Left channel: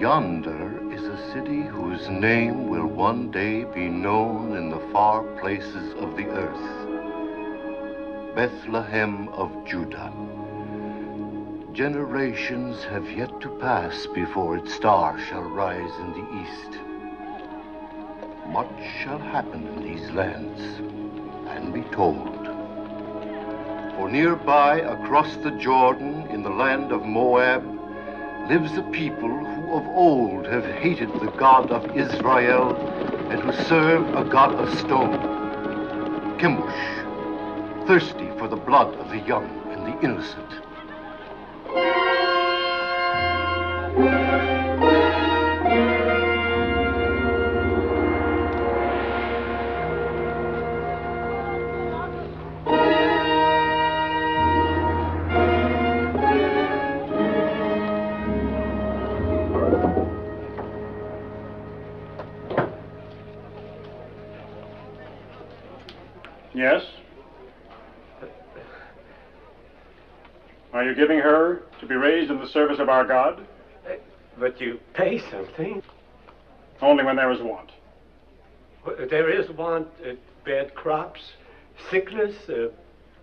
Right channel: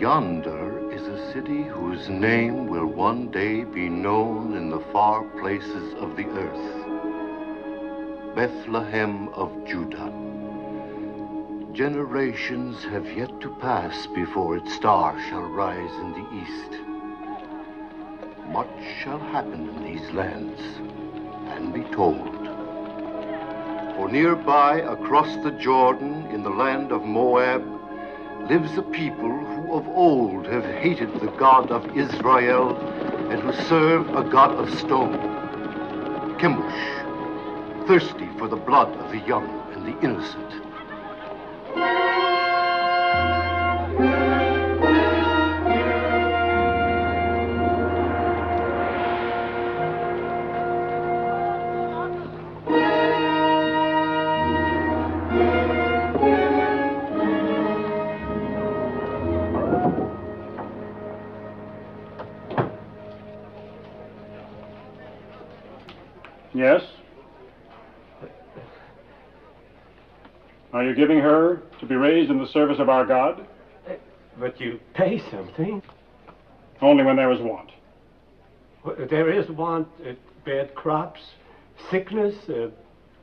Yonder is a city whose name will one day be known in the far places of the earth. Bethlehem of Judah. Generations have yet to pass before its star shall rise in the east. Much shall happen in these lands and be told. For nearby, across the Jordan, in the land of Moab, lives a people who of old have hated the God of Israel and who serve a God of stone, Chemosh, thirsty for the blood of the young and the innocent. Yes? Are you giving her to be raised in the service of our God? But you pay something. Only when there is want. There is want, bad crops, sickness,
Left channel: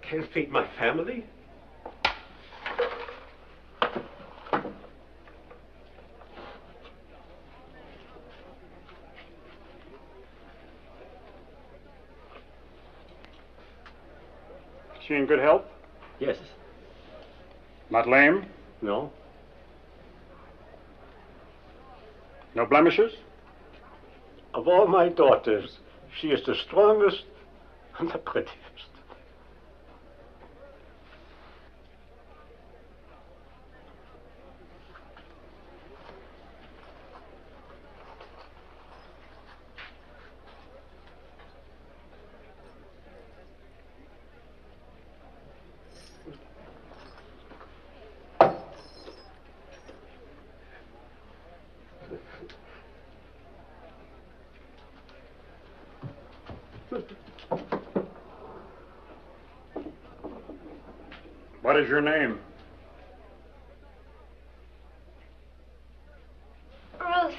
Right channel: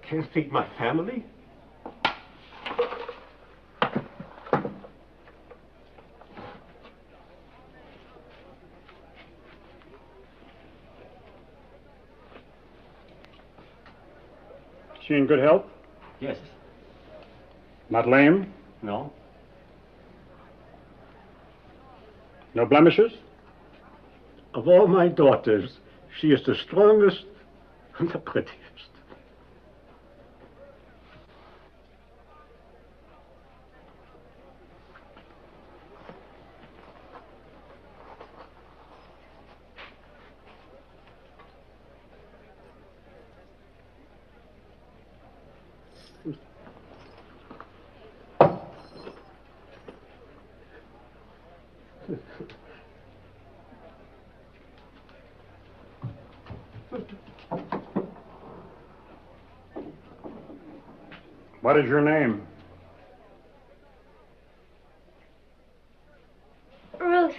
can't feed my family. Is she in good health? Yes. Not lame? No. No blemishes? Of all my daughters, she is the strongest and the prettiest. What is your name? Ruth.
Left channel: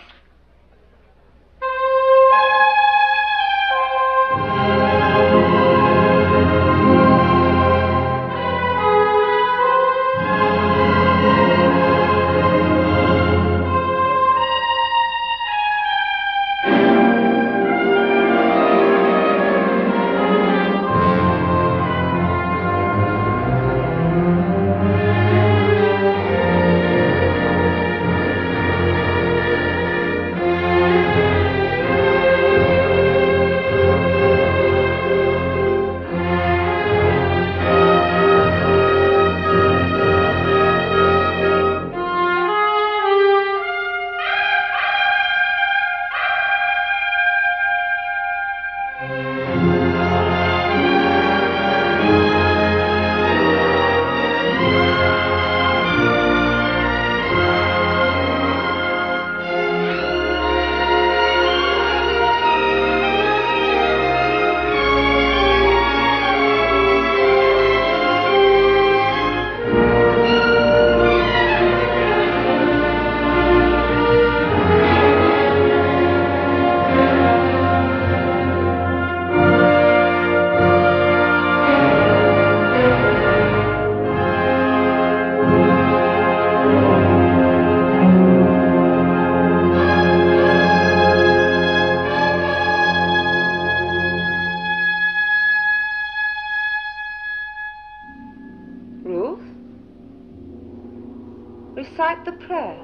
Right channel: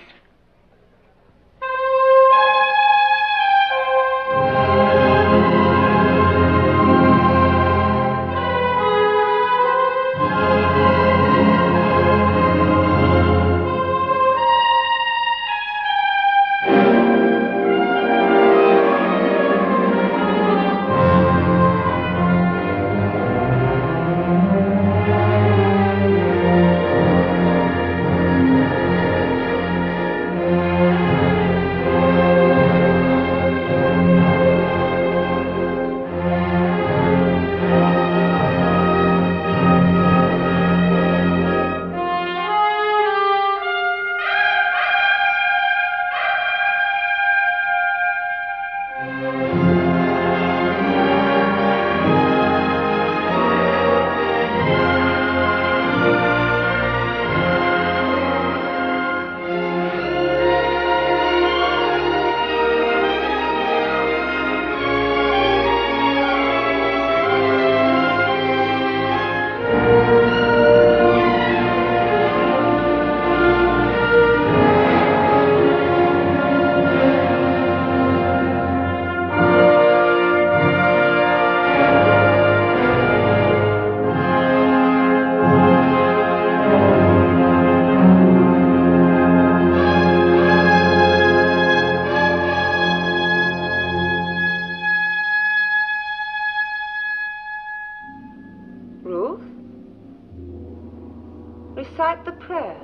Recite the prayer.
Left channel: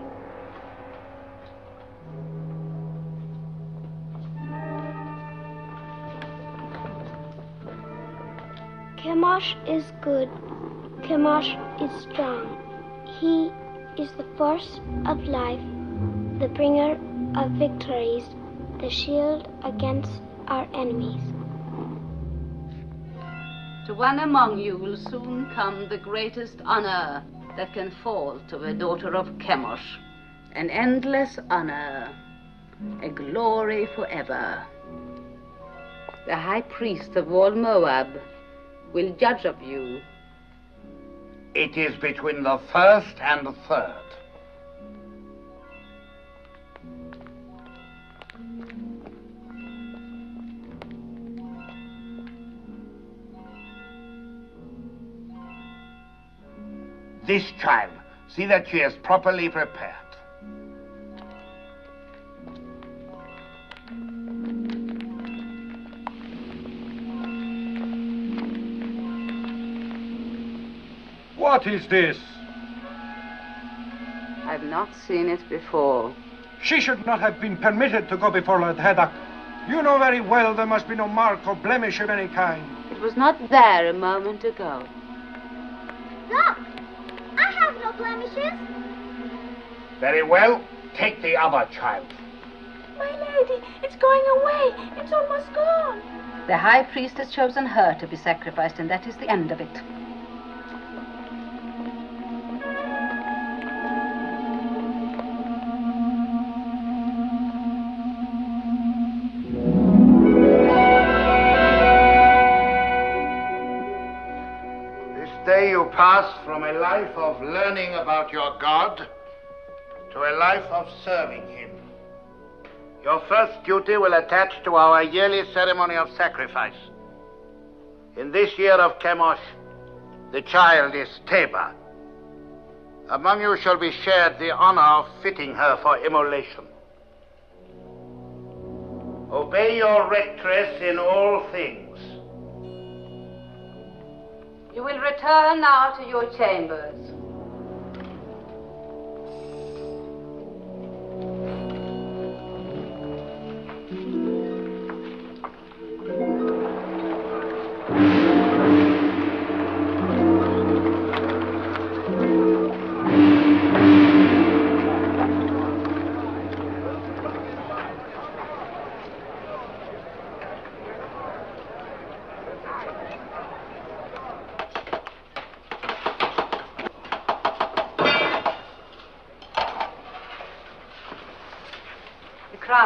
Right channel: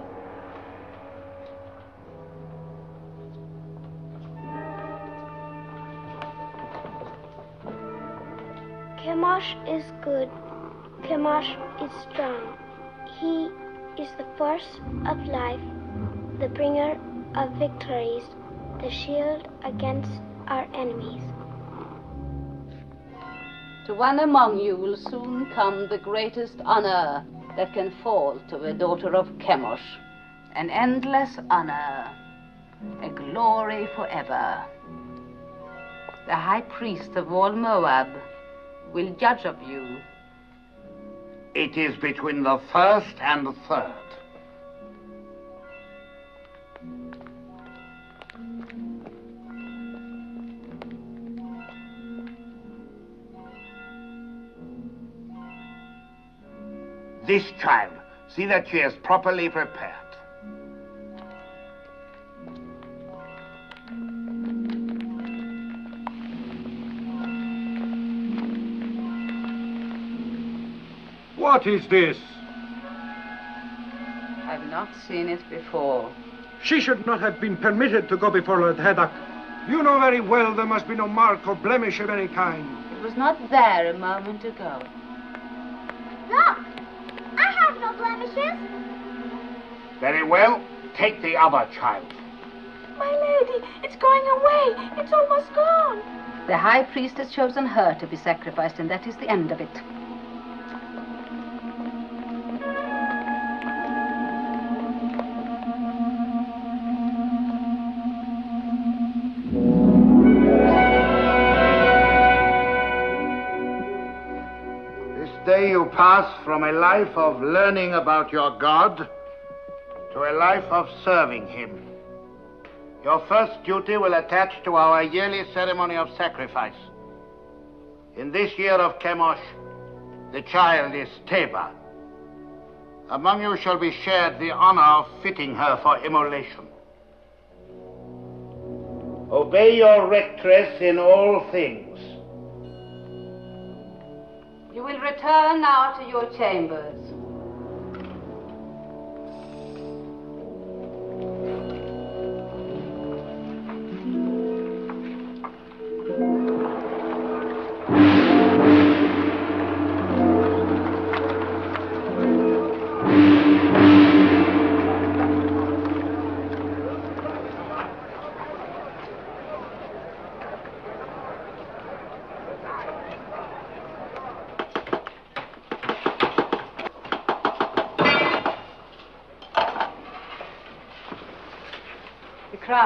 Chemosh is good. Chemosh is strong. He is the force of life, the bringer of victories, the shield against our enemies. To one among you will soon come the greatest honor that can fall to a daughter of Chemosh, an endless honor, a glory forever. The high priest of all Moab will judge of you. It is between the first and the third. this child. See that she is properly prepared. What is this? I've not seen it before. She should not have been permitted to go before Lord Haddock. You know very well there must be no mark or blemish of any kind. It was not there a moment ago. Look! I have no blemishes. Very well. Take the other child. My lady, it's going away. It's almost gone. The high priest has chosen her to be sacrificed, and that is the end of it. You pass from a life of learning about your God to a life of serving him. Your first duty will attach to our yearly ceremony of sacrifice. In this year of Chemosh, the child is Teba. Among you shall be shared the honor of fitting her for immolation. Obey your rectress in all things. You will return now to your chambers.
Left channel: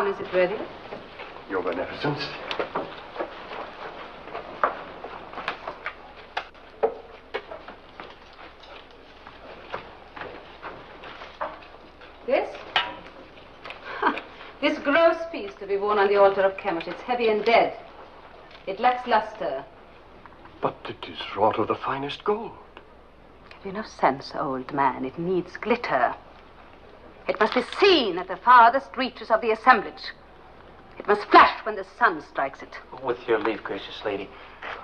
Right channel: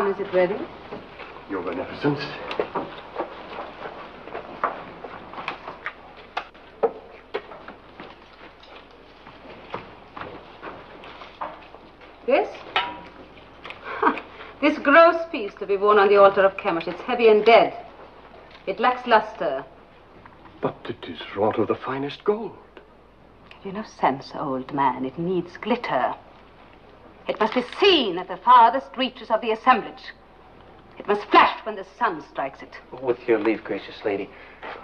Is it ready? Your Beneficence. This? This gross piece to be worn on the altar of Chemosh. It's heavy and dead. It lacks luster. But it is wrought of the finest gold. Have you no sense, old man? It needs glitter. It must be seen at the farthest reaches of the assemblage. It must flash when the sun strikes it. With your leave, gracious lady,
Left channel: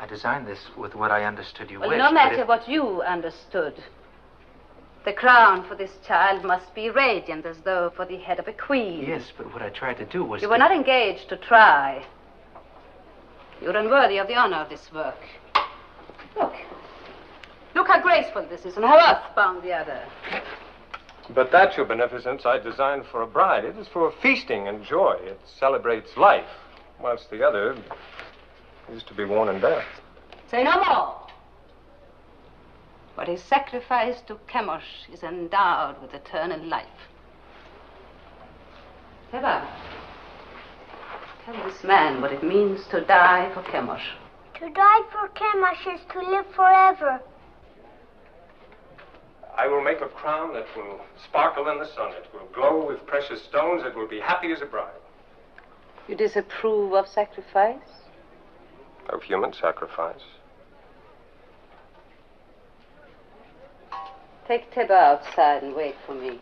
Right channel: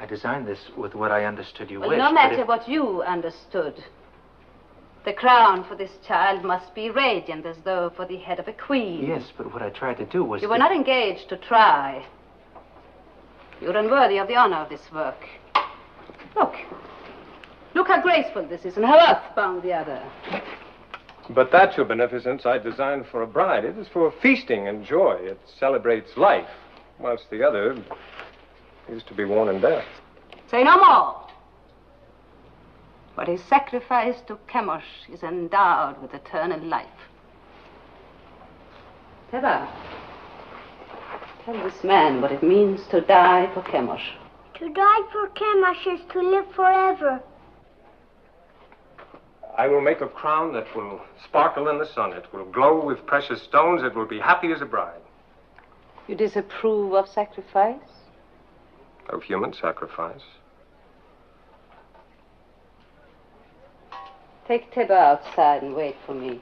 I designed this with what I understood you Well, wished. no matter what you understood. The crown for this child must be radiant, as though for the head of a queen. Yes, but what I tried to do was You were not engaged to try. You're unworthy of the honor of this work. Look. Look how graceful this is and how earthbound the other. But that, Your Beneficence, I designed for a bride. It is for feasting and joy. It celebrates life, whilst the other is to be worn in death. Say no more. What is sacrificed to Chemosh is endowed with eternal life. Teba, tell this man what it means to die for Chemosh. To die for Chemosh is to live forever. I will make a crown that will sparkle in the sun. It will glow with precious stones. It will be happy as a bride. You disapprove of sacrifice? Of human sacrifice. Take Teba outside and wait for me.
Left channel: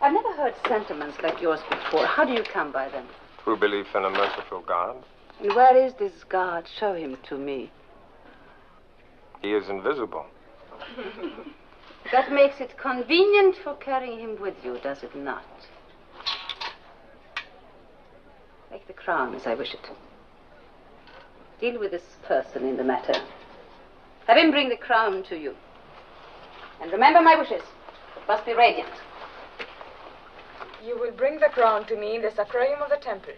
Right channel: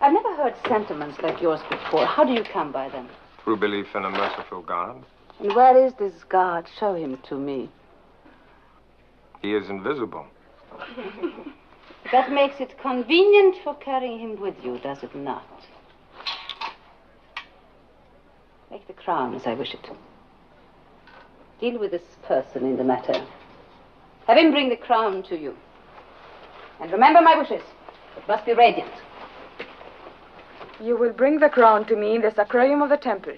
I've never heard sentiments like yours before. How do you come by them? Through belief in a merciful God. And where is this God? Show him to me. He is invisible. That makes it convenient for carrying him with you, does it not? Make the crown as I wish it. Deal with this person in the matter. Have him bring the crown to you. And remember my wishes. It must be radiant. You will bring the crown to me in the sacrarium of the temple.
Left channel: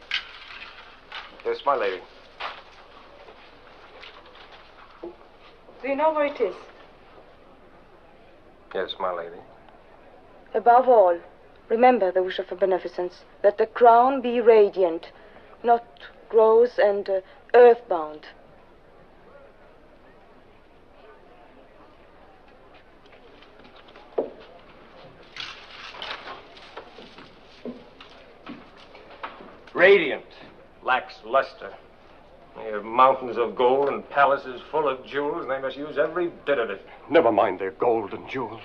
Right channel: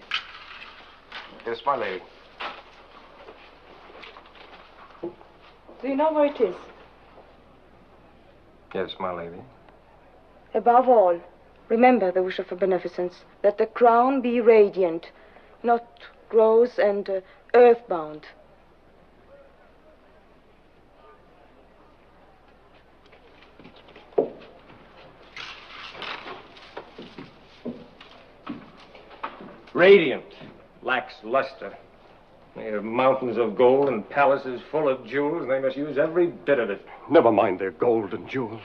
Yes, my lady. Do you know where it is? Yes, my lady. Above all, remember the wish of a beneficence, that the crown be radiant, not gross and earthbound. Radiant, lacks luster. They have mountains of gold and palaces full of jewels, and they must use every bit of it. Never mind their gold and jewels.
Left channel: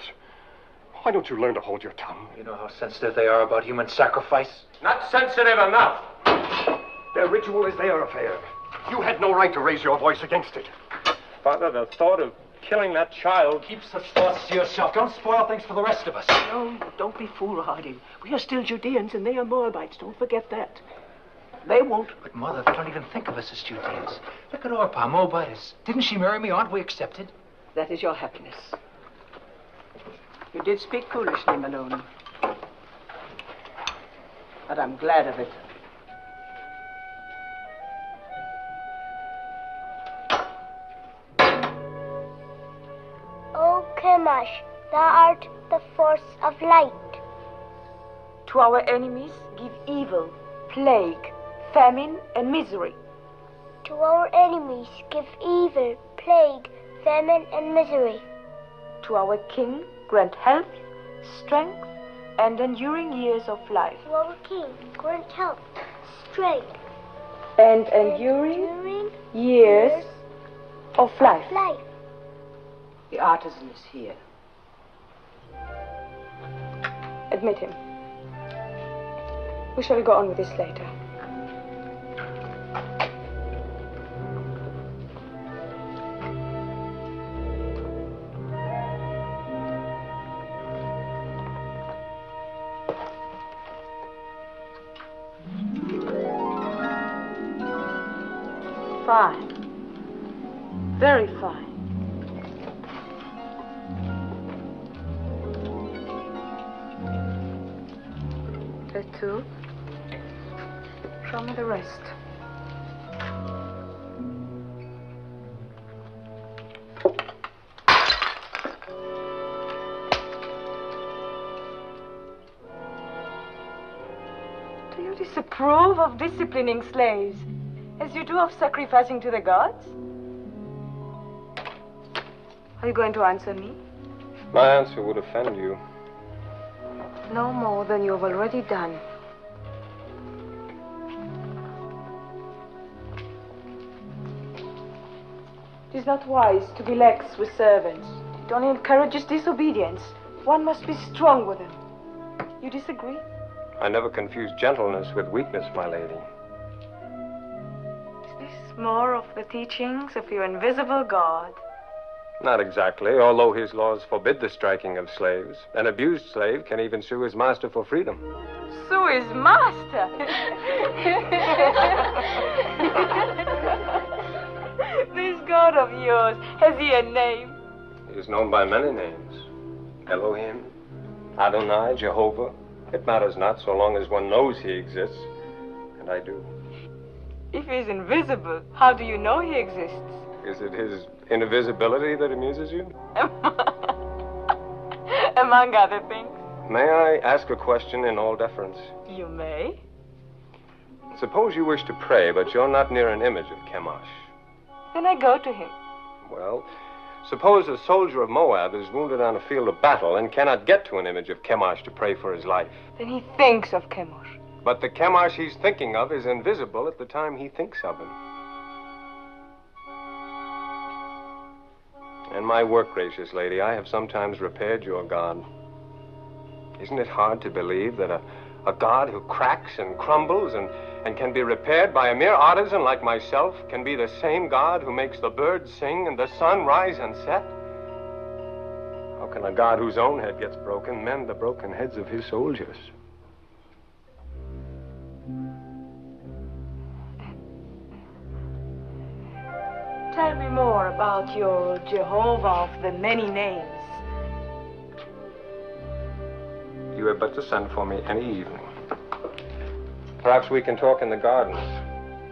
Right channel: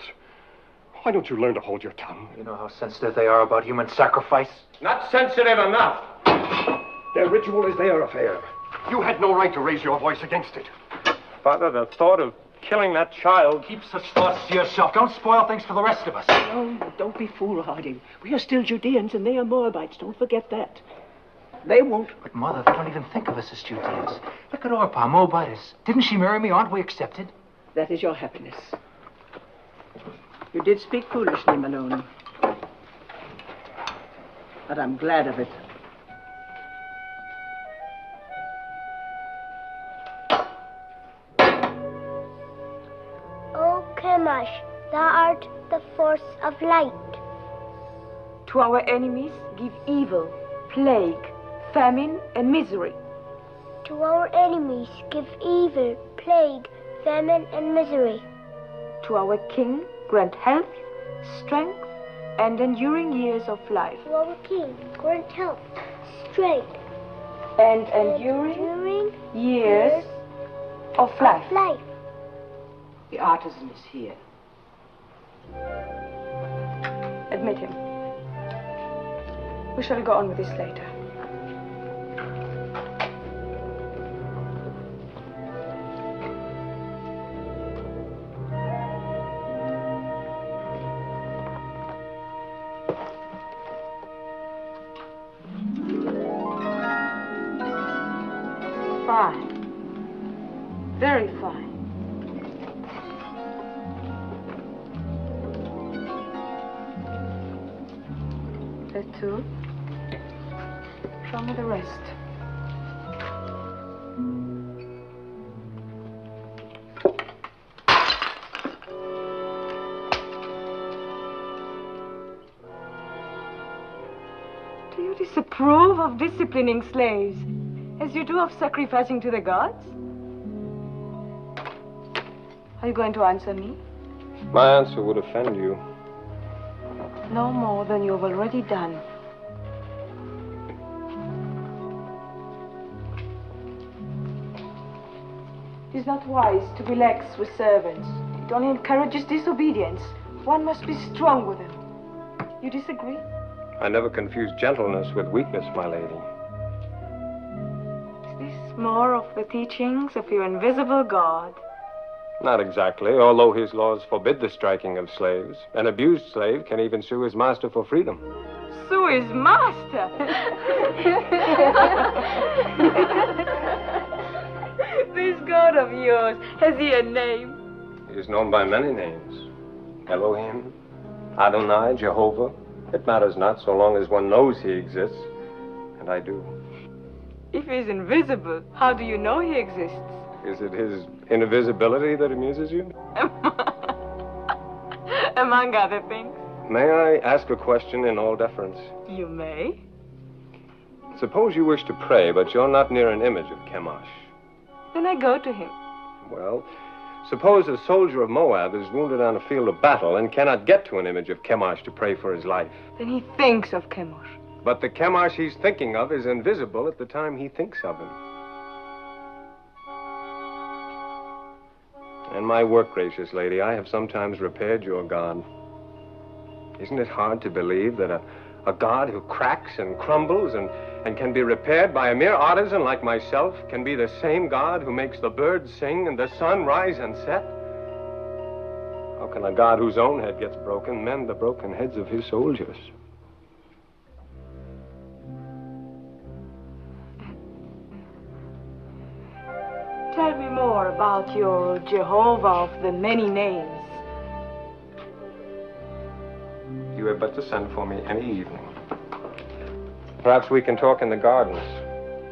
Why don't you learn to hold your tongue? You know how sensitive they are about human sacrifice? Not sensitive enough. Their ritual is their affair. You had no right to raise your voice against it. Father, the thought of killing that child... Keep such thoughts to yourself. Don't spoil things for the rest of us. Oh, don't be foolhardy. We are still Judeans and they are Moabites. Don't forget that. They won't. But, Mother, they don't even think of us as Judeans. Look at Orpah, Moabitess. Didn't she marry me? Aren't we accepted? That is your happiness. You did speak foolishly, Malone. But I'm glad of it. O Chemosh, thou art the force of light. To our enemies, give evil, plague, famine, and misery. To our enemies, give evil, plague, famine, and misery. To our king, grant health, strength, and enduring years of life. To our king, grant health, strength, and enduring years of life. The artisan is here. Admit him. We shall go on with this later. Fine. Very fine. The two. Show me the rest. Do you disapprove of disciplining slaves, as you do of sacrificing to the gods? Are you going to answer me? My answer would offend you. No more than you have already done. It is not wise to be lax with servants. It only encourages disobedience. One must be strong with them. You disagree? I never confuse gentleness with weakness, my lady. Is this more of the teachings of your invisible God? Not exactly, although his laws forbid the striking of slaves. An abused slave can even sue his master for freedom. Sue his master? This God of yours, has he a name? He is known by many names. Elohim, Adonai, Jehovah. It matters not so long as one knows he exists. And I do. If he is invisible, how do you know he exists? Is it his invisibility that amuses you? Among other things. May I ask a question in all deference? You may. Suppose you wish to pray, but you're not near an image of Chemosh. Then I go to him. Well, suppose a soldier of Moab is wounded on a field of battle and cannot get to an image of Chemosh to pray for his life. Then he thinks of Chemosh. But the Chemosh he's thinking of is invisible at the time he thinks of him. In my work, gracious lady, I have sometimes repaired your God. Isn't it hard to believe that a God who cracks and crumbles and can be repaired by a mere artisan like myself can be the same God who makes the birds sing and the sun rise and set? How can a God whose own head gets broken mend the broken heads of his soldiers? Tell me more about your Jehovah of the many names. You had better send for me any evening. Perhaps we can talk in the gardens,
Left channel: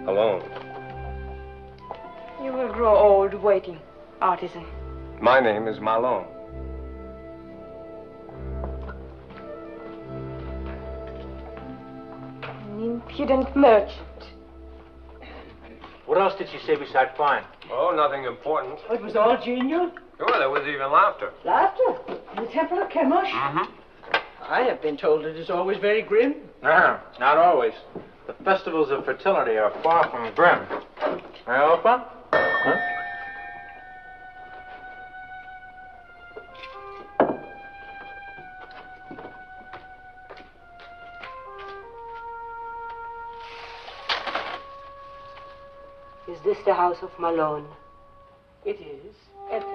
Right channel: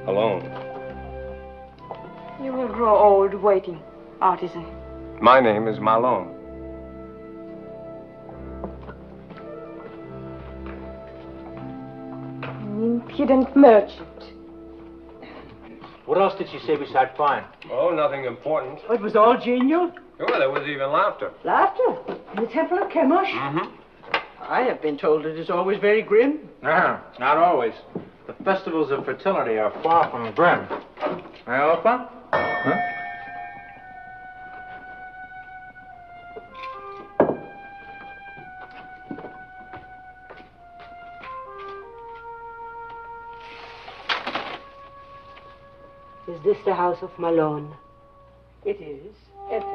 alone. You will grow old waiting, artisan. My name is Malone. An impudent merchant. What else did she say besides fine? Oh, nothing important. It was all genial. Oh, there was even laughter. Laughter. In the temple of Chemosh. Mm-hmm. I have been told it is always very grim. No, not always. The festivals of fertility are far from grim. Alpha? Huh? Is this the house of Malone? It is. Enter.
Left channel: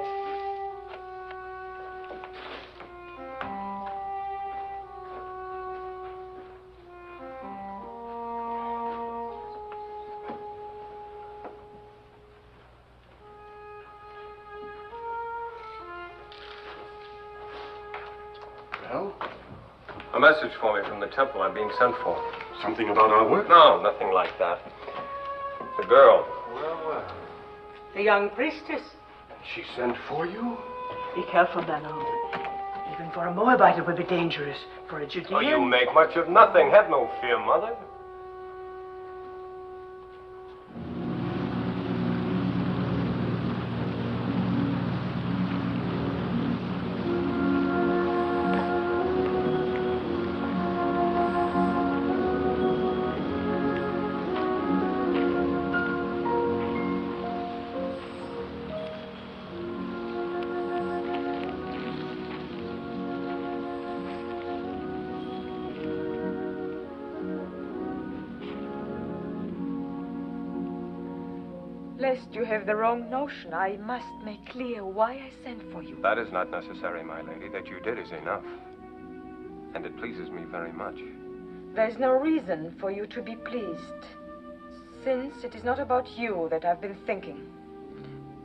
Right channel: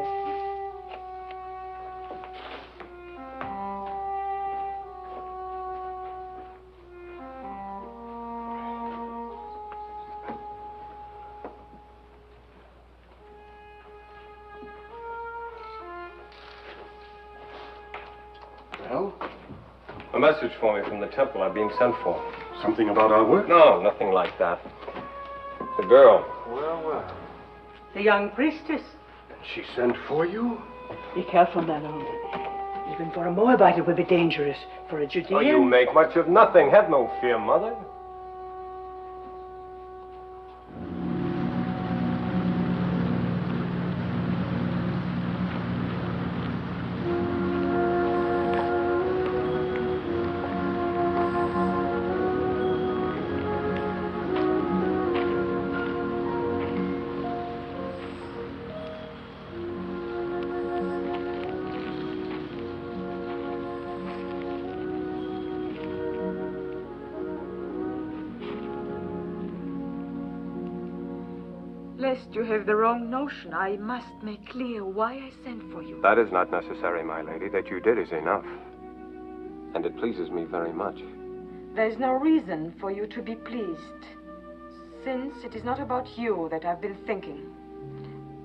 Well? A message for me from the temple. I'm being sent for. Something about our work? No, nothing like that. The girl. Well. The young priestess. She sent for you? Be careful, Malone. Even for a Moabite it would be dangerous. For a Judean... Oh, you make much of nothing. Have no fear, Mother. Lest you have the wrong notion, I must make clear why I sent for you. That is not necessary, my lady. That you did is enough. And it pleases me very much. There's no reason for you to be pleased, since it is not about you that I've been thinking,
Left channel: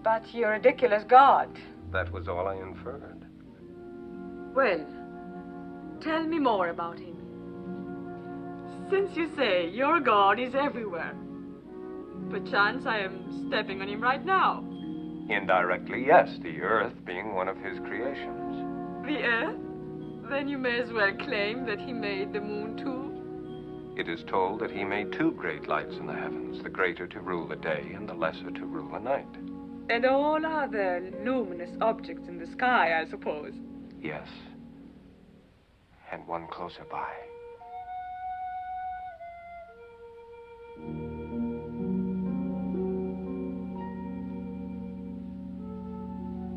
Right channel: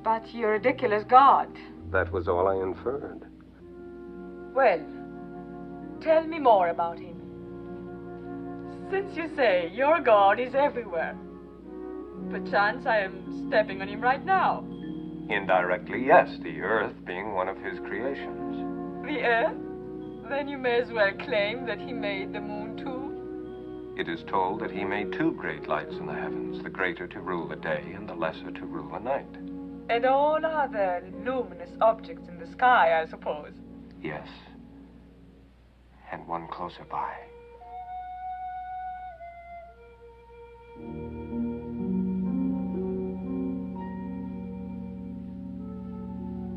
but your ridiculous God. That was all I inferred. Well, tell me more about him. Since you say your God is everywhere, perchance I am stepping on him right now. Indirectly, yes, the earth being one of his creations. The earth? Then you may as well claim that he made the moon too. It is told that he made two great lights in the heavens, the greater to rule the day and the lesser to rule the night. And all other luminous objects in the sky, I suppose. Yes. And one closer by.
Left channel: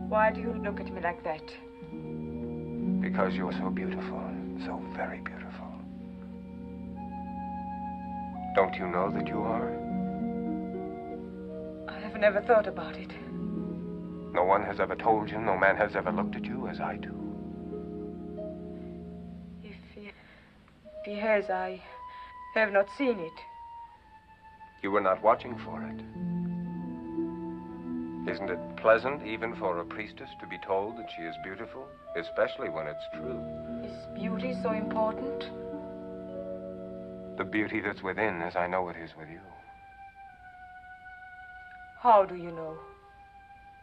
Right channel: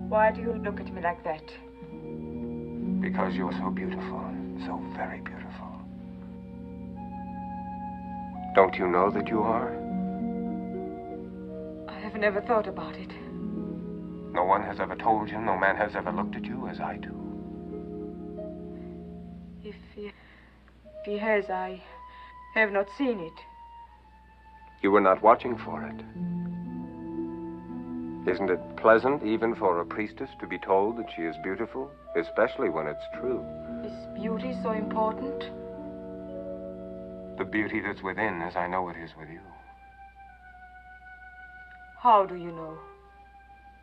Why do you look at me like that? Because you're so beautiful, so very beautiful. Don't you know that you are? I have never thought about it. No one has ever told you, no man has ever looked at you as I do. If he has, I have not seen it. You were not watching for it. Isn't it pleasant, even for a priestess, to be told that she is beautiful, especially when it's true? Is beauty so important? The beauty that's within, as I know it is with you. How do you know?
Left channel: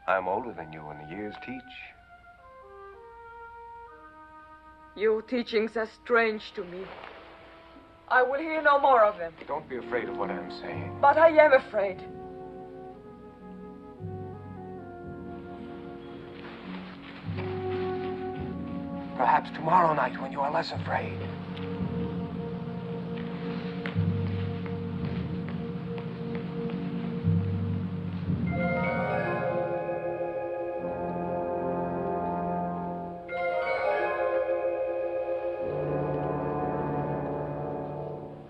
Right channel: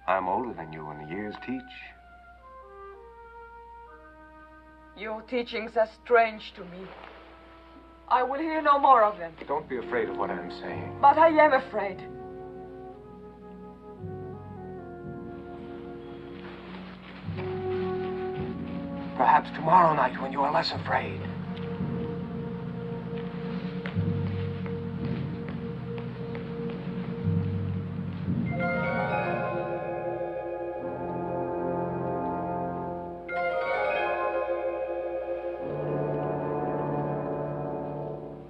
I'm older than you, and the years teach. Your teachings are strange to me. I will hear no more of them. Don't be afraid of what I'm saying. But I am afraid. Perhaps tomorrow night when you are less afraid.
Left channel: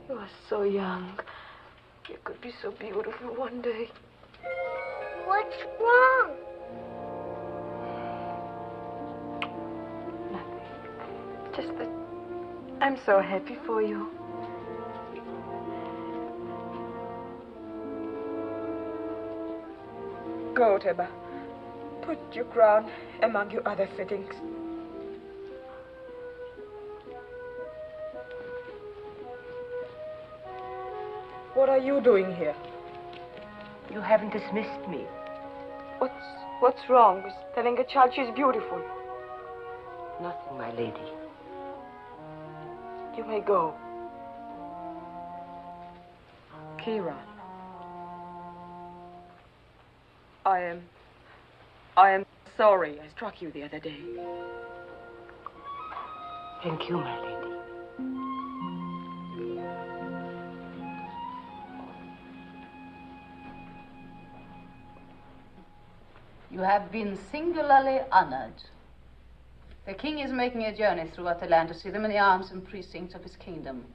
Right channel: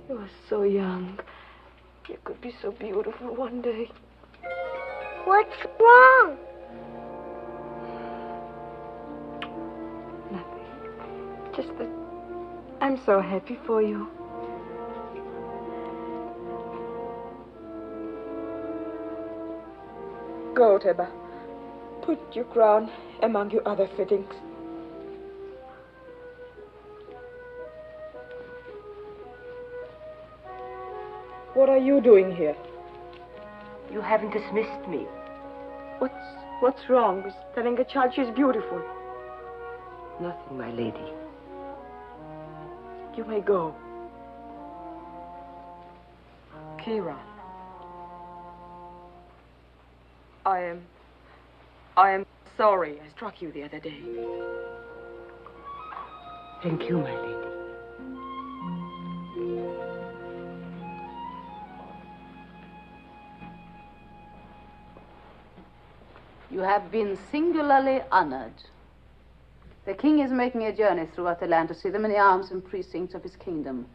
You are so young. You could be so beautiful one day. What's wrong? Just that I'm so happy for you. Go, Teba. Put your crown among your other fittings. What are you doing here? You haven't dismissed me. What's wrong with telling a child she's beautiful? Nothing, my lady. You may go. Kira. I am sorry I struck you the other day. Thank you, my lady. You have been singularly honored. The king is making a journey throughout the land to see the many arms and precincts of his kingdom.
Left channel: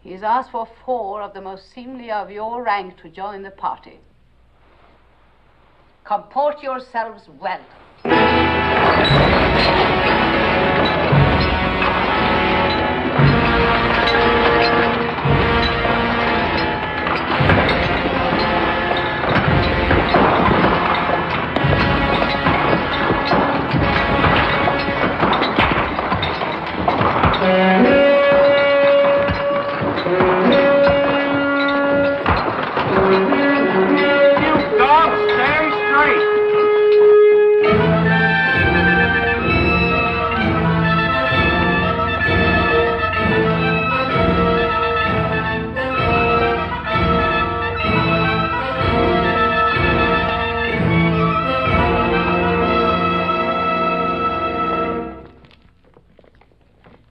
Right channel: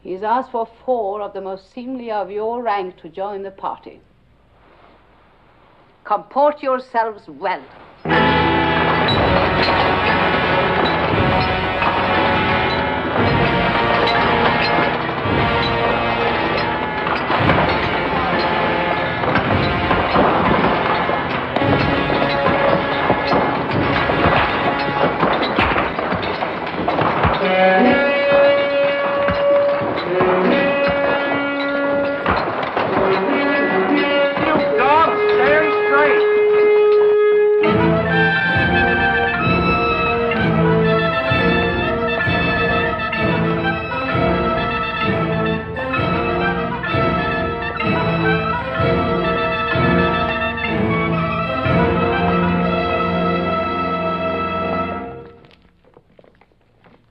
He has asked for 4 of the most seemly of your rank to join the party. Comport yourselves well.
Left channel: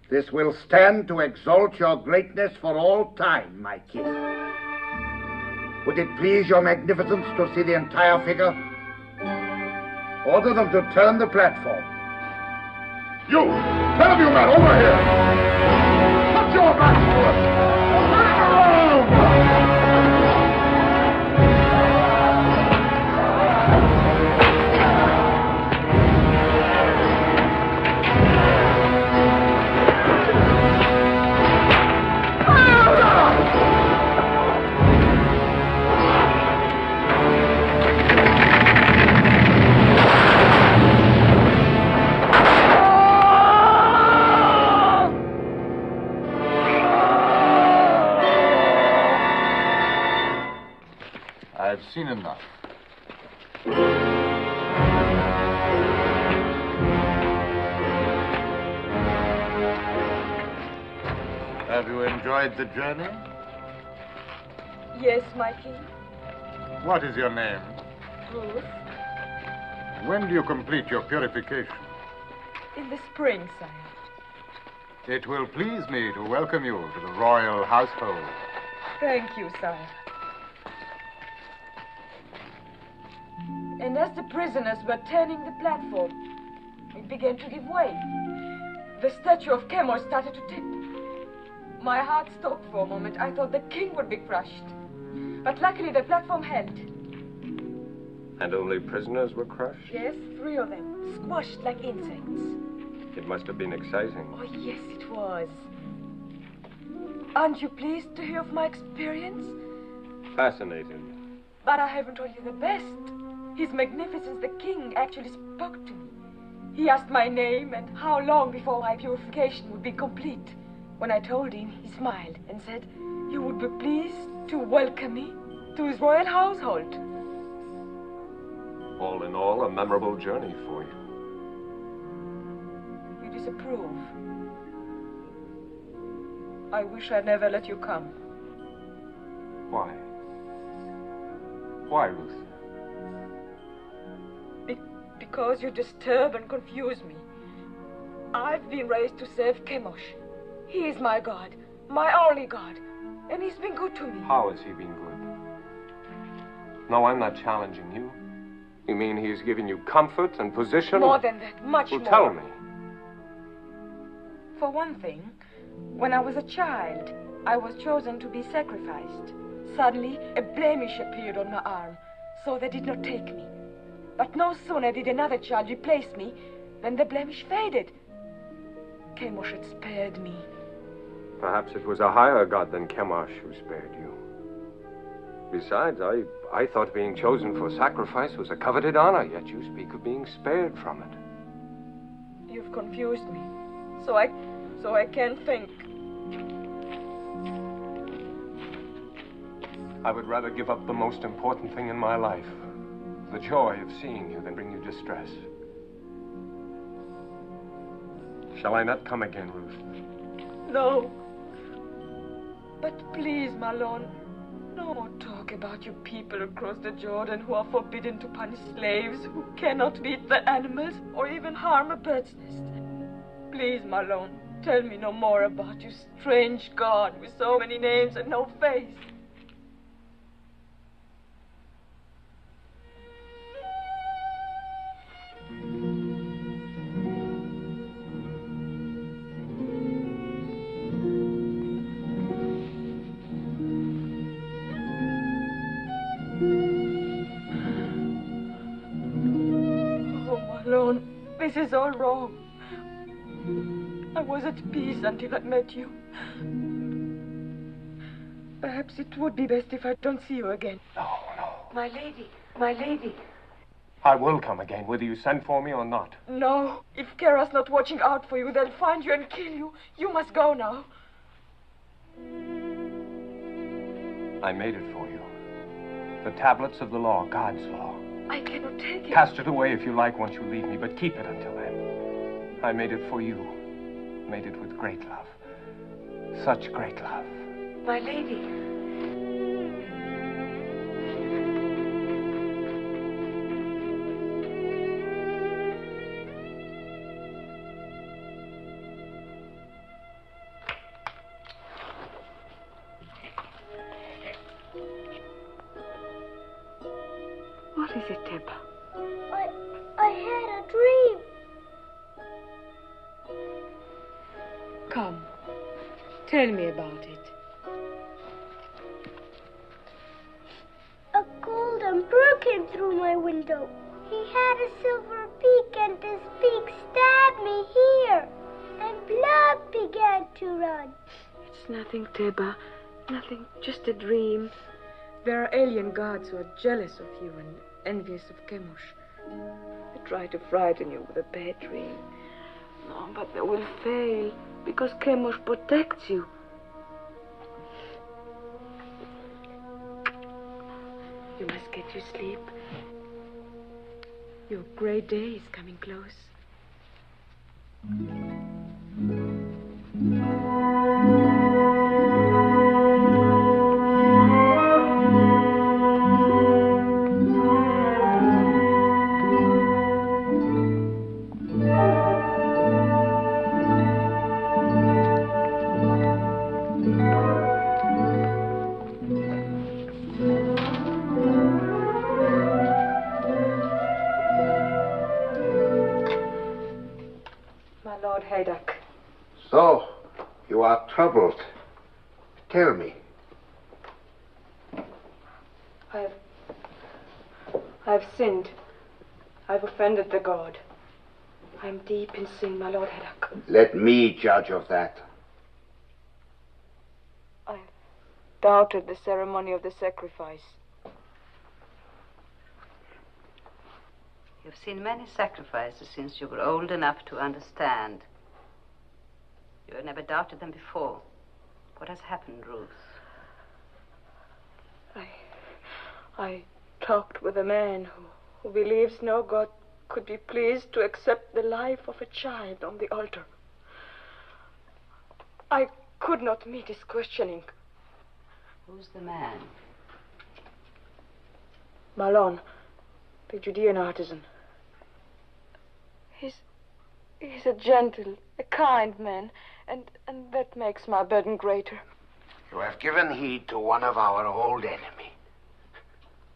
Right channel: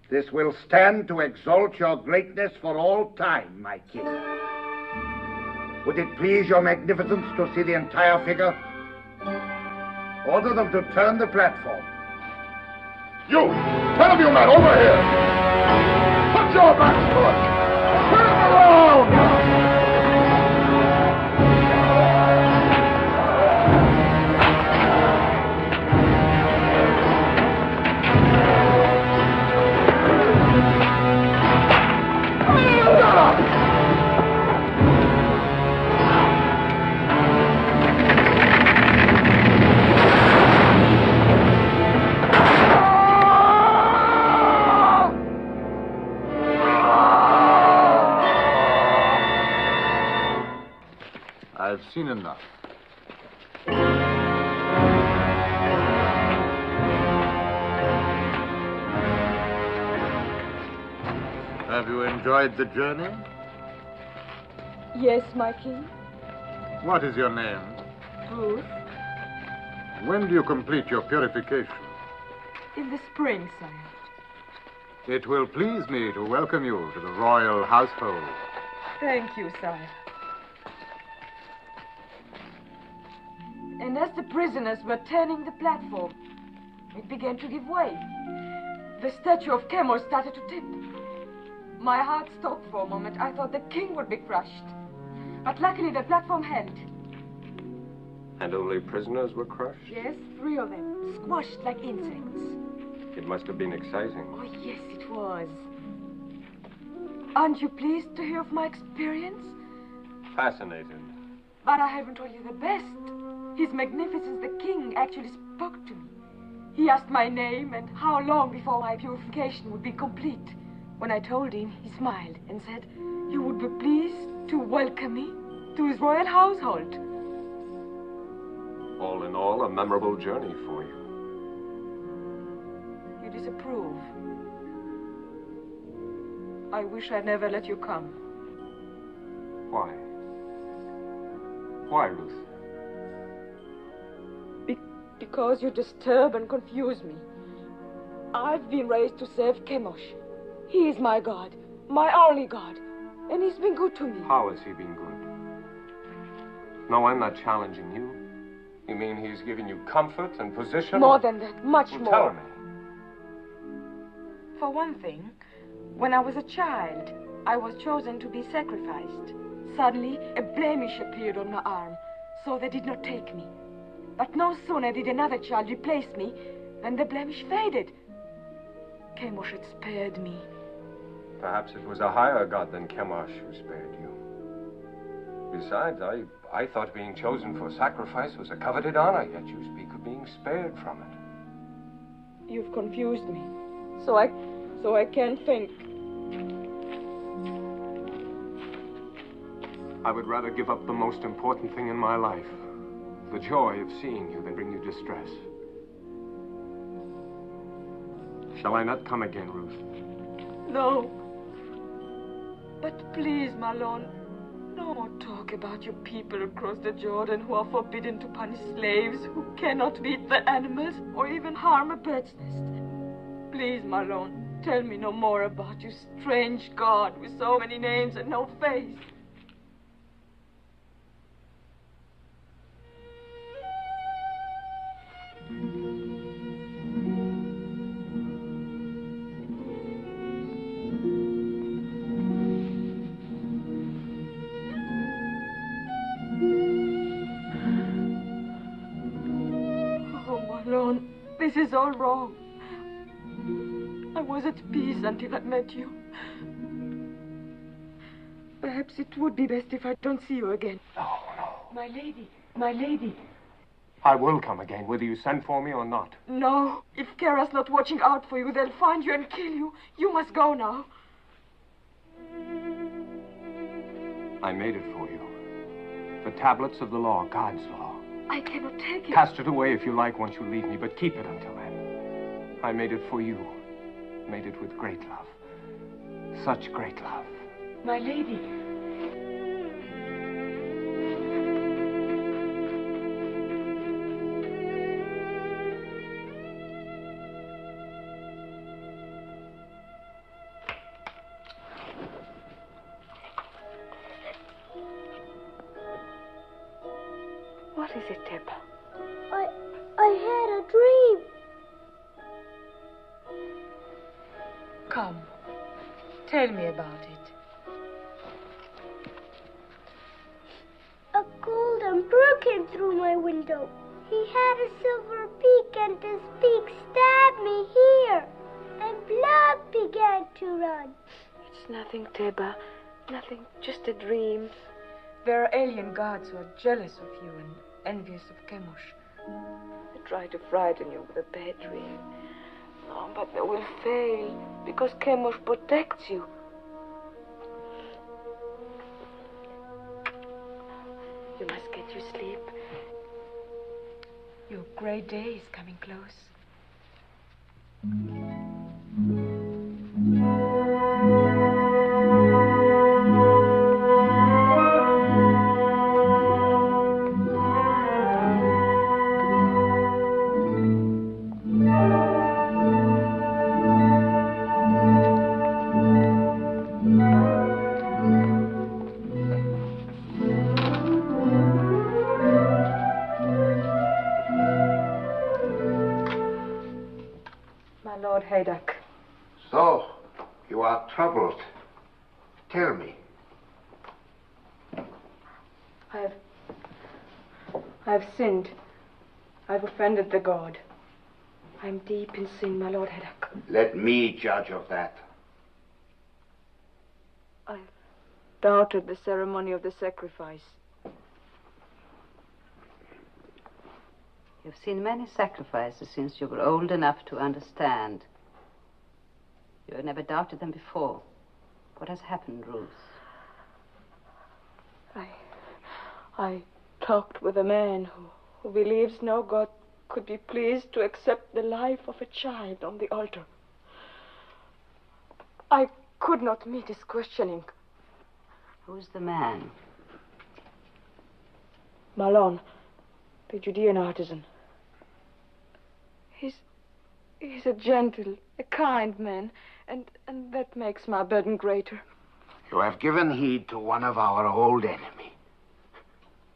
This will stand to exalt your greatness for all time, my king. Would it please your magnificence to see the entire figure? Order them to turn the platform. You! 10 of you men, over here! Put your backs to it! Turn around! I've seen enough. Have you enjoyed the journey? Yes, my king. What is your name? Ruth. When do you complete your purification? In the spring, sire. It will please me to welcome you to the royal household. Thank you, sire. And as the prisoners were turning the platform, it began to give way. The statue of Chemosh started to tip. My heart stopped for a moment. I thought the king would be crushed. But luckily the platform held. And only prisoners were crushed? Yes, 3 of them, squashed like insects. It must have been exciting. Oh, yes, it was. Aren't you pleased to hear of my experience? Fascinated. But I haven't told you the best. His Magnificence the King actually spoke to me. He asked my name and how long before my purification would be complete. When I told him, he smiled and said he would be pleased to welcome me to his royal household. All in all, a memorable journey for you. You disapprove. I wish I'd never let you come. Why? Why, Ruth? Because you disturb and confuse me. I've been raised to serve Chemosh. He is my God, my only God, and he's been good to me. How has he been good? No, I'm not challenging you. You mean he's given you comfort and position? More than that, much more. Tell me. For one thing, when I was a child, I was chosen to be sacrificed. Suddenly, a blemish appeared on my arm, so they did not take me. But no sooner did another child replace me than the blemish faded. Chemosh had spared me. Perhaps it was a higher god than Chemosh who spared you. Besides, I thought being chosen for sacrifice was a coveted honor, yet you speak of being spared from it. You've confused me, so I can't think. I would rather give up the most important thing in my life, the joy of seeing you, than bring you distress. Shall I not come again, Ruth? No. But please, my lord, no more talk about your people across the Jordan who are forbidden to punish slaves, who cannot beat the animals or even harm a bird's nest. Please, my lord, tell me no more about your strange God with so many names and no face. is all wrong. I was at peace until I met you. Perhaps it would be best if I don't see you again. No. My lady, my lady. I will come again, whether you send for me or not. No, if Kara's not watching out for you, they'll find you and kill you. You must go now. I made it for you. The tablets of the law, God's law. I cannot take it. Cast it away if you like once you leave me, but keep it until then. I made it for you. Made it with great love. Such great love. My lady. What is it, Teba? I had a dream. Come, tell me about it. A golden bird came through my window. He had a silver beak, and his beak stabbed me here, and blood began to run. It's nothing, Teba. Nothing, just a dream. There are alien gods who are jealous of you and envious of Chemosh. They try to frighten you with a bad dream. No, but they will fail, because Chemosh protects you. You must get your sleep. Your great day is coming close. Lord Haydock. So, you are troubled. Tell me. I've sinned. I've offended the God. I'm deep in sin, my Lord Haydock. Let me judge of that. I've doubted the ceremony of the sacrifice. You've seen many sacrifices since you were old enough to understand. You have never doubted them before. What has happened, Ruth? I talked with a man who believes no God could be pleased to accept the life of a child on the altar. I could not meet his questioning. Who's the man? Malon, the Judean artisan. He's a gentle, a kind man, and that makes my burden greater. You have given heed to one of our old enemies.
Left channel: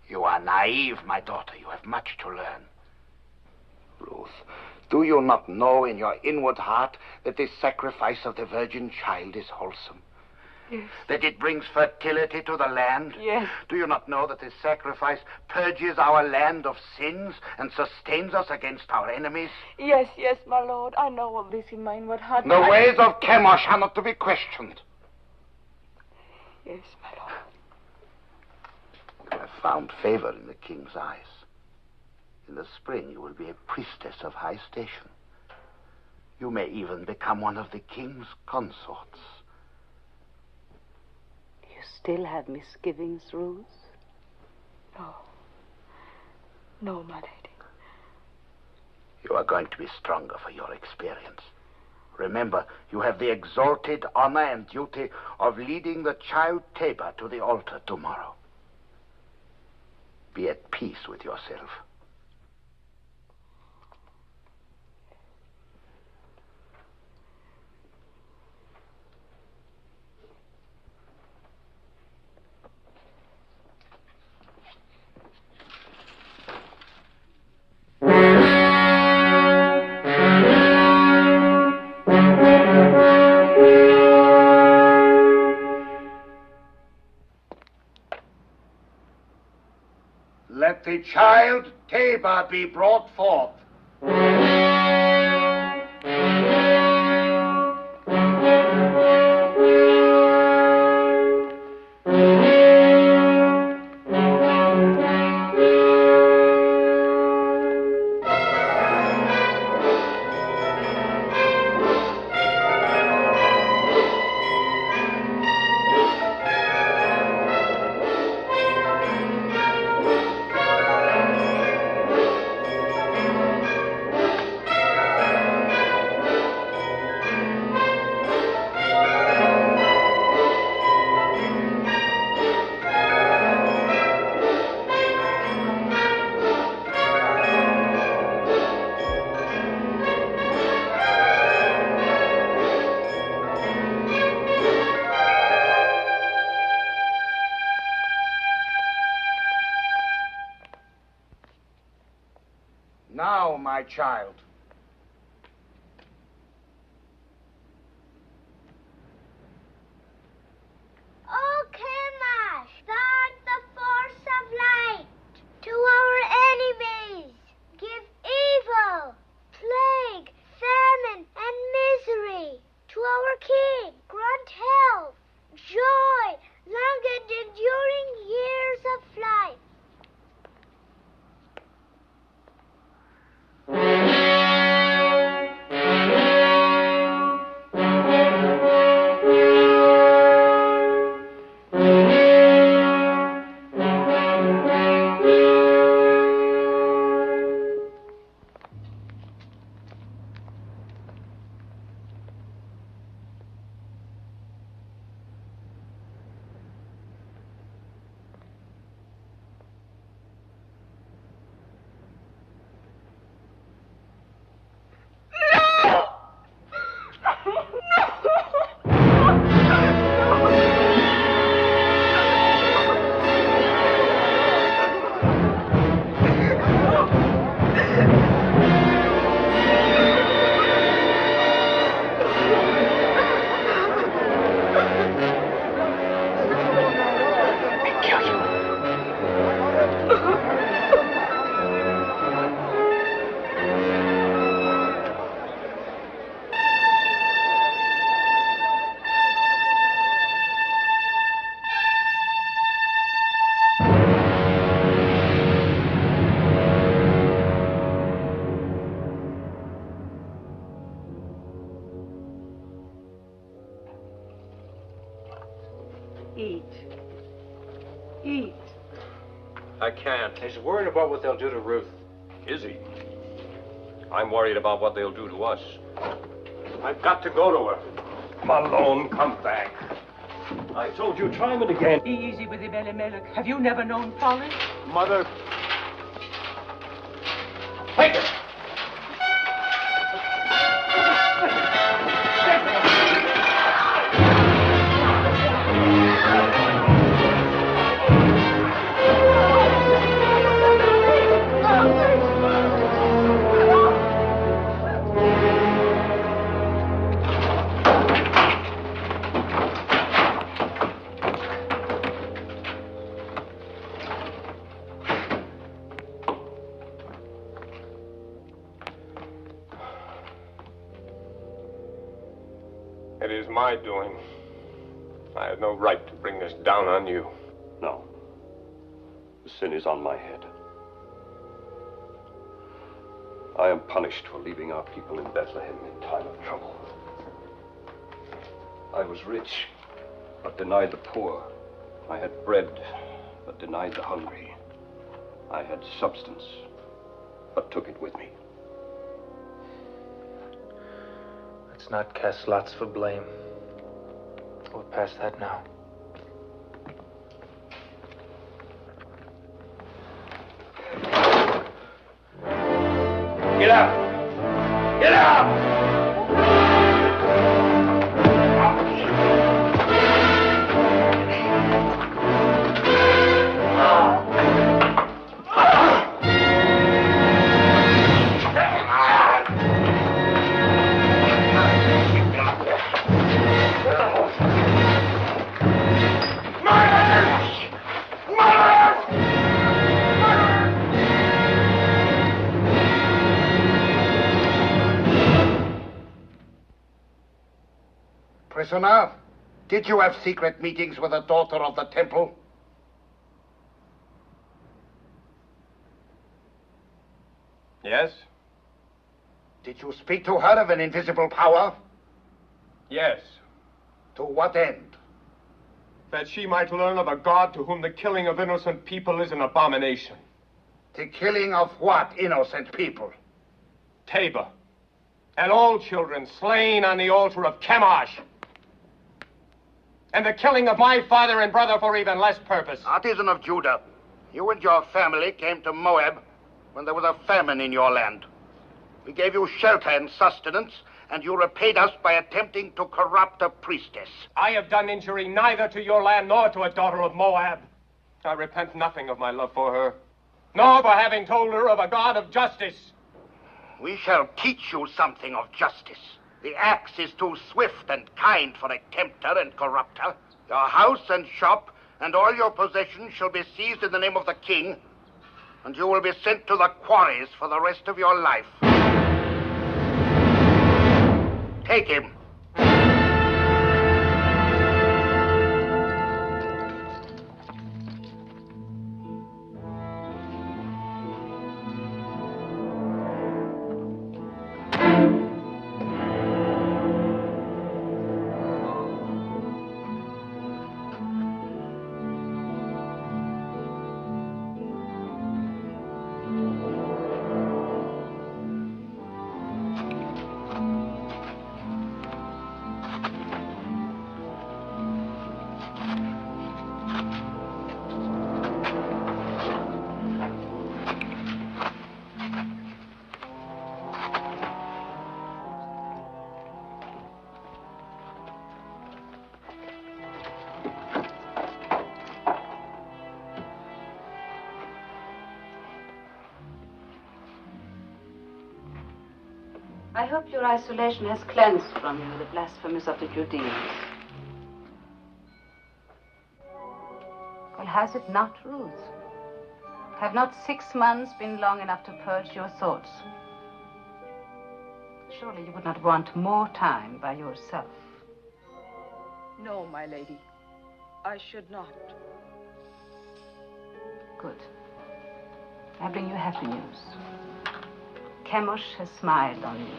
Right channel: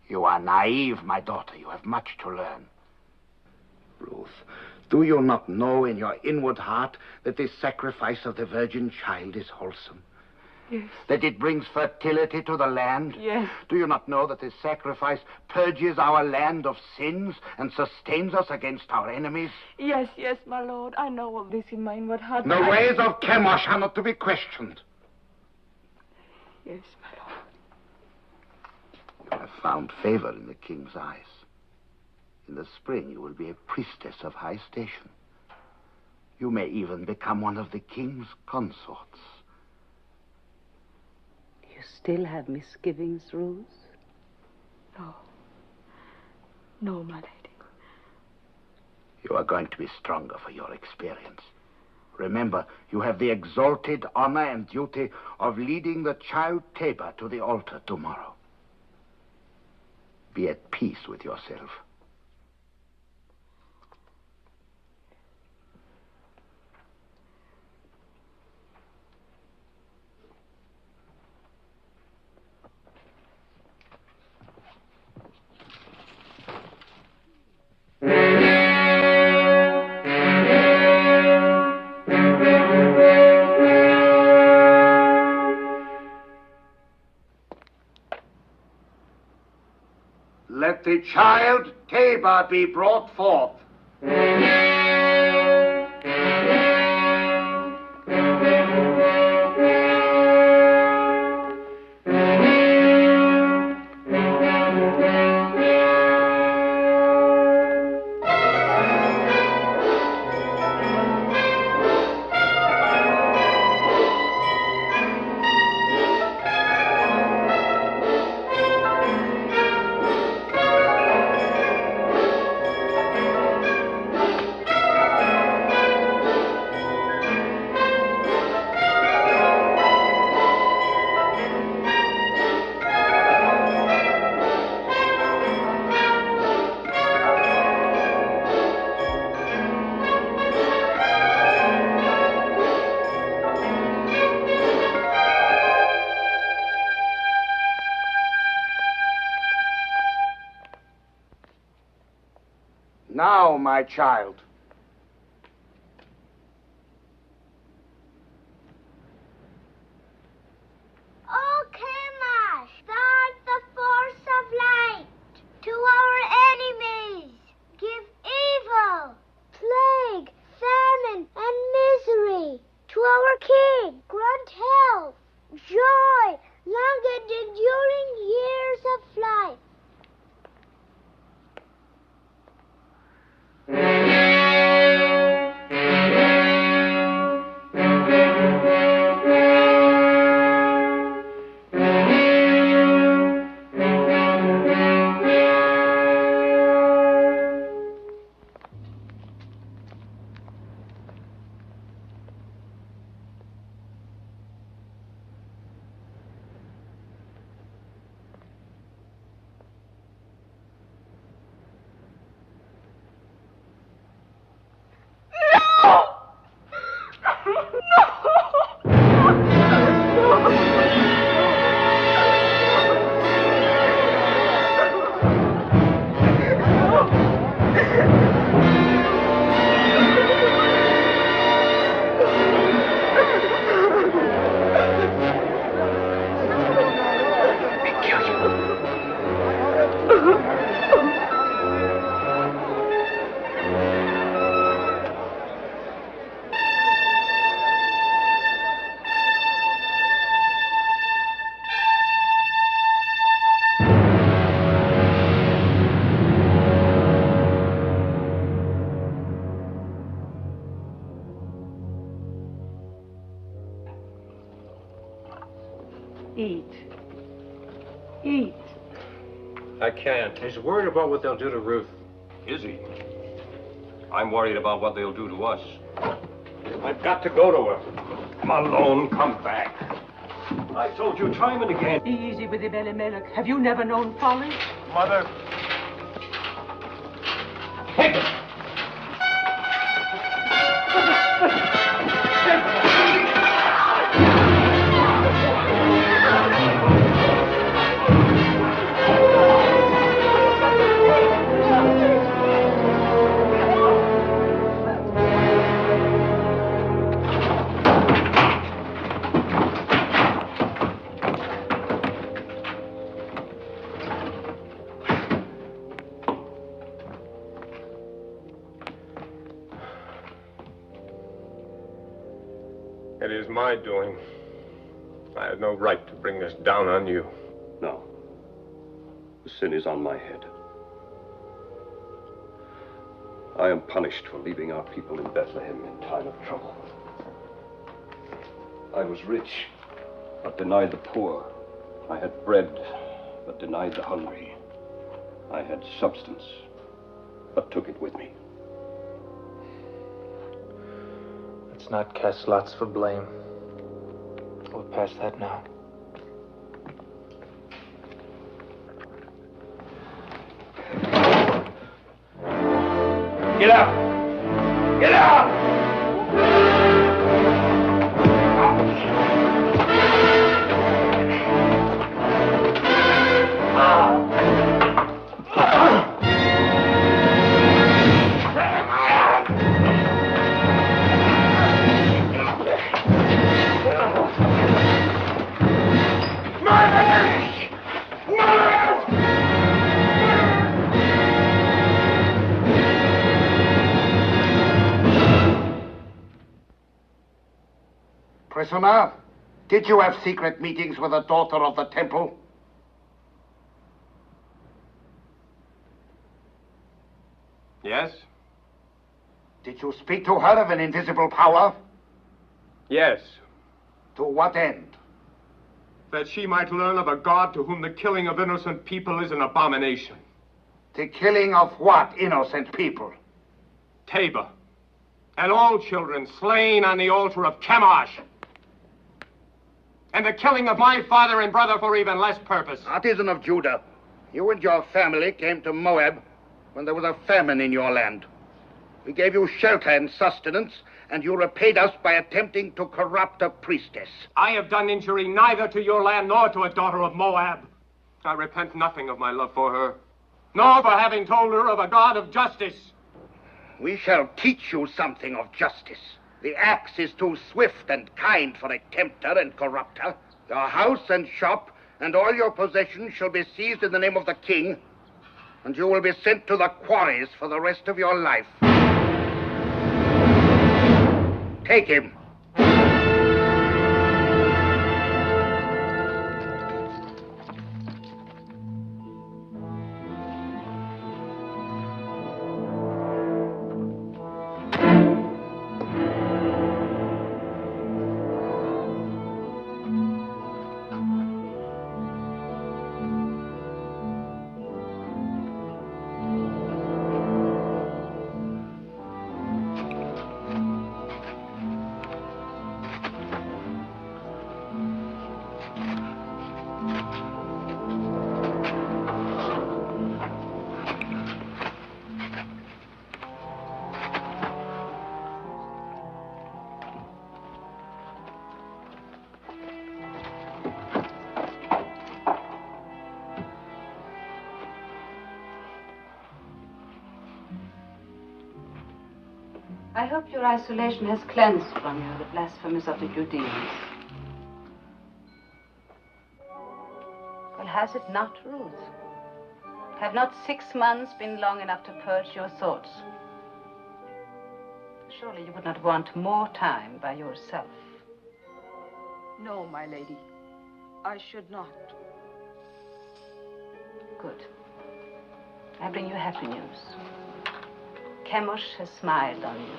You are naive, my daughter. You have much to learn. Ruth, do you not know in your inward heart that this sacrifice of the virgin child is wholesome? Yes. That it brings fertility to the land? Yes. Do you not know that this sacrifice purges our land of sins and sustains us against our enemies? Yes, my Lord. I know all this in my inward heart. The ways of Chemosh are not to be questioned. Yes, my Lord. You have found favor in the king's eyes. In the spring, you will be a priestess of high station. You may even become one of the king's consorts. Still have misgivings, Ruth? No, my lady. You are going to be stronger for your experience. Remember, you have the exalted honor and duty of leading the child Tabor to the altar tomorrow. Be at peace with yourself. Let the child Tabor be brought forth. Now, my child. O Chemosh, thou art the force of light. To our enemies, give evil, plague, famine, and misery. To our king, grant health, joy, long and enduring years of life. Eat. Eat. I can't. He's worried about what they'll do to Ruth. Is he? I'm worried about what they'll do to us. I've got to go to her. Malone, come back. I told you time and again. Easy with him, Elimelech. Have you never known folly? Mother. Take it! It is my doing. I had no right to bring this down on you. No. The sin is on my head. I am punished for leaving our people in Bethlehem in time of trouble. I was rich, but denied the poor. I had bread, but denied the hungry. I had substance, but took it with me. Let's not cast lots for blame. We're past that now. Get out! Get out! Prisoner, did you have secret meetings with the daughter of the temple? Yes? Did you speak to her of an invisible power? Yes. To what end? That she might learn of a God to whom the killing of innocent people is an abomination. The killing of what innocent people? Tabor. And all children slain on the altar of Chemosh. And the killing of my father and brother for even less purpose. Artisan of Judah, you and your family came to Moab when there was a famine in your land. We gave you shelter and sustenance, and you repaid us by attempting to corrupt a priestess. I have done injury neither to your land nor to a daughter of Moab. I repent nothing of my love for her, nor for having told her of a God of justice. We shall teach you something of justice. The axe is too swift and kind for a tempter and corrupter. Your house and shop and all your possessions shall be seized in the name of the king, and you will be sent to the quarries for the rest of your life. Take him. I hope your isolation has cleansed from you the blasphemies of the Judeans. Well, has it not, Ruth? Have not 6 months been long enough to purge your thoughts? Surely you would not want more time by yourself. No, my lady. I should not. Good. I bring you happy news. Chemosh has smiled on you.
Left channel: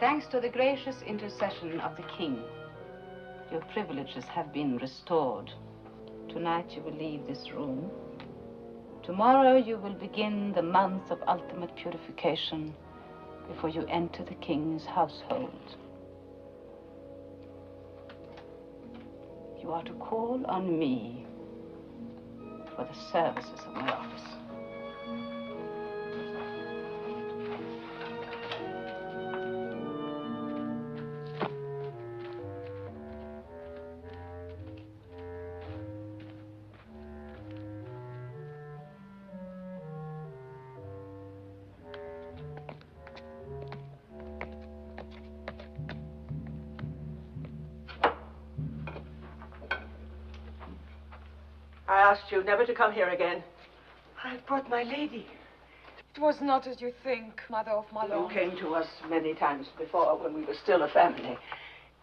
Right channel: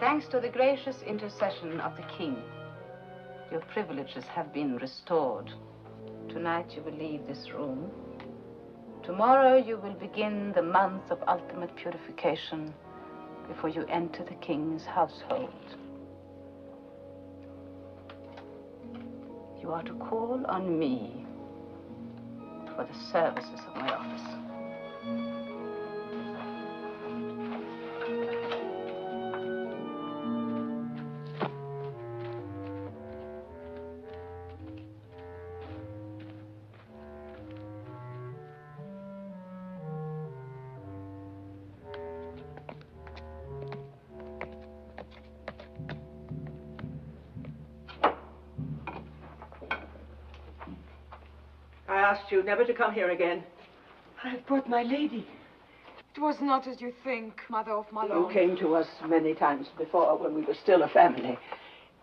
Thanks to the gracious intercession of the king, your privileges have been restored. Tonight you will leave this room. Tomorrow you will begin the month of ultimate purification before you enter the king's household. You are to call on me for the services of my office. I asked you never to come here again. I brought my lady. It was not as you think, Mother of Malone. You came to us many times before when we were still a family.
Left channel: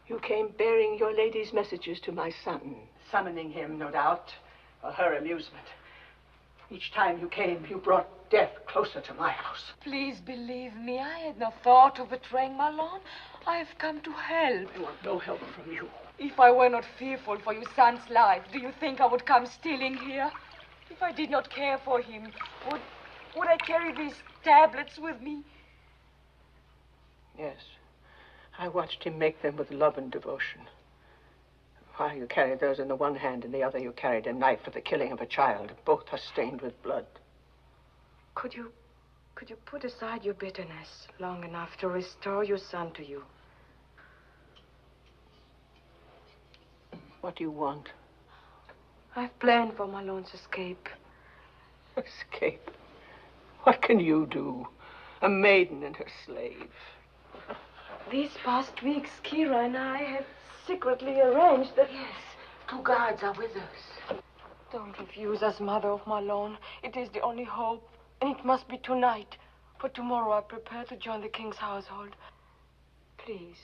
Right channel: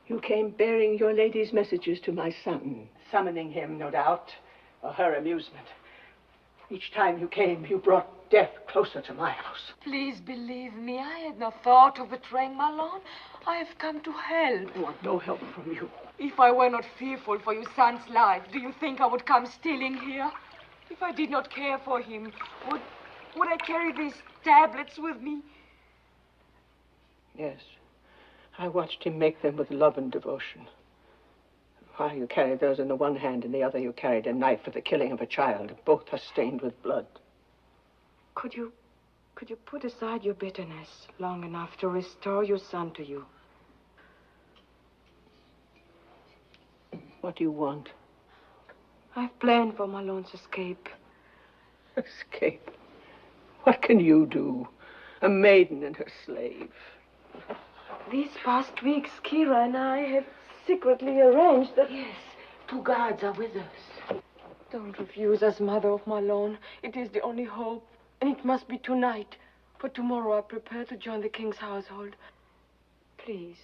You came bearing your lady's messages to my son, summoning him, no doubt, for her amusement. Each time you came, you brought death closer to my house. Please believe me, I had no thought of betraying Malone. I have come to help. I want no help from you. If I were not fearful for your son's life, do you think I would come stealing here? If I did not care for him, would I carry these tablets with me? Yes. I watched him make them with love and devotion. While you carried those in the one hand, in the other you carried a knife for the killing of a child. Both are stained with blood. Could you put aside your bitterness long enough to restore your son to you? What do you want? I've planned for Malone's escape. Escape? What can you do? A maiden and her slave. These past weeks, Kira and I have secretly arranged that... Yes, 2 guards are with us. Don't refuse us, Mother of Malone. It is the only hope, and it must be tonight. For tomorrow I prepare to join the king's household. Please.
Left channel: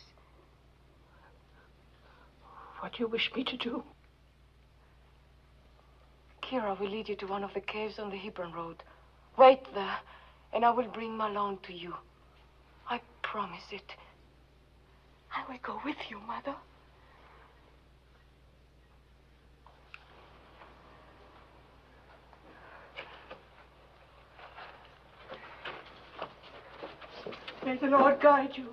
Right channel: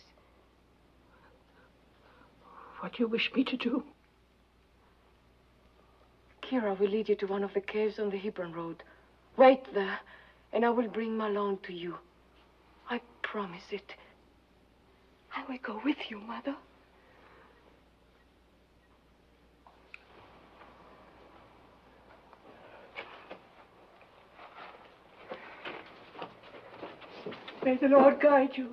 What do you wish me to do? Kira will lead you to one of the caves on the Hebron Road. Wait there, and I will bring Malone to you. I promise it. I will go with you, Mother. May the Lord guide you.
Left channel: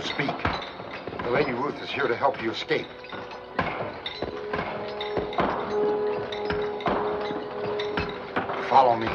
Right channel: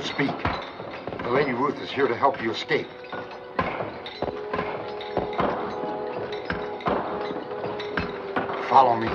Don't speak. The Lady Ruth is here to help you escape. Follow me.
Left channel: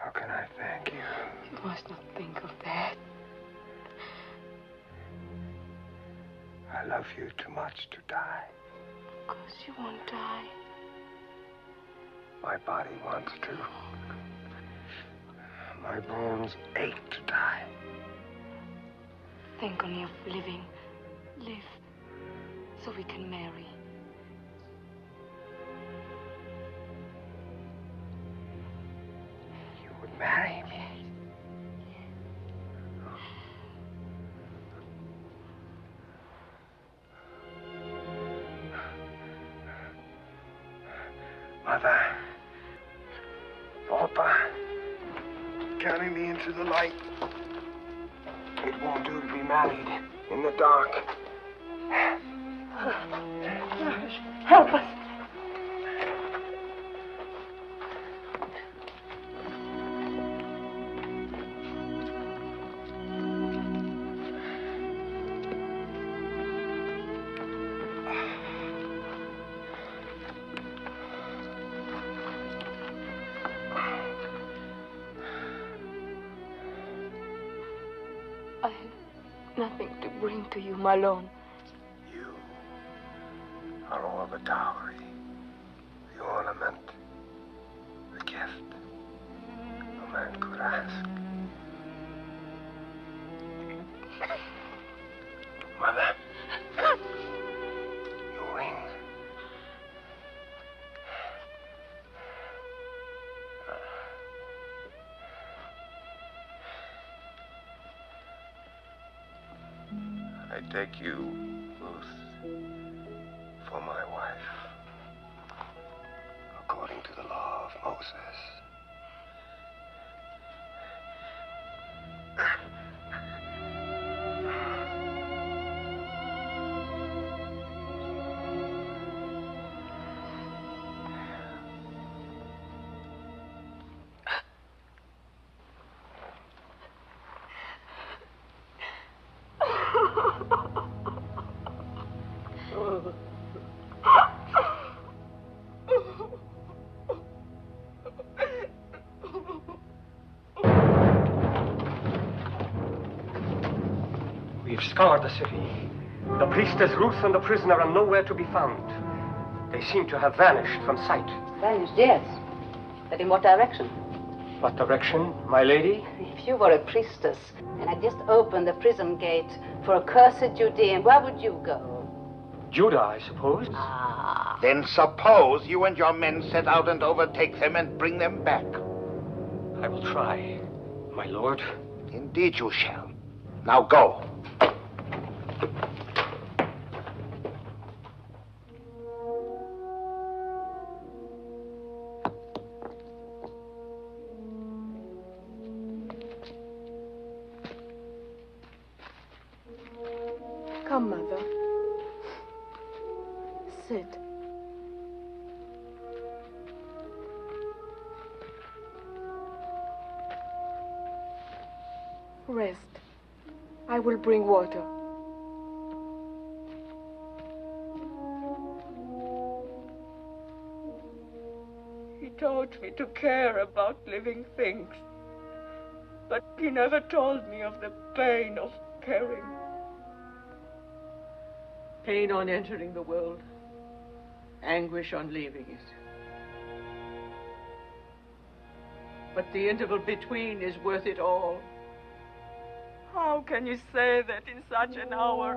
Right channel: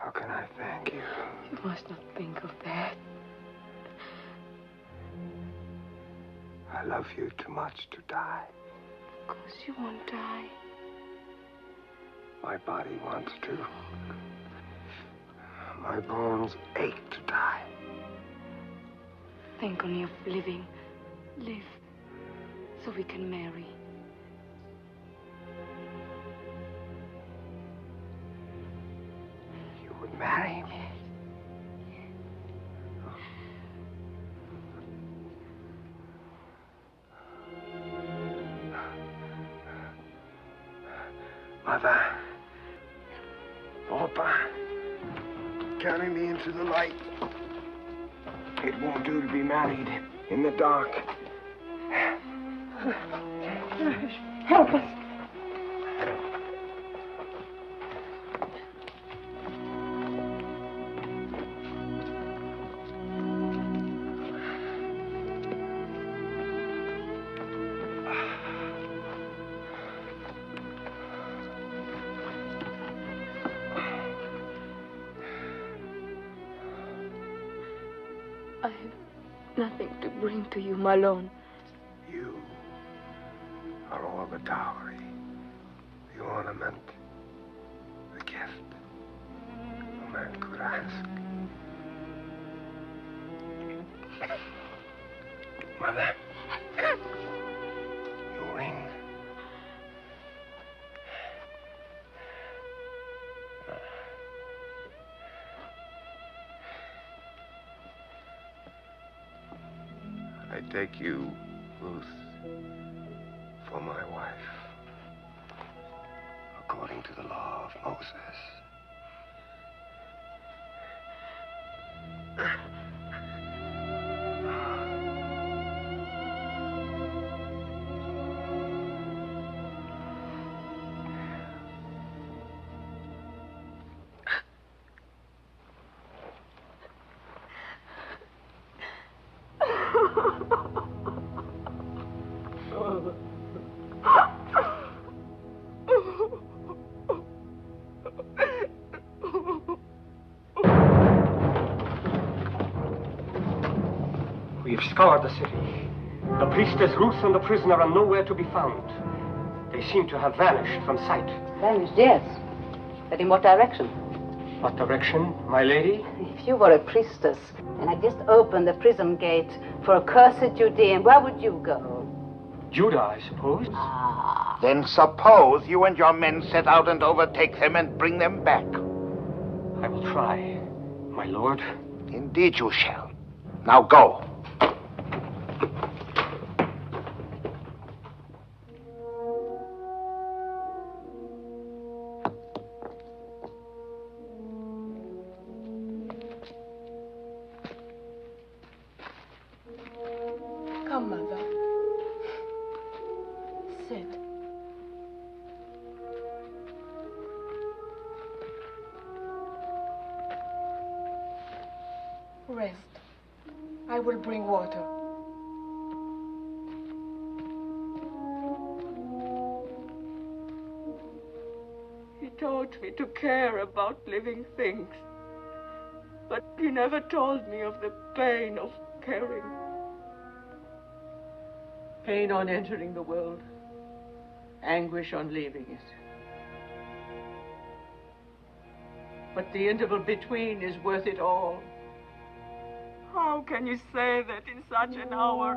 How can I thank you? You must not think of that. I love you too much to die. Of course you won't die. My body wants to. My bones ache to die. Think only of living. Live so we can marry. You would marry me? Mother. Papa. Carry me into the light. It won't do to be married in the dark. Help us. I have nothing to bring to you, Malone. You are all the dowry, the ornament, the gift a man could ask. Mother, your ring. I take you, Ruth, for my wife, according to the law of Moses. We've scoured the city. The priestess Ruth and the prisoner are nowhere to be found. They seem to have vanished from sight. Vanished, yes. But in what direction? What direction, my lady? If you were a priestess and had just opened the prison gate for accursed Judean, where would you go? Judah, I suppose. Then suppose you and your men set out and overtake them and bring them back. I will try, my lord. Indeed you shall. Now go. Come, Mother. Sit. Rest. I will bring water. He taught me to care about living things, but he never told me of the pain of caring. Pain on entering the world, anguish on leaving it. But the interval between is worth it all. How can you say that in such an hour?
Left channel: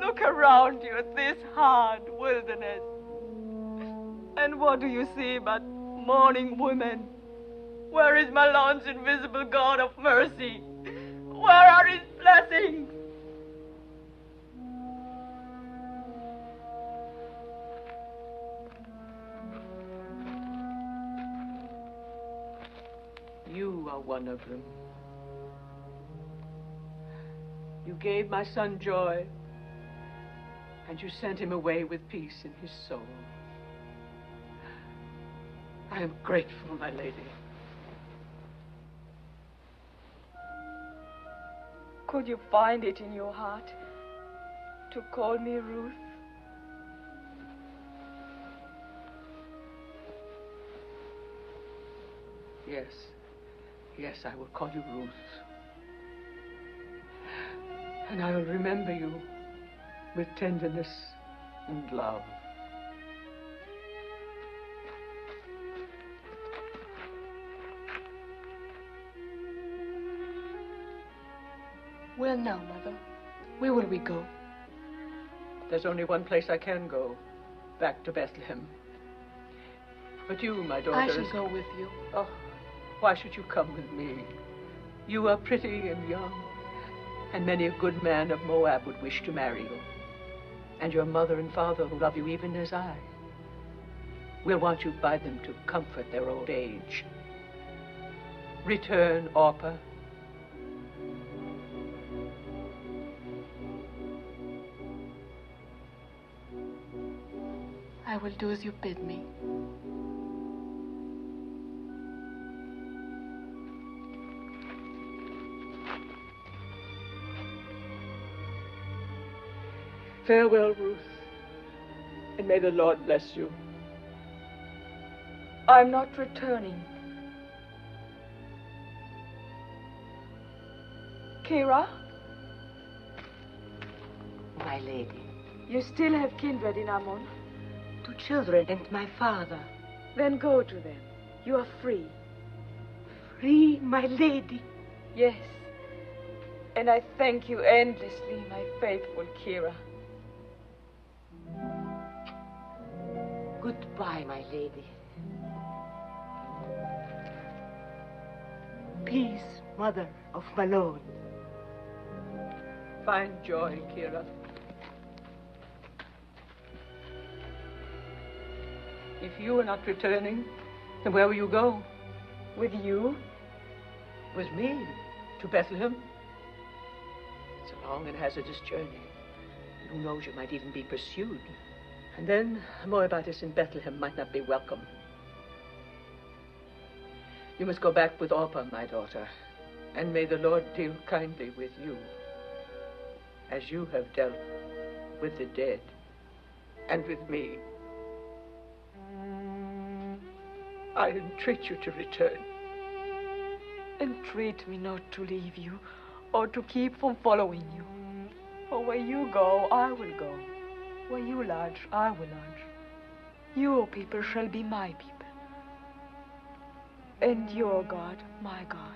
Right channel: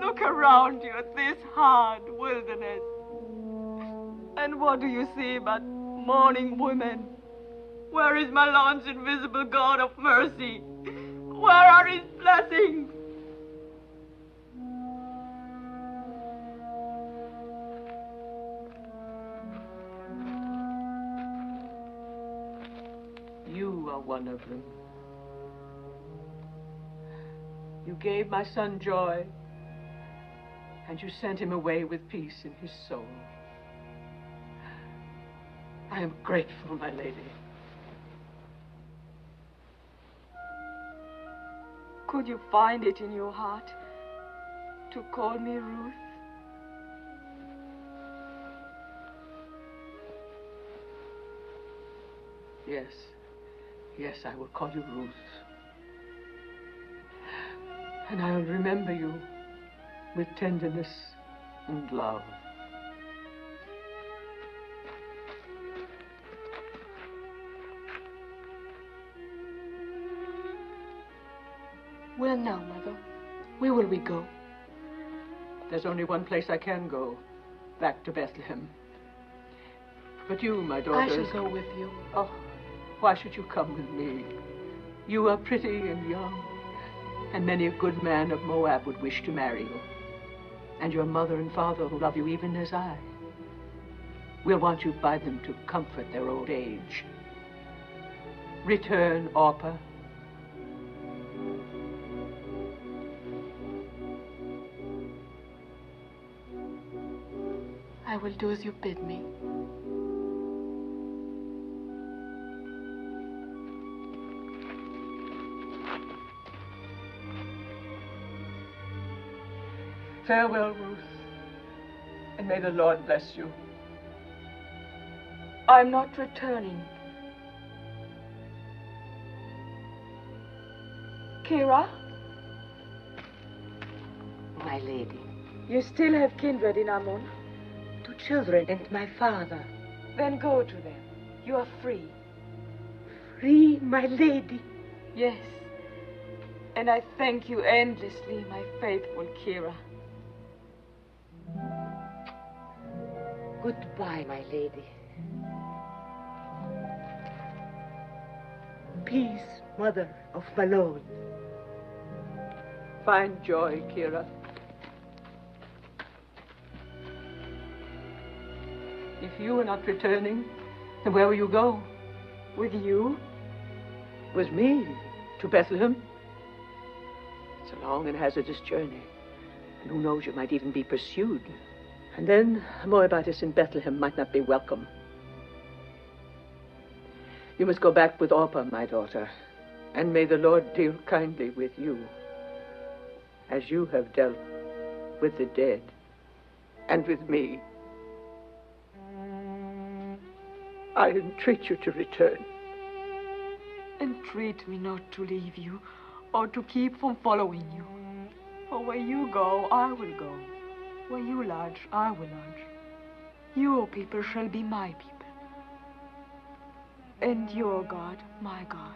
Look around you at this hard wilderness. And what do you see but mourning women? Where is my Lord's invisible God of mercy? Where are his blessings? You are one of them. You gave my son joy, and you sent him away with peace in his soul. I am grateful, my lady. Could you find it in your heart to call me Ruth? Yes. Yes, I will call you Ruth. And I will remember you with tenderness and love. Where now, Mother? Where will we go? There's only one place I can go, back to Bethlehem. But you, my daughter... I shall go with you. Oh, why should you come with me? You are pretty and young, and many a good man of Moab would wish to marry you. And your mother and father who love you even as I will want you by them to comfort their old age. Return, Orpah. I will do as you bid me. Farewell, Ruth, and may the Lord bless you. I'm not returning. Kira? My lady. You still have kindred in Ammon? 2 children and my father. Then go to them. You are free. Free, my lady? Yes. And I thank you endlessly, my faithful Kira. Goodbye, my lady. Peace, mother of my Lord. Find joy, Kira. If you are not returning, then where will you go? With you? With me? To Bethlehem? It's a long and hazardous journey. And who knows, you might even be pursued. And then a Moabitess in Bethlehem might not be welcome. You must go back with Orpah, my daughter. And may the Lord deal kindly with you, as you have dealt with the dead and with me. I entreat you to return. Entreat me not to leave you, or to keep from following you. For where you go, I will go. Where you lodge, I will lodge. Your people shall be my people. And your God, my God.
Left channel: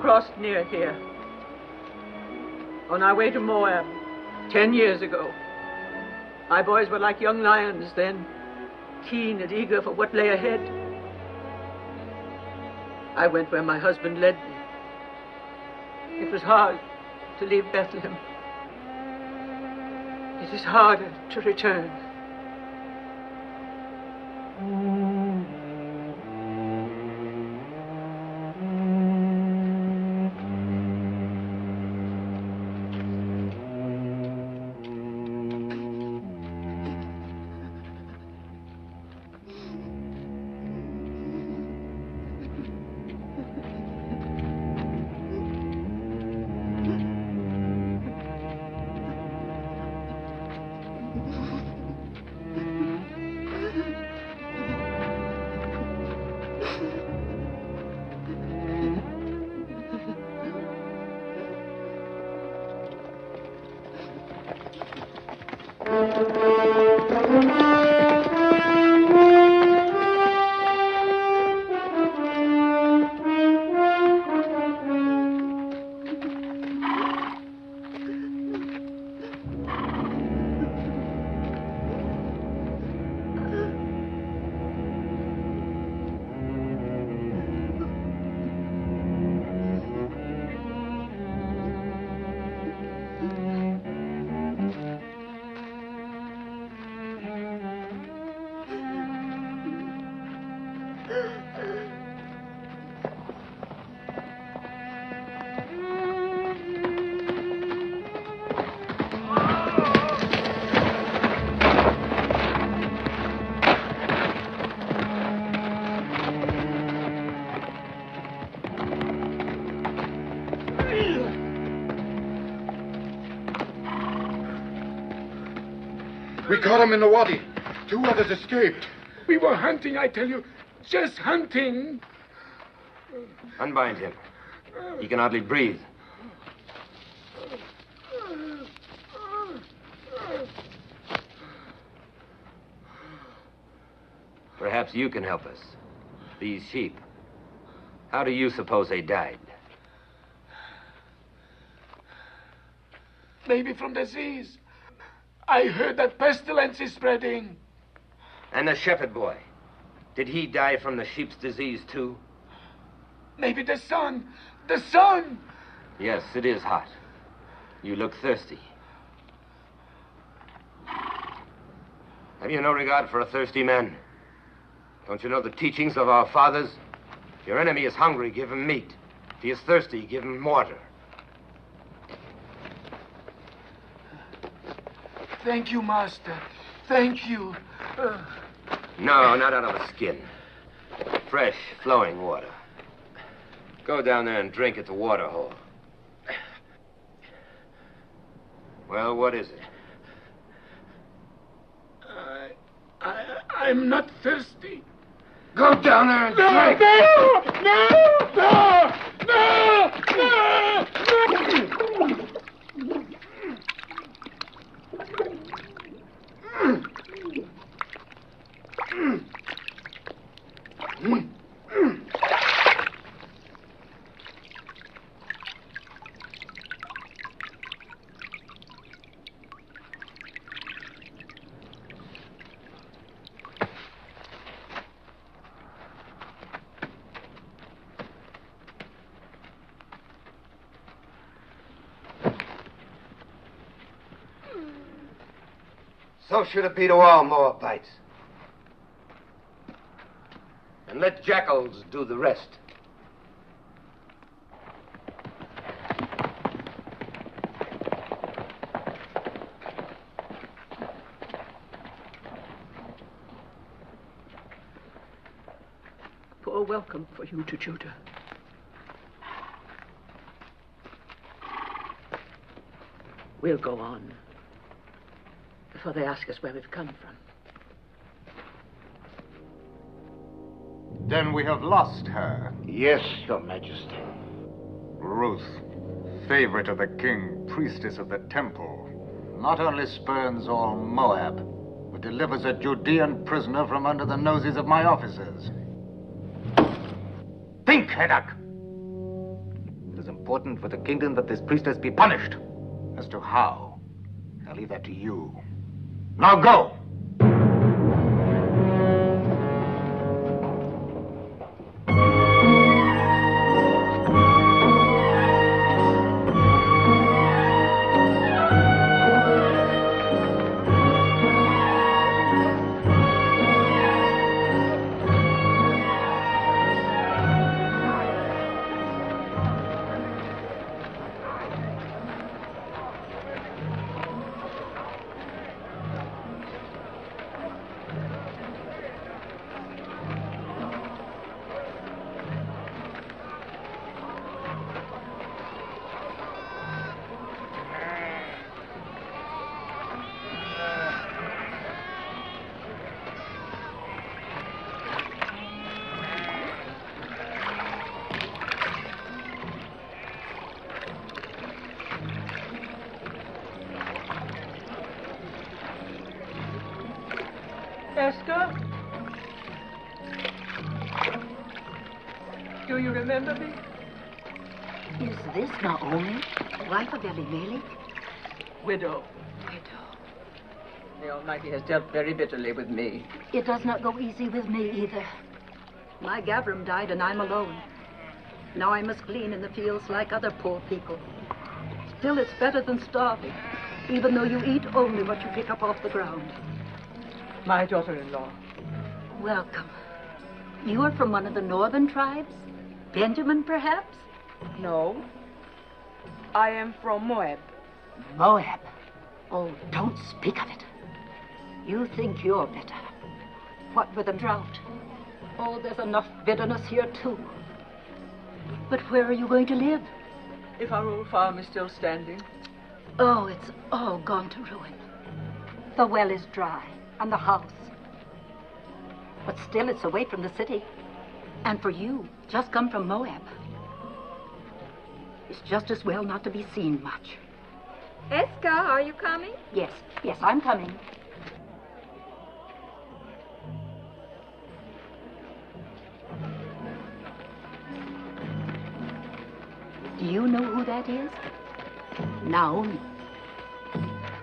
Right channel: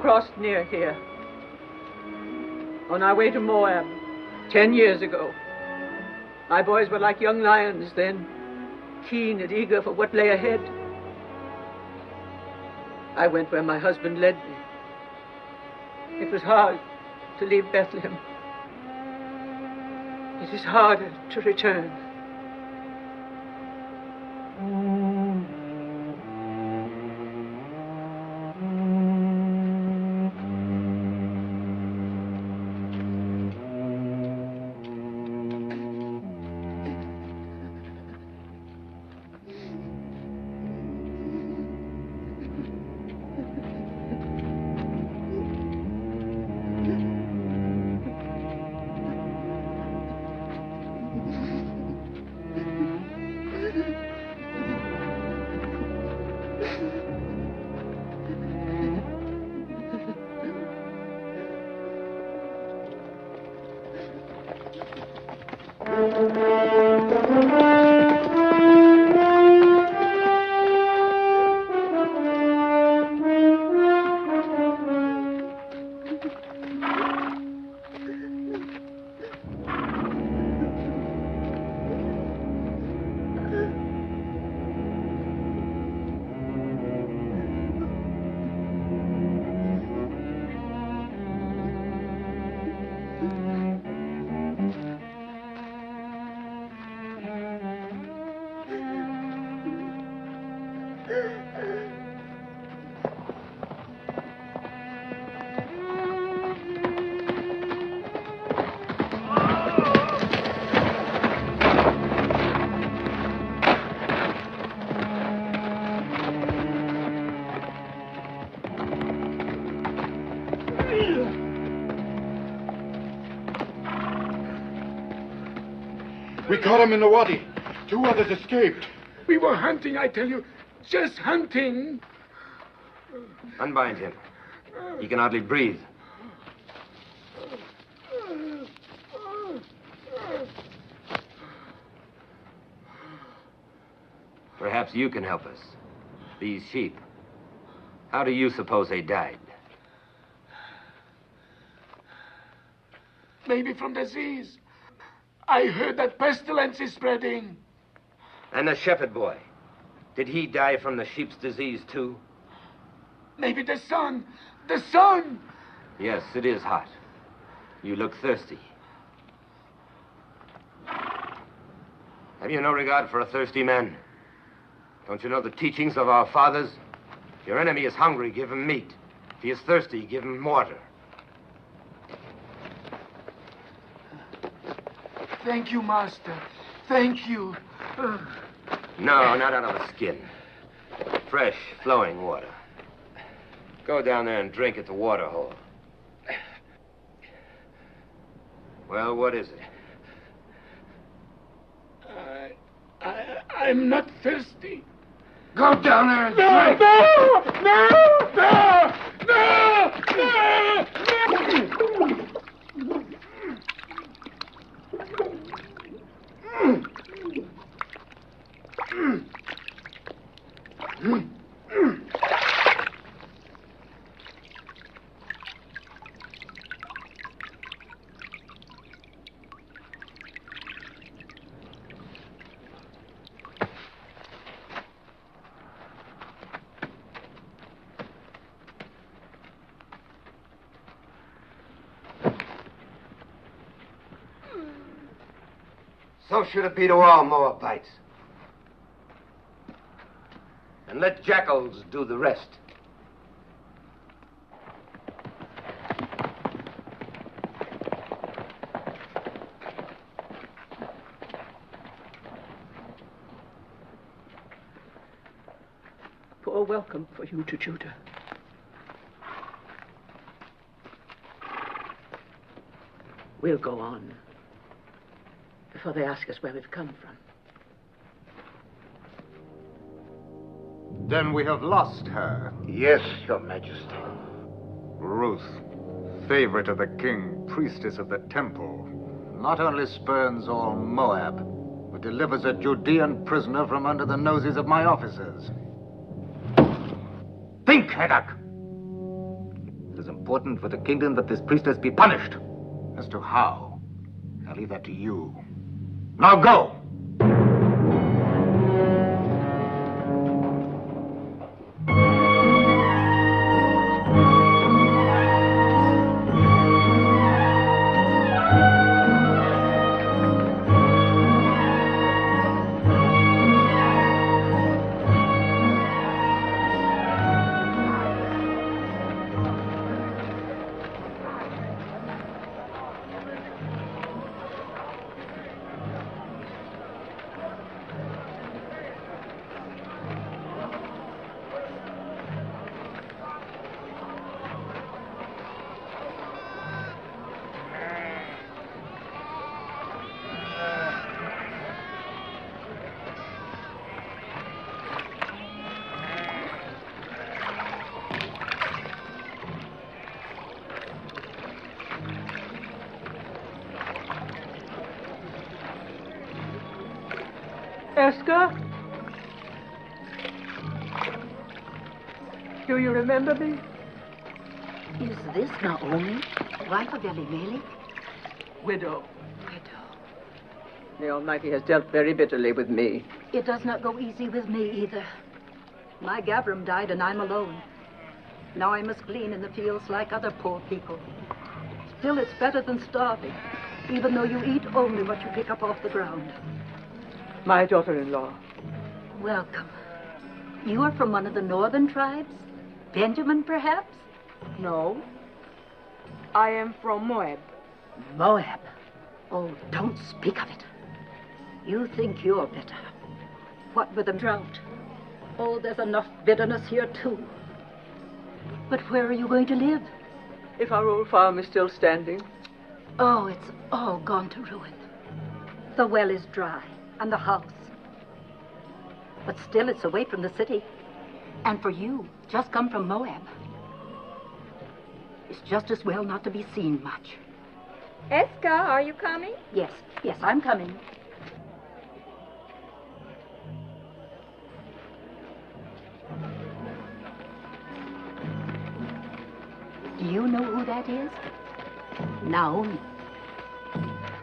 Crossed near here. On our way to Moab, 10 years ago. My boys were like young lions then, keen and eager for what lay ahead. I went where my husband led me. It was hard to leave Bethlehem. It is harder to return. We caught him in the wadi. 2 others escaped. We were hunting, I tell you. Just hunting. Unbind him. He can hardly breathe. Perhaps you can help us. These sheep. How do you suppose they died? Maybe from disease. I heard that pestilence is spreading. And the shepherd boy. Did he die from the sheep's disease, too? Maybe the sun. The sun! Yes, it is hot. You look thirsty. Have you no regard for a thirsty man? Don't you know the teachings of our fathers? If your enemy is hungry, give him meat. If he is thirsty, give him water. Thank you, Master. Thank you. No, not out of the skin. Fresh, flowing water. Go down there and drink at the water hole. Well, what is it? I'm not thirsty. Go down there and No, drink. So should it be to all Moabites. And let jackals do the rest. Poor welcome for you to Judah. We'll go on before they ask us where we've come from. Then we have lost her. Yes, Your Majesty. Ruth, favorite of the king, priestess of the temple, not only spurns all Moab, but delivers a Judean prisoner from under the noses of my officers. Think, Heddak! It is important for the kingdom that this priestess be punished. As to how, I'll leave that to you. Now go! Esther? Do you remember me? Is this Naomi, wife of Elimelech? Widow. The Almighty has dealt very bitterly with me. It does not go easy with me either. My Gavram died and I'm alone. Now I must glean in the fields like other poor people. Still, it's better than starving, even though you eat only what you pick up off the ground. My daughter-in-law. Welcome. You are from one of the northern tribes? Benjamin, perhaps? No. I am from Moab. Moab? Oh, don't speak of it. You think you're better. What with the drought? Oh, there's enough bitterness here, too. But where are you going to live? If our old farm is still standing. Oh, it's all gone to ruin. The well is dry, and the house. But still, it's away from the city. And for you, just come from Moab. It's just as well not to be seen much. Eska, are you coming? Yes, I'm coming. Do you know who that is? Naomi.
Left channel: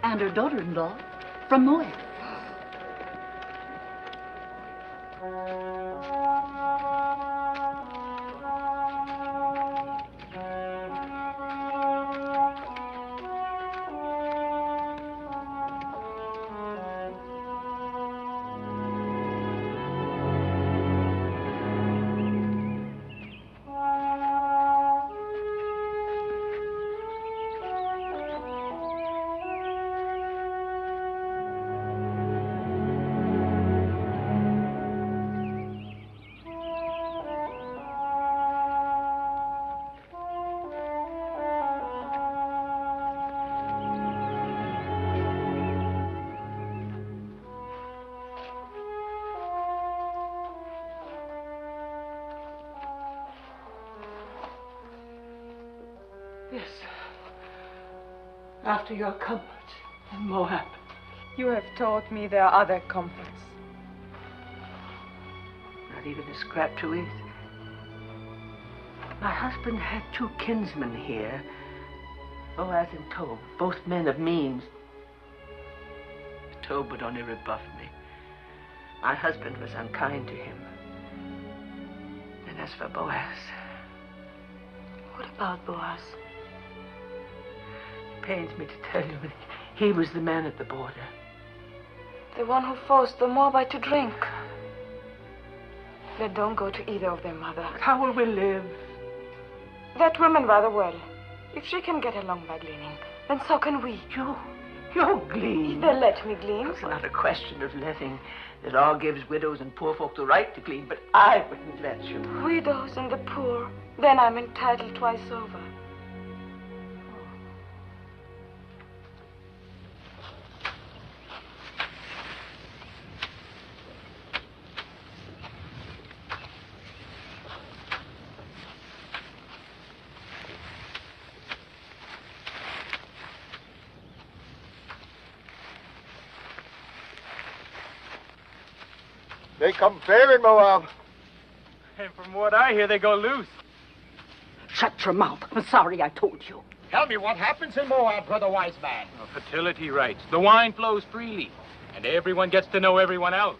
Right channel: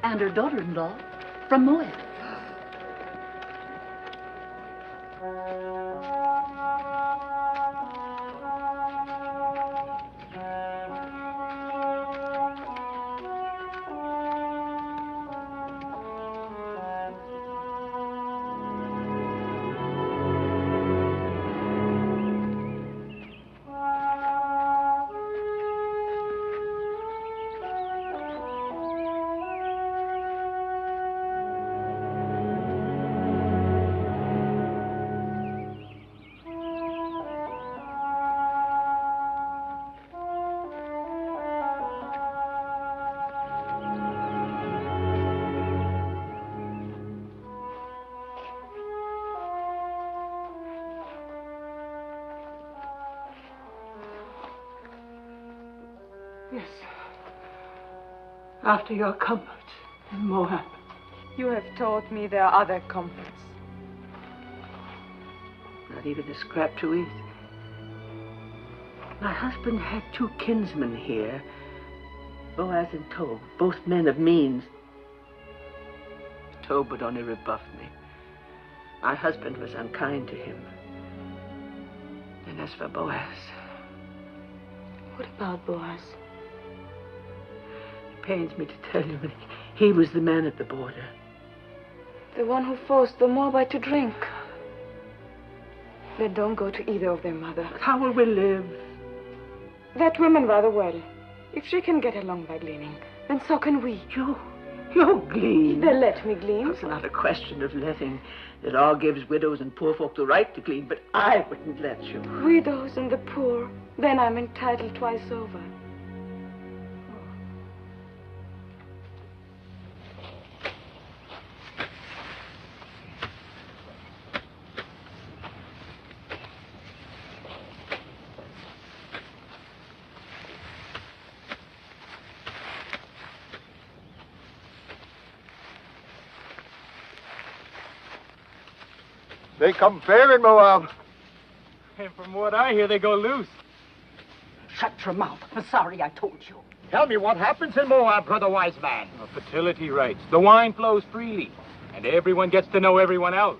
And her daughter-in-law from Moab. Yes. After your comforts in Moab. You have taught me there are other comforts. Not even a scrap to eat. My husband had 2 kinsmen here, Boaz and Tob, both men of means. Tob would only rebuff me. My husband was unkind to him. And as for Boaz... What about Boaz? It pains me to tell you, he was the man at the border. The one who forced the Moabite to drink. Then don't go to either of them, Mother. How will we live? That woman rather well. If she can get along by gleaning, then so can we. You glean? They'll let me glean. It's not a question of letting. The law gives widows and poor folk the right to glean, but I wouldn't let you. Widows and the poor. Then I'm entitled twice over. They come flailing, Moab. And from what I hear, they go loose. Shut your mouth. I'm sorry I told you. Tell me what happens in Moab, brother wise man. Fertility rights. The wine flows freely, and everyone gets to know everyone else.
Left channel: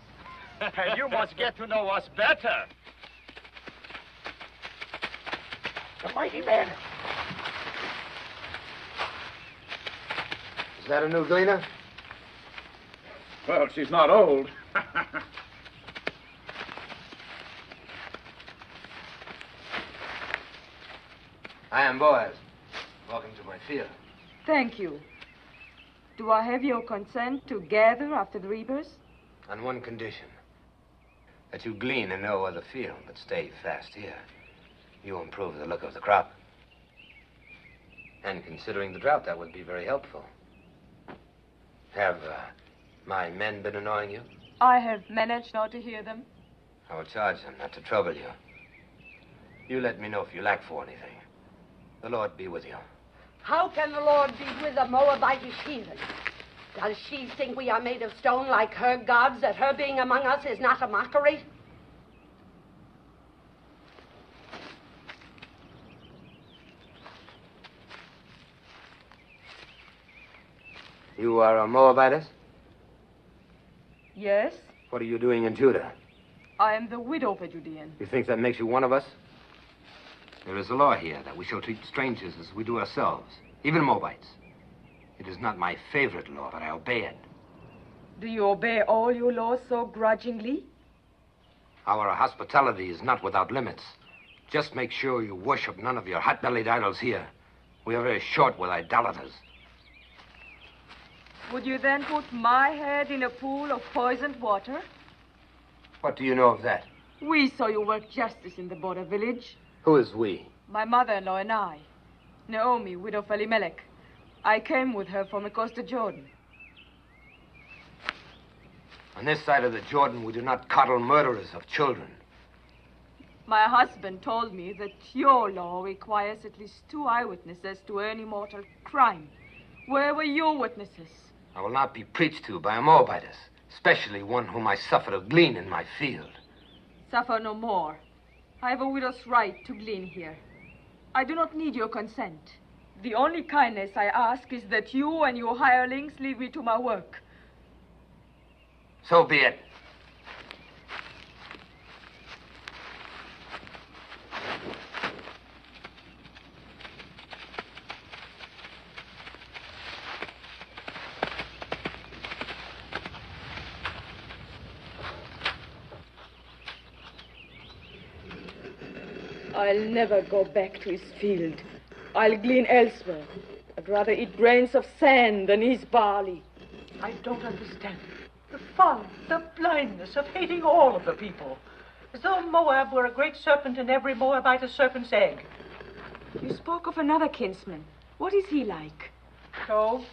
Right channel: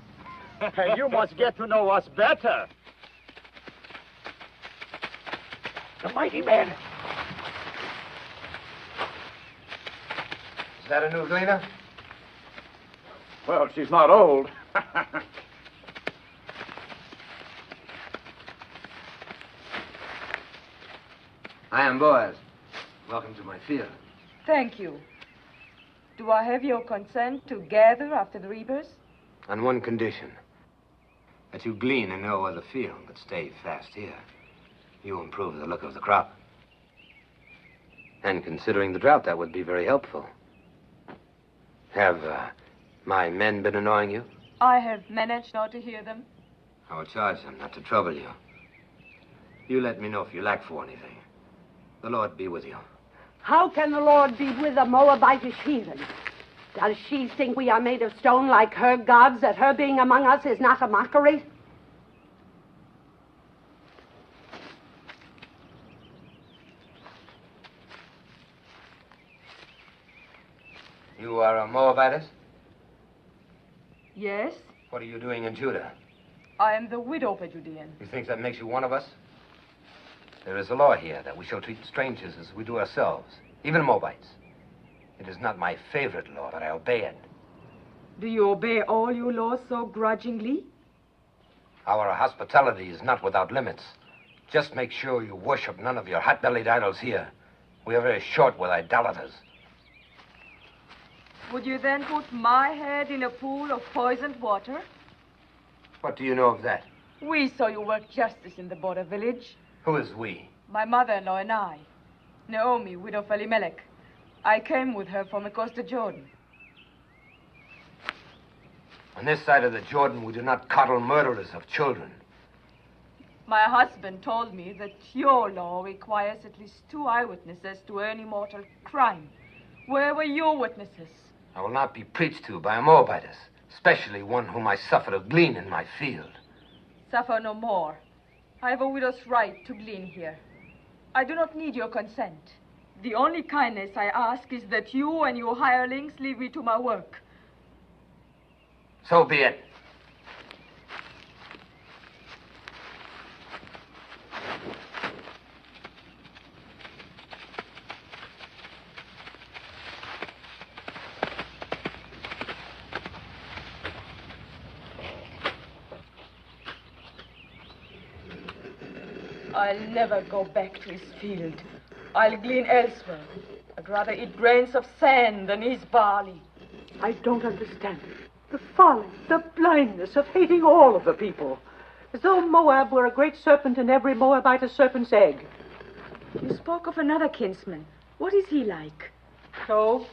And you must get to know us better. The mighty man. Is that a new gleaner? Well, she's not old. I am Boaz. Welcome to my field. Thank you. Do I have your consent to gather after the reapers? On one condition. That you glean in no other field, but stay fast here. You improve the look of the crop. And considering the drought, that would be very helpful. Have my men been annoying you? I have managed not to hear them. I will charge them not to trouble you. You let me know if you lack for anything. The Lord be with you. How can the Lord be with a Moabitish heathen? Does she think we are made of stone like her gods, that her being among us is not a mockery? You are a Moabitess? Yes, What are you doing in Judah? I am the widow of a Judean. You think that makes you one of us? There is a law here that we shall treat strangers as we do ourselves, even Moabites. It is not my favorite law, but I obey it. Do you obey all your laws so grudgingly? Our hospitality is not without limits. Just make sure you worship none of your hot-bellied idols here. We are very short with idolaters. Would you then put my head in a pool of poisoned water? What do you know of that? We saw you work justice in the border village. Who is we? My mother-in-law and I. Naomi, widow of Elimelech. I came with her from across the Jordan. On this side of the Jordan, we do not coddle murderers of children. My husband told me that your law requires at least 2 eyewitnesses to any mortal crime. Where were your witnesses? I will not be preached to by a Moabitess, especially one whom I suffer to glean in my field. Suffer no more. I have a widow's right to glean here. I do not need your consent. The only kindness I ask is that you and your hirelings leave me to my work. So be it. I'll never go back to his field. I'll glean elsewhere. I'd rather eat grains of sand than his barley. I don't understand it. The folly, the blindness of hating all of the people. As though Moab were a great serpent and every Moabite a serpent's egg. You spoke of another kinsman. What is he like? So,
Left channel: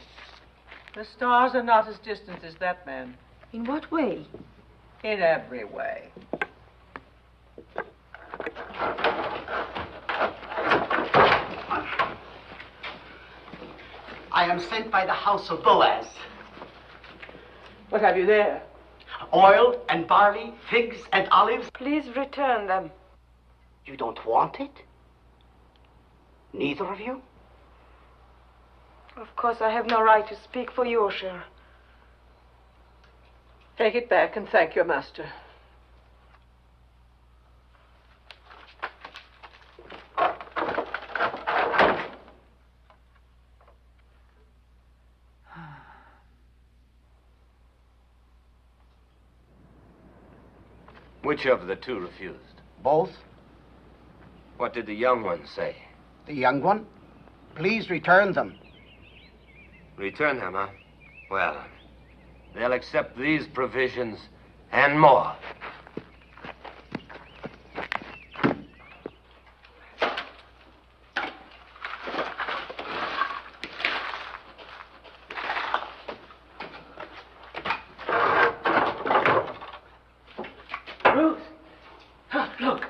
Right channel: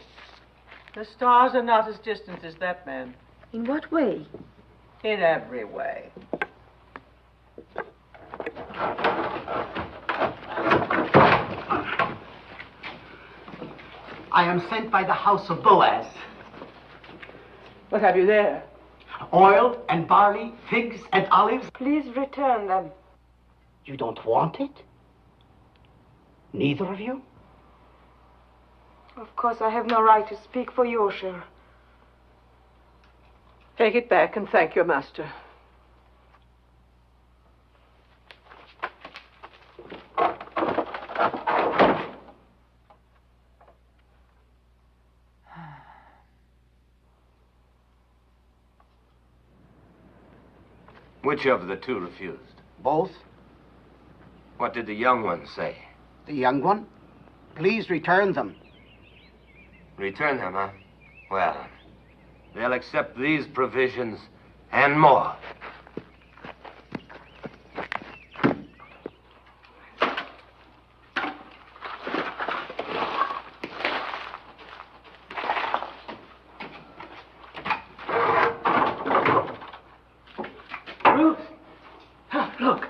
the stars are not as distant as that man. In what way? In every way. I am sent by the house of Boaz. What have you there? Oil and barley, figs and olives. Please return them. You don't want it? Neither of you? Of course, I have no right to speak for you, sir. Take it back and thank your master. Which of the two refused? Both? What did the young one say? The young one? Please return them. Return them, huh? Well, they'll accept these provisions and more. Ruth! Look.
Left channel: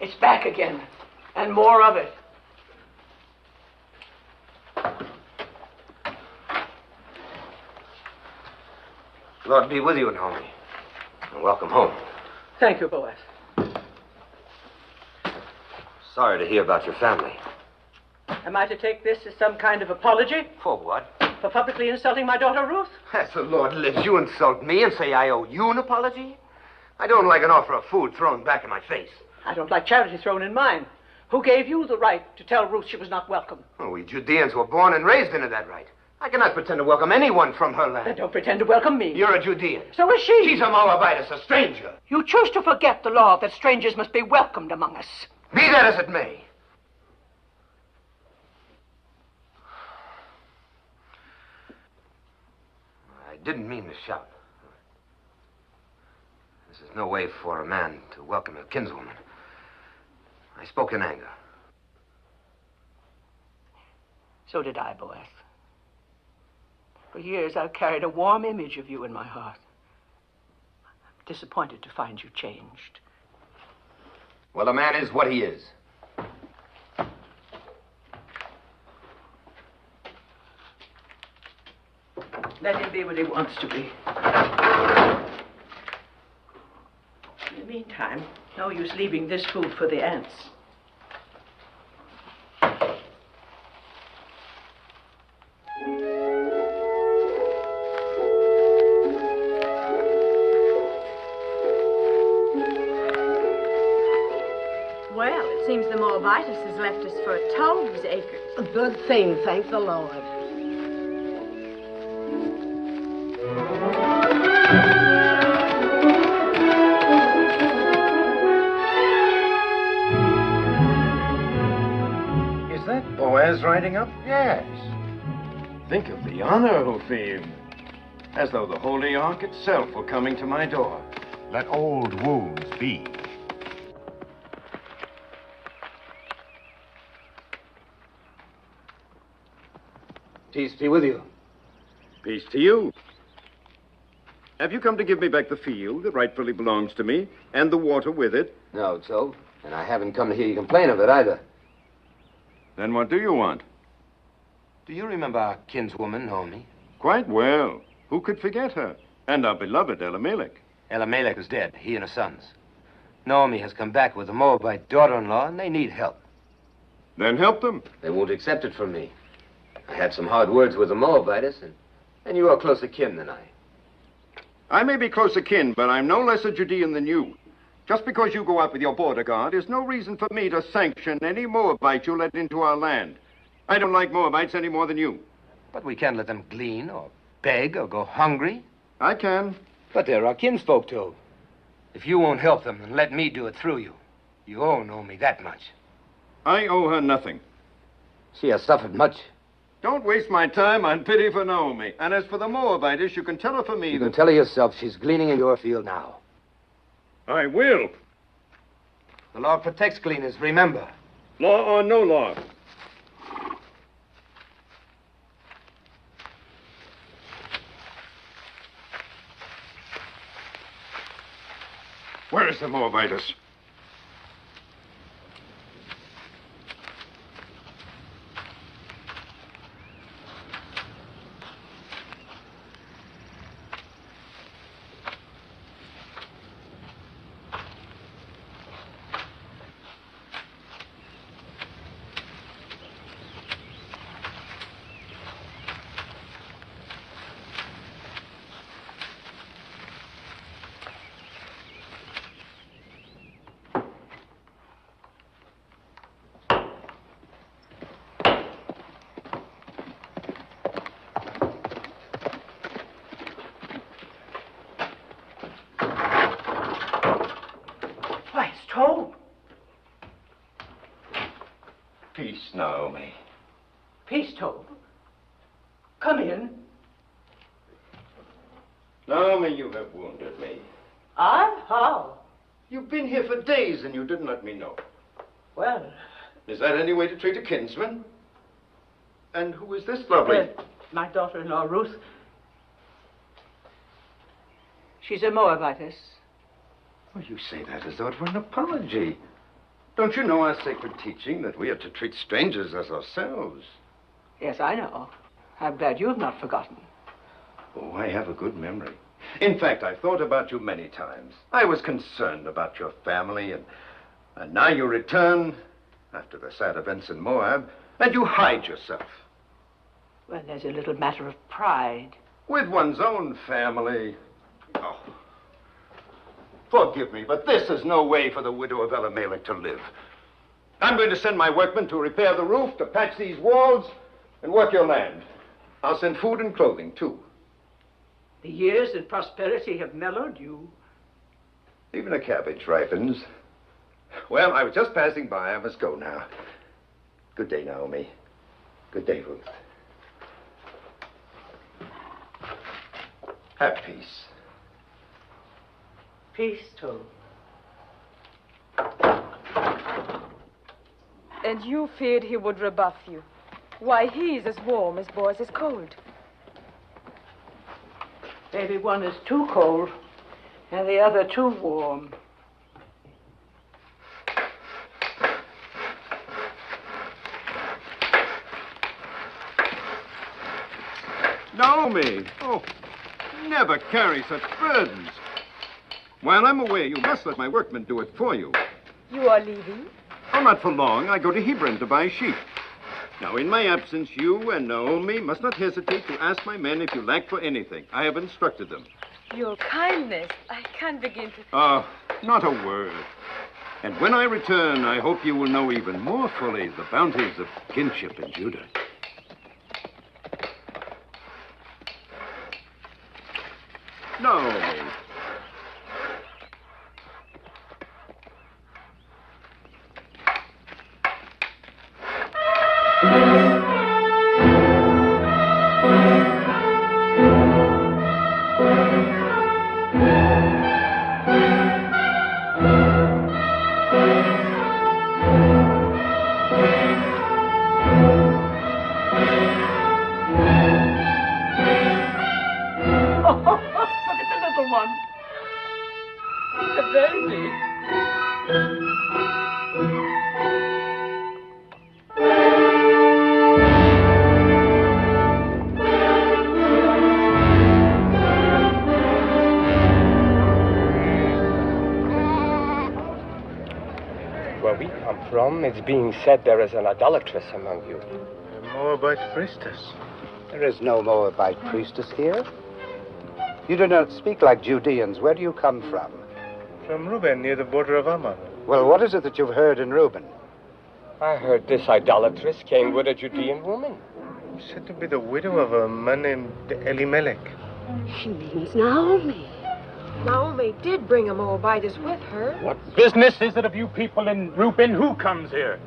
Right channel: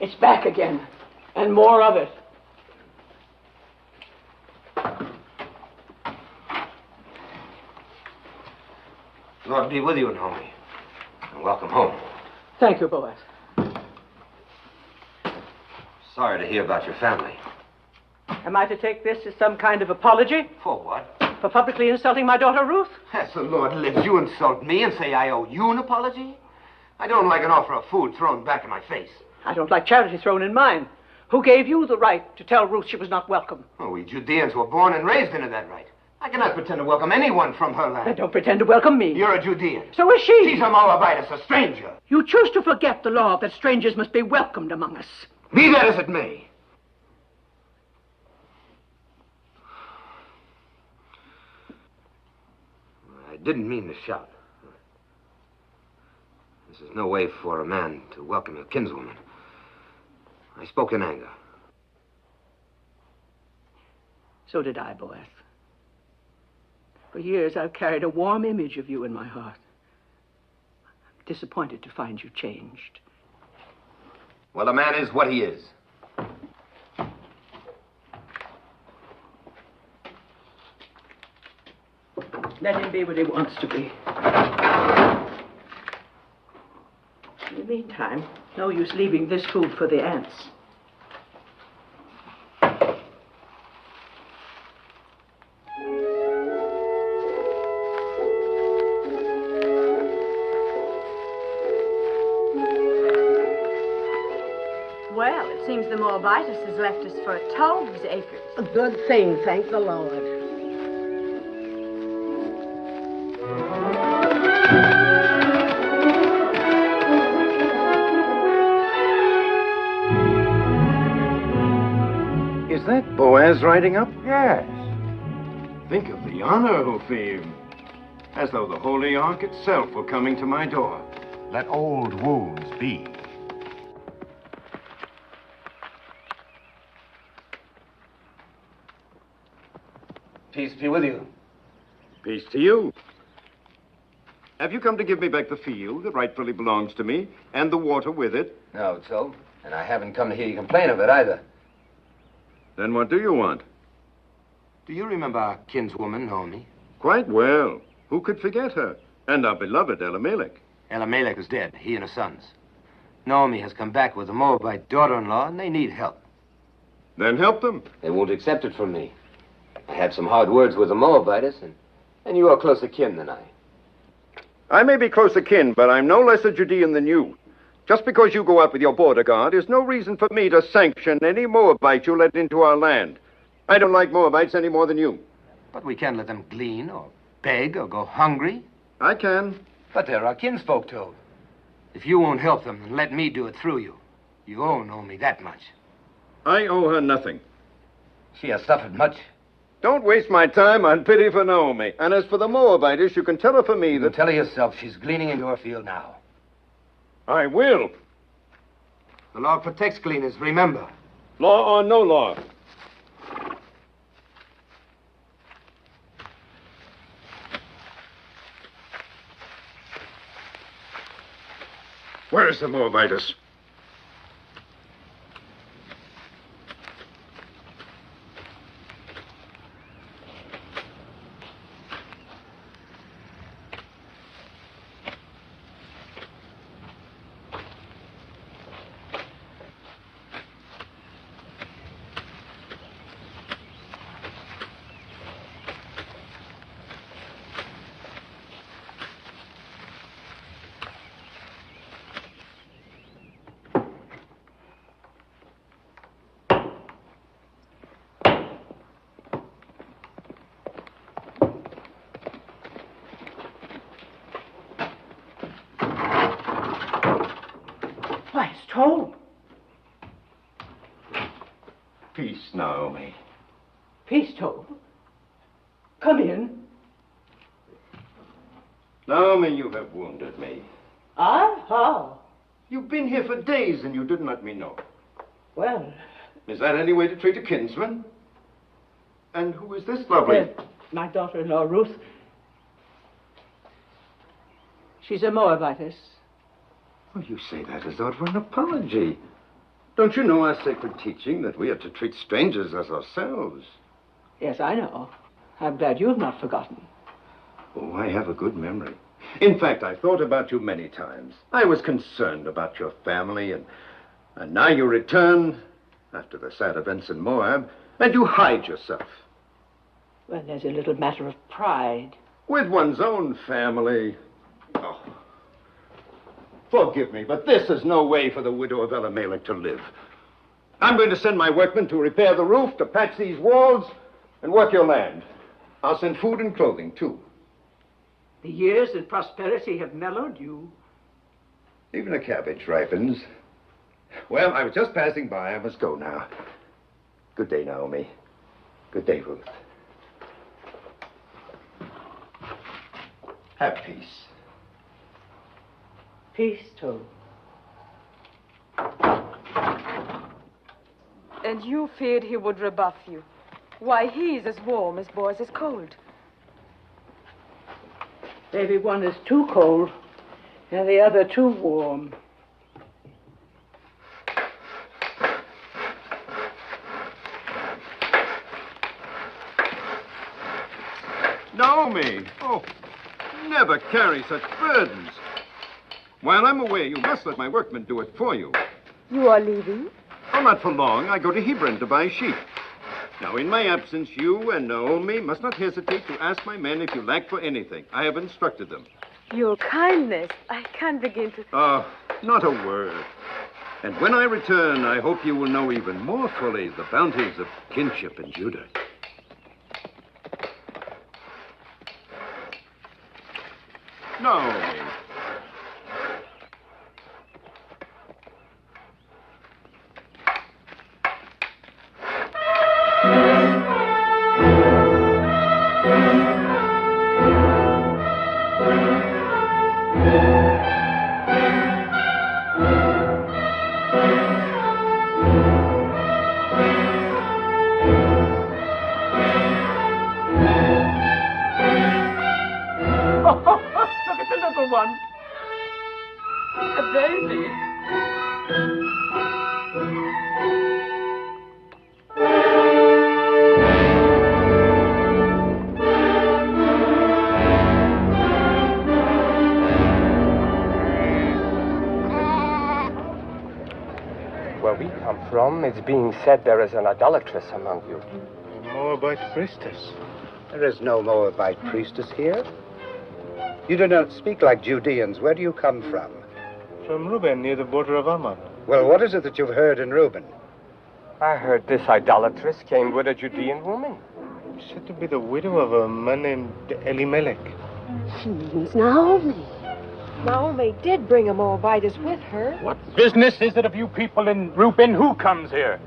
It's back again. And more of it. Lord be with you, Naomi. And welcome home. Thank you, Boaz. Sorry to hear about your family. Am I to take this as some kind of apology? For what? For publicly insulting my daughter, Ruth? As the Lord lives, you insult me and say I owe you an apology? I don't like an offer of food thrown back in my face. I don't like charity thrown in mine. Who gave you the right to tell Ruth she was not welcome? Oh, we Judeans were born and raised into that right. I cannot pretend to welcome anyone from her land. Then don't pretend to welcome me. You're a Judean. So is she. She's a Moabitess, a stranger. You choose to forget the law that strangers must be welcomed among us. Be that as it may. I didn't mean to shout. This is no way for a man to welcome a kinswoman. I spoke in anger. So did I, Boaz. For years, I've carried a warm image of you in my heart. I'm disappointed to find you changed. Well, a man is what he is. Let him be what he wants to be. In the meantime, no use leaving this food for the ants. Well, it seems the Moabitess has left us for 12 acres. A good thing, thank the Lord. Is that Boaz riding up? Yes. Think of the honor, Ophim. As though the Holy Ark itself were coming to my door. Let old wounds be. Peace be with you. Peace to you. Have you come to give me back the field that rightfully belongs to me, and the water with it? No, Joe. And I haven't come to hear you complain of it either. Then what do you want? Do you remember our kinswoman, Naomi? Quite well. Who could forget her? And our beloved Elimelech. Elimelech is dead, he and his sons. Naomi has come back with a Moabite daughter-in-law, and they need help. Then help them. They won't accept it from me. I had some hard words with the Moabites, and you are closer kin than I. I may be closer kin, but I'm no less a Judean than you. Just because you go out with your border guard is no reason for me to sanction any Moabite you let into our land. I don't like Moabites any more than you. But we can't let them glean or beg or go hungry. I can. But they're our kinsfolk, too. If you won't help them, then let me do it through you. You owe Naomi that much. I owe her nothing. She has suffered much. Don't waste my time on pity for Naomi. And as for the Moabitess, you can tell her for me You that... can tell her yourself she's gleaning in your field now. I will. The law protects gleaners, remember. Law or no law. Where is the Moabitess? told. Peace, Naomi. Peace told. Come in. Naomi, you have wounded me. I? How? You've been here for days and you didn't let me know. Well... Is that any way to treat a kinsman? And who is this lovely... my daughter-in-law, Ruth. She's a Moabitess. Well, you say that as though it were an apology. Don't you know our sacred teaching that we are to treat strangers as ourselves? Yes, I know. I'm glad you've not forgotten. Oh, I have a good memory. In fact, I've thought about you many times. I was concerned about your family, and now you return after the sad events in Moab, and you hide yourself. Well, there's a little matter of pride. With one's own family. Oh. Forgive me, but this is no way for the widow of Elimelech to live. I'm going to send my workmen to repair the roof, to patch these walls, and work your land. I'll send food and clothing, too. The years of prosperity have mellowed you. Even a cabbage ripens. Well, I was just passing by. I must go now. Good day, Naomi. Good day, Ruth. Have peace. Peace, too. And you feared he would rebuff you. Why, he's as warm as Boaz is cold. Maybe one is too cold and the other too warm. Naomi! Oh, never carry such burdens. While I'm away, you must let my workmen do it for you. You are leaving? Oh, not for long. I go to Hebron to buy sheep. Now, in my absence, you and Naomi must not hesitate to ask my men if you lack for anything. I have instructed them. Your kindness. I can't begin to... Not a word. And when I return, I hope you will know even more fully the bounties of kinship in Judah. Naomi. One. A baby. Where we come from, it's being said there is an idolatress among you. A Moabite priestess. There is no Moabite priestess here. You do not speak like Judeans. Where do you come from? From Reuben, near the border of Ammon. Well, what is it that you've heard in Reuben? I heard this idolatress came with a Judean woman. Said to be the widow of a man named Elimelech. She means Naomi. Naomi did bring a Moabitess with her. What business is it of you people in Reuben? Who comes here?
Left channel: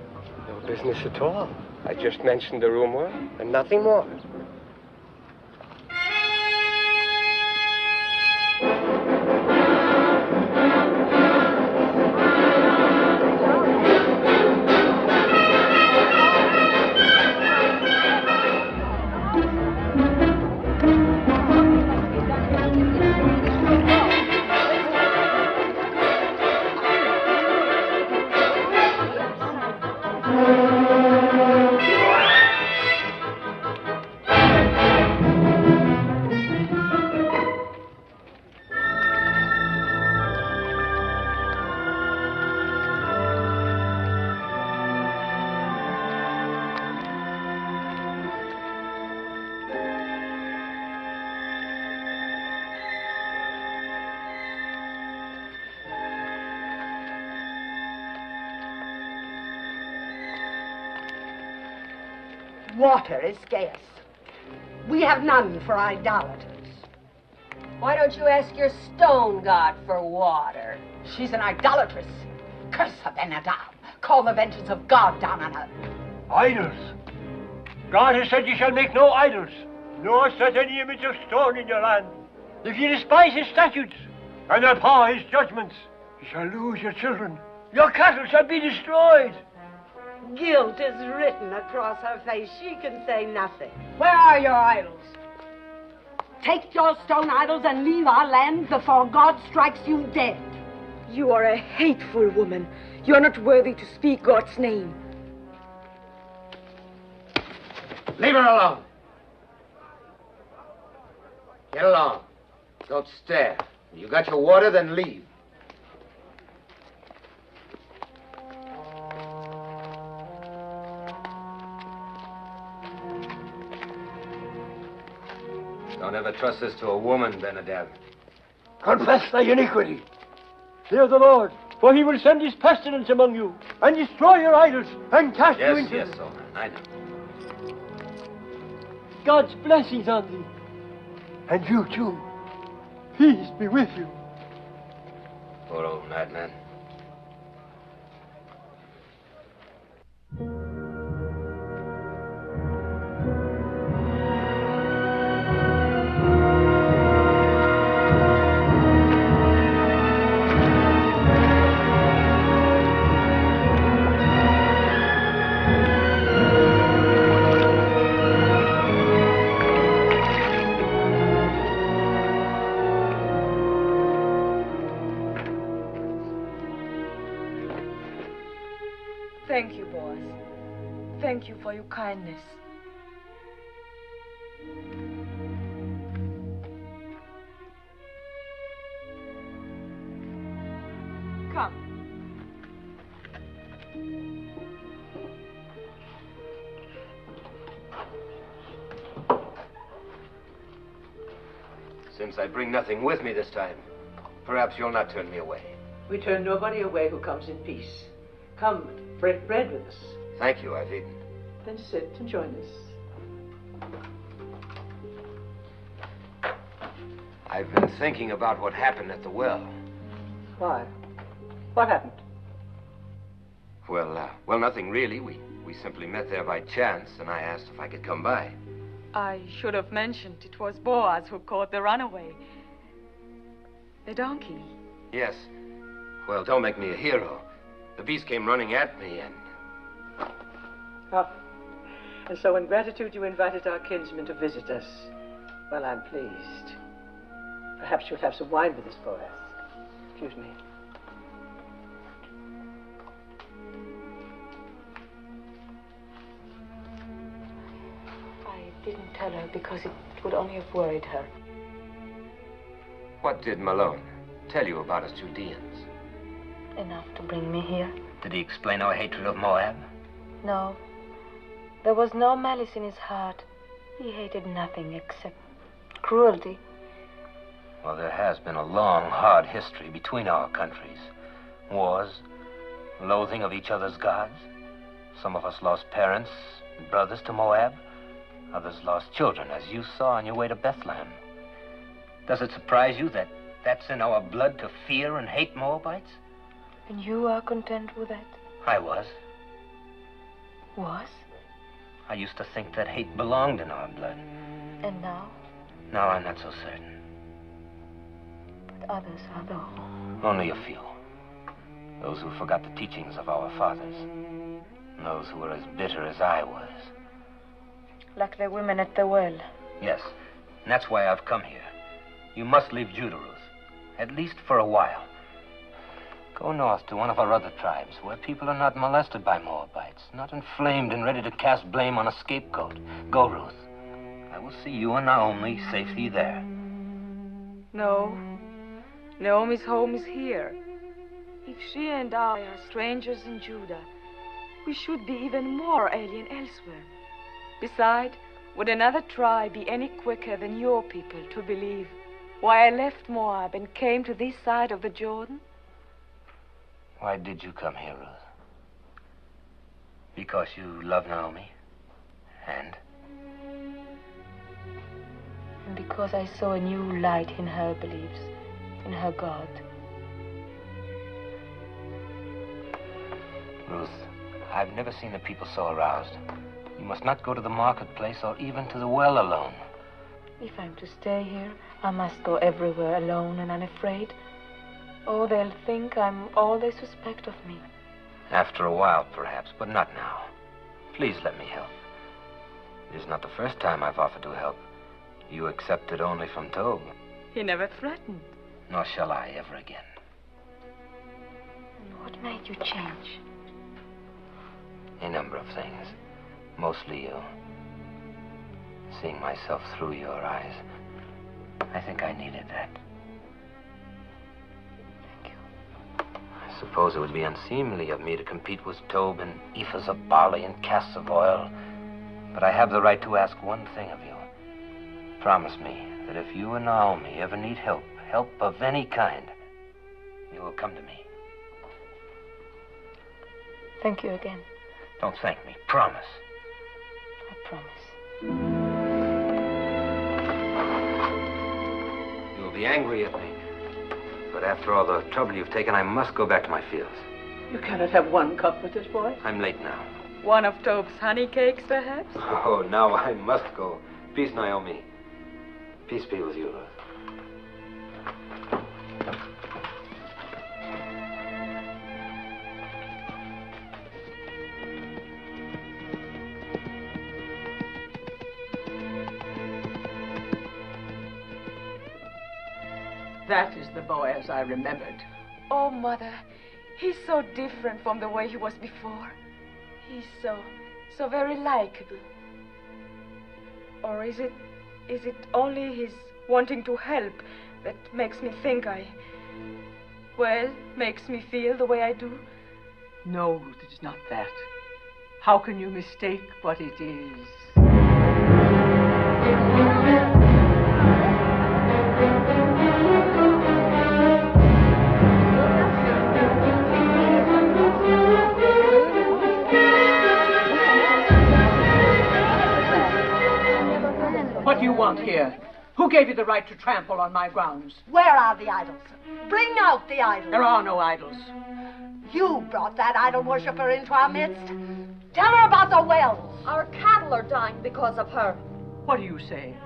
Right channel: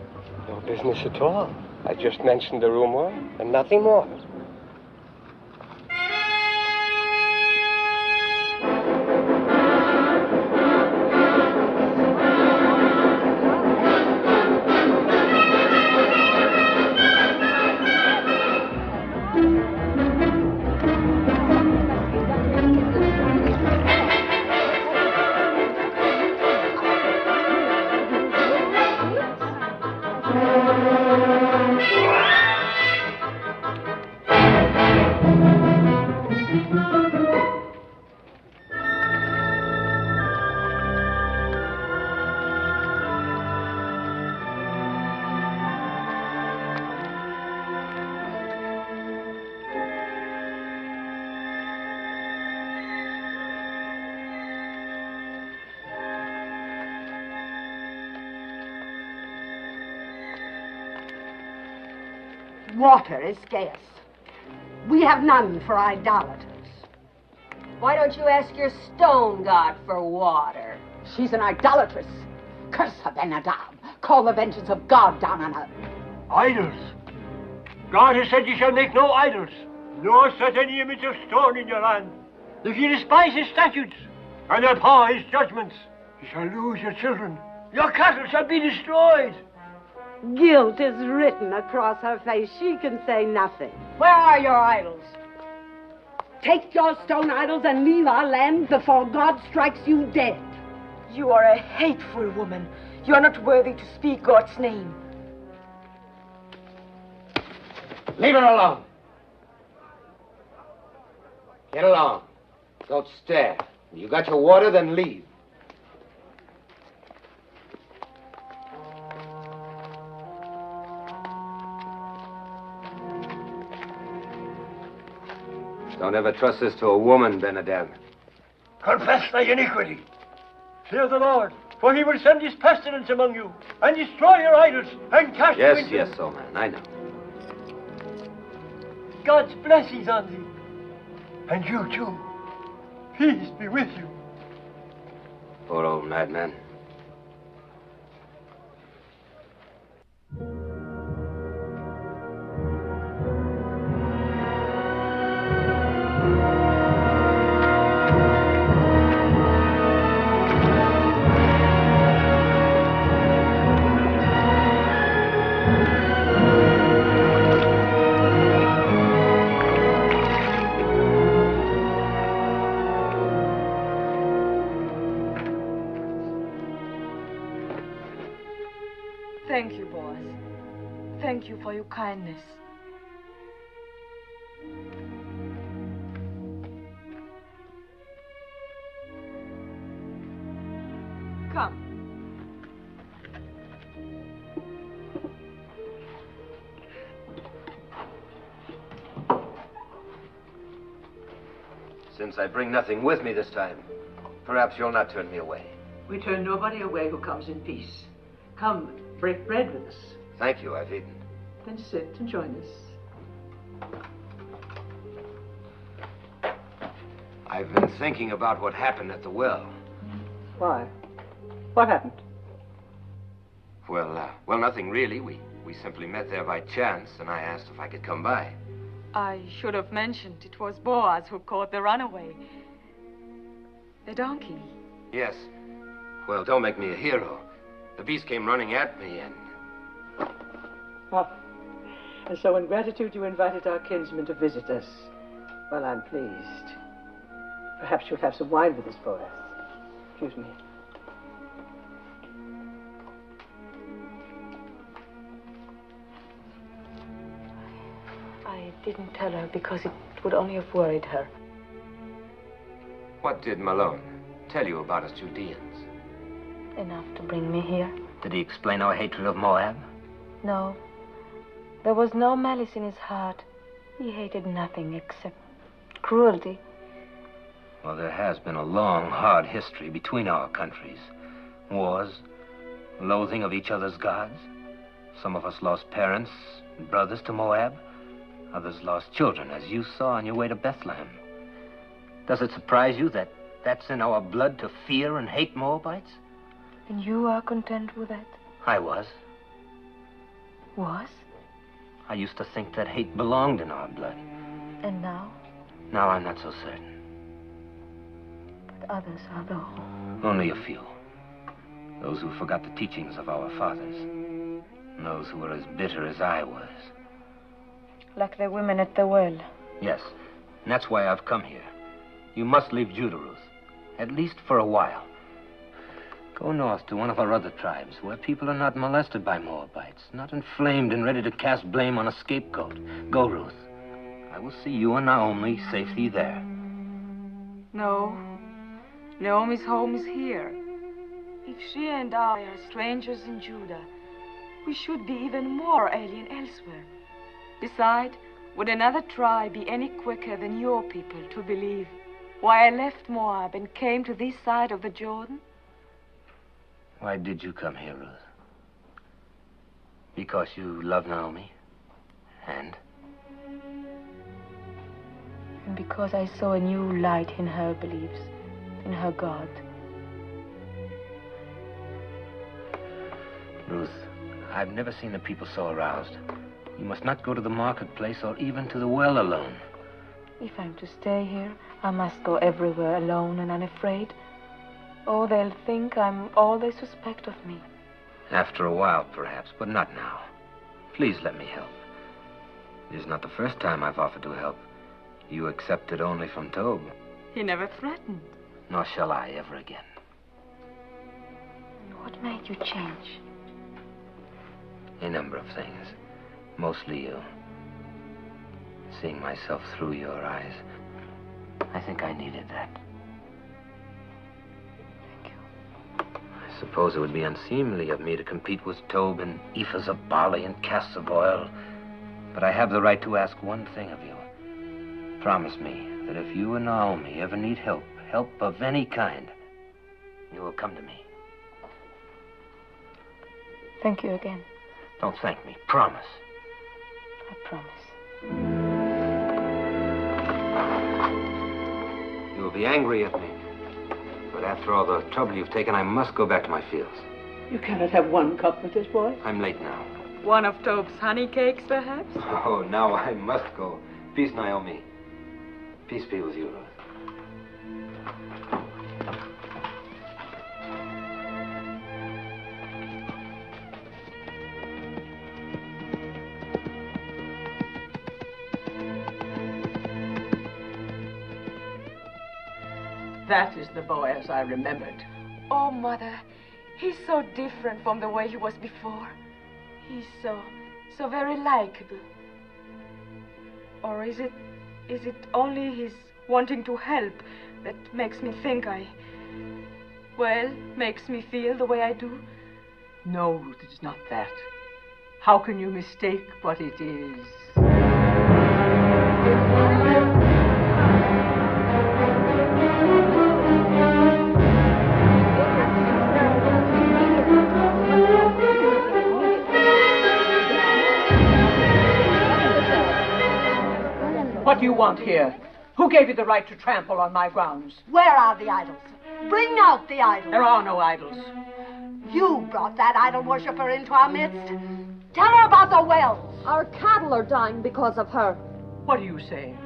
No business at all. I just mentioned the rumor and nothing more. Water is scarce. We have none for idolaters. Why don't you ask your stone god for water? She's an idolatress. Curse her, Ben-Hadad. Call the vengeance of God down on her. Idols. God has said you shall make no idols, nor set any image of stone in your land. If you despise his statutes and abhor his judgments, you shall lose your children. Your cattle shall be destroyed. Guilt is written across her face. She can say nothing. Where are your idols? Take your stone idols and leave our land before God strikes you dead. You are a hateful woman. You are not worthy to speak God's name. Leave her alone. Get along. Don't stare. You got your water, then leave. Don't ever trust this to a woman, Ben-Hadad. Confess thy iniquity. Fear the Lord, for he will send his pestilence among you, and destroy your idols, and cast you into... Yes, old man, I know. God's blessings on thee. And you, too. Peace be with you. Poor old madman. Thank you, boys. Thank you for your kindness. Come. Since I bring nothing with me this time, perhaps you'll not turn me away. We turn nobody away who comes in peace. Come, break bread with us. Thank you, I've eaten. Then sit and join us. I've been thinking about what happened at the well. Why? What happened? Well, nothing really. We simply met there by chance, and I asked if I could come by. I should have mentioned it was Boaz who caught the runaway. The donkey. Yes. Well, don't make me a hero. The beast came running at me, and... Ah. And so in gratitude you invited our kinsman to visit us. Well, I'm pleased. Perhaps you'll have some wine with us for us. Excuse me. I didn't tell her because it would only have worried her. What did Malone tell you about us Judeans? Enough to bring me here. Did he explain our hatred of Moab? No. There was no malice in his heart. He hated nothing except cruelty. Well, there has been a long, hard history between our countries. Wars, loathing of each other's gods. Some of us lost parents and brothers to Moab. Others lost children, as you saw on your way to Bethlehem. Does it surprise you that that's in our blood to fear and hate Moabites? And you are content with that? I was. Was? I used to think that hate belonged in our blood. And now? Now I'm not so certain. But others are though. Only a few. Those who forgot the teachings of our fathers. And those who were as bitter as I was. Like the women at the well. Yes. And that's why I've come here. You must leave Judah, Ruth. At least for a while. Go north to one of our other tribes, where people are not molested by Moabites, not inflamed and ready to cast blame on a scapegoat. Go, Ruth. I will see you and Naomi safely there. No. Naomi's home is here. If she and I are strangers in Judah, we should be even more alien elsewhere. Besides, would another tribe be any quicker than your people to believe why I left Moab and came to this side of the Jordan? Why did you come here, Ruth? Because you love Naomi? And? And because I saw a new light in her beliefs, in her God. Ruth, I've never seen the people so aroused. You must not go to the marketplace or even to the well alone. If I'm to stay here, I must go everywhere alone and unafraid. Oh, they'll think I'm all they suspect of me. After a while, perhaps, but not now. Please let me help. It is not the first time I've offered to help. You accepted only from Tob. He never threatened. Nor shall I ever again. What made you change? A number of things. Mostly you. Seeing myself through your eyes. I think I needed that. Thank you. I suppose it would be unseemly of me to compete with Tob in ephahs of barley and casks of oil. But I have the right to ask one thing of you. Promise me that if you and Naomi ever need help of any kind, you will come to me. Thank you again. Don't thank me. Promise. I promise. You'll be angry at me. But after all the trouble you've taken, I must go back to my fields. You cannot have one cup with this boy. I'm late now. One of Tob's honey cakes, perhaps? Oh, now I must go. Peace, Naomi. Peace be with you, Ruth. That is the boy as I remembered. Oh, Mother, he's so different from the way he was before. He's so very likable. Or is it only his wanting to help that makes me think makes me feel the way I do? No, Ruth, it is not that. How can you mistake what it is? What do you want here? Who gave you the right to trample on my grounds? Where are the idols? Bring out the idols. There are no idols. You brought that idol worshiper into our midst. Tell her about the wells. Our cattle are dying because of her. What are you saying?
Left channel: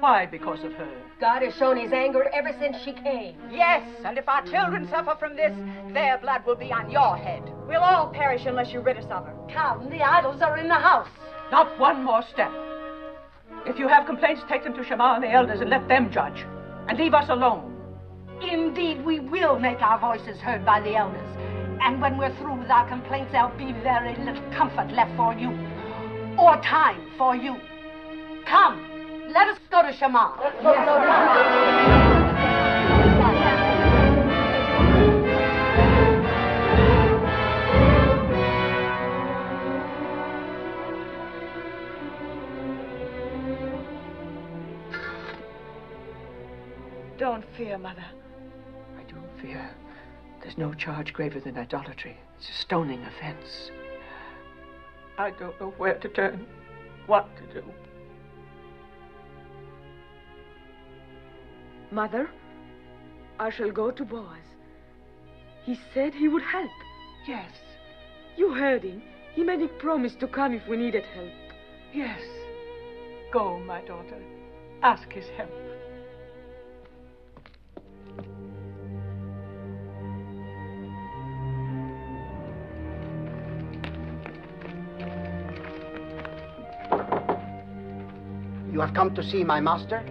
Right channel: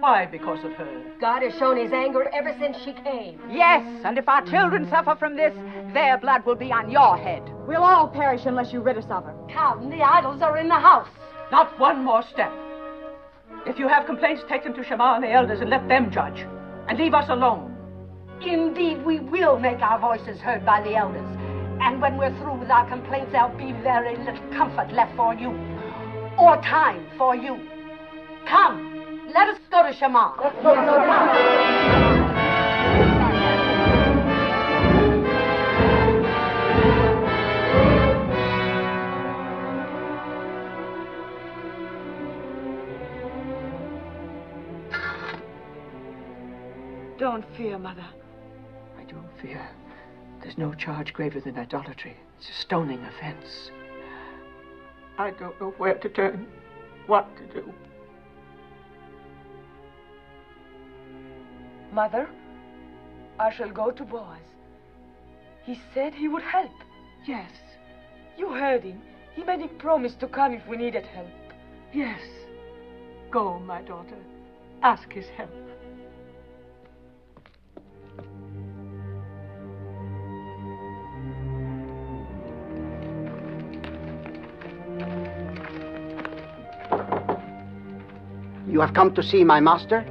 Why because of her? God has shown his anger ever since she came. Yes, and if our children suffer from this, their blood will be on your head. We'll all perish unless you rid us of her. Come, the idols are in the house. Not one more step. If you have complaints, take them to Shema and the elders and let them judge. And leave us alone. Indeed, we will make our voices heard by the elders. And when we're through with our complaints, there'll be very little comfort left for you. Or time for you. Come, let us go to Shema. Let's go to Shema. Don't fear, Mother. I do fear. There's no charge graver than idolatry. It's a stoning offense. I don't know where to turn, what to do. Mother, I shall go to Boaz. He said he would help. Yes. You heard him. He made me promise to come if we needed help. Yes. Go, my daughter. Ask his help. You have come to see my master?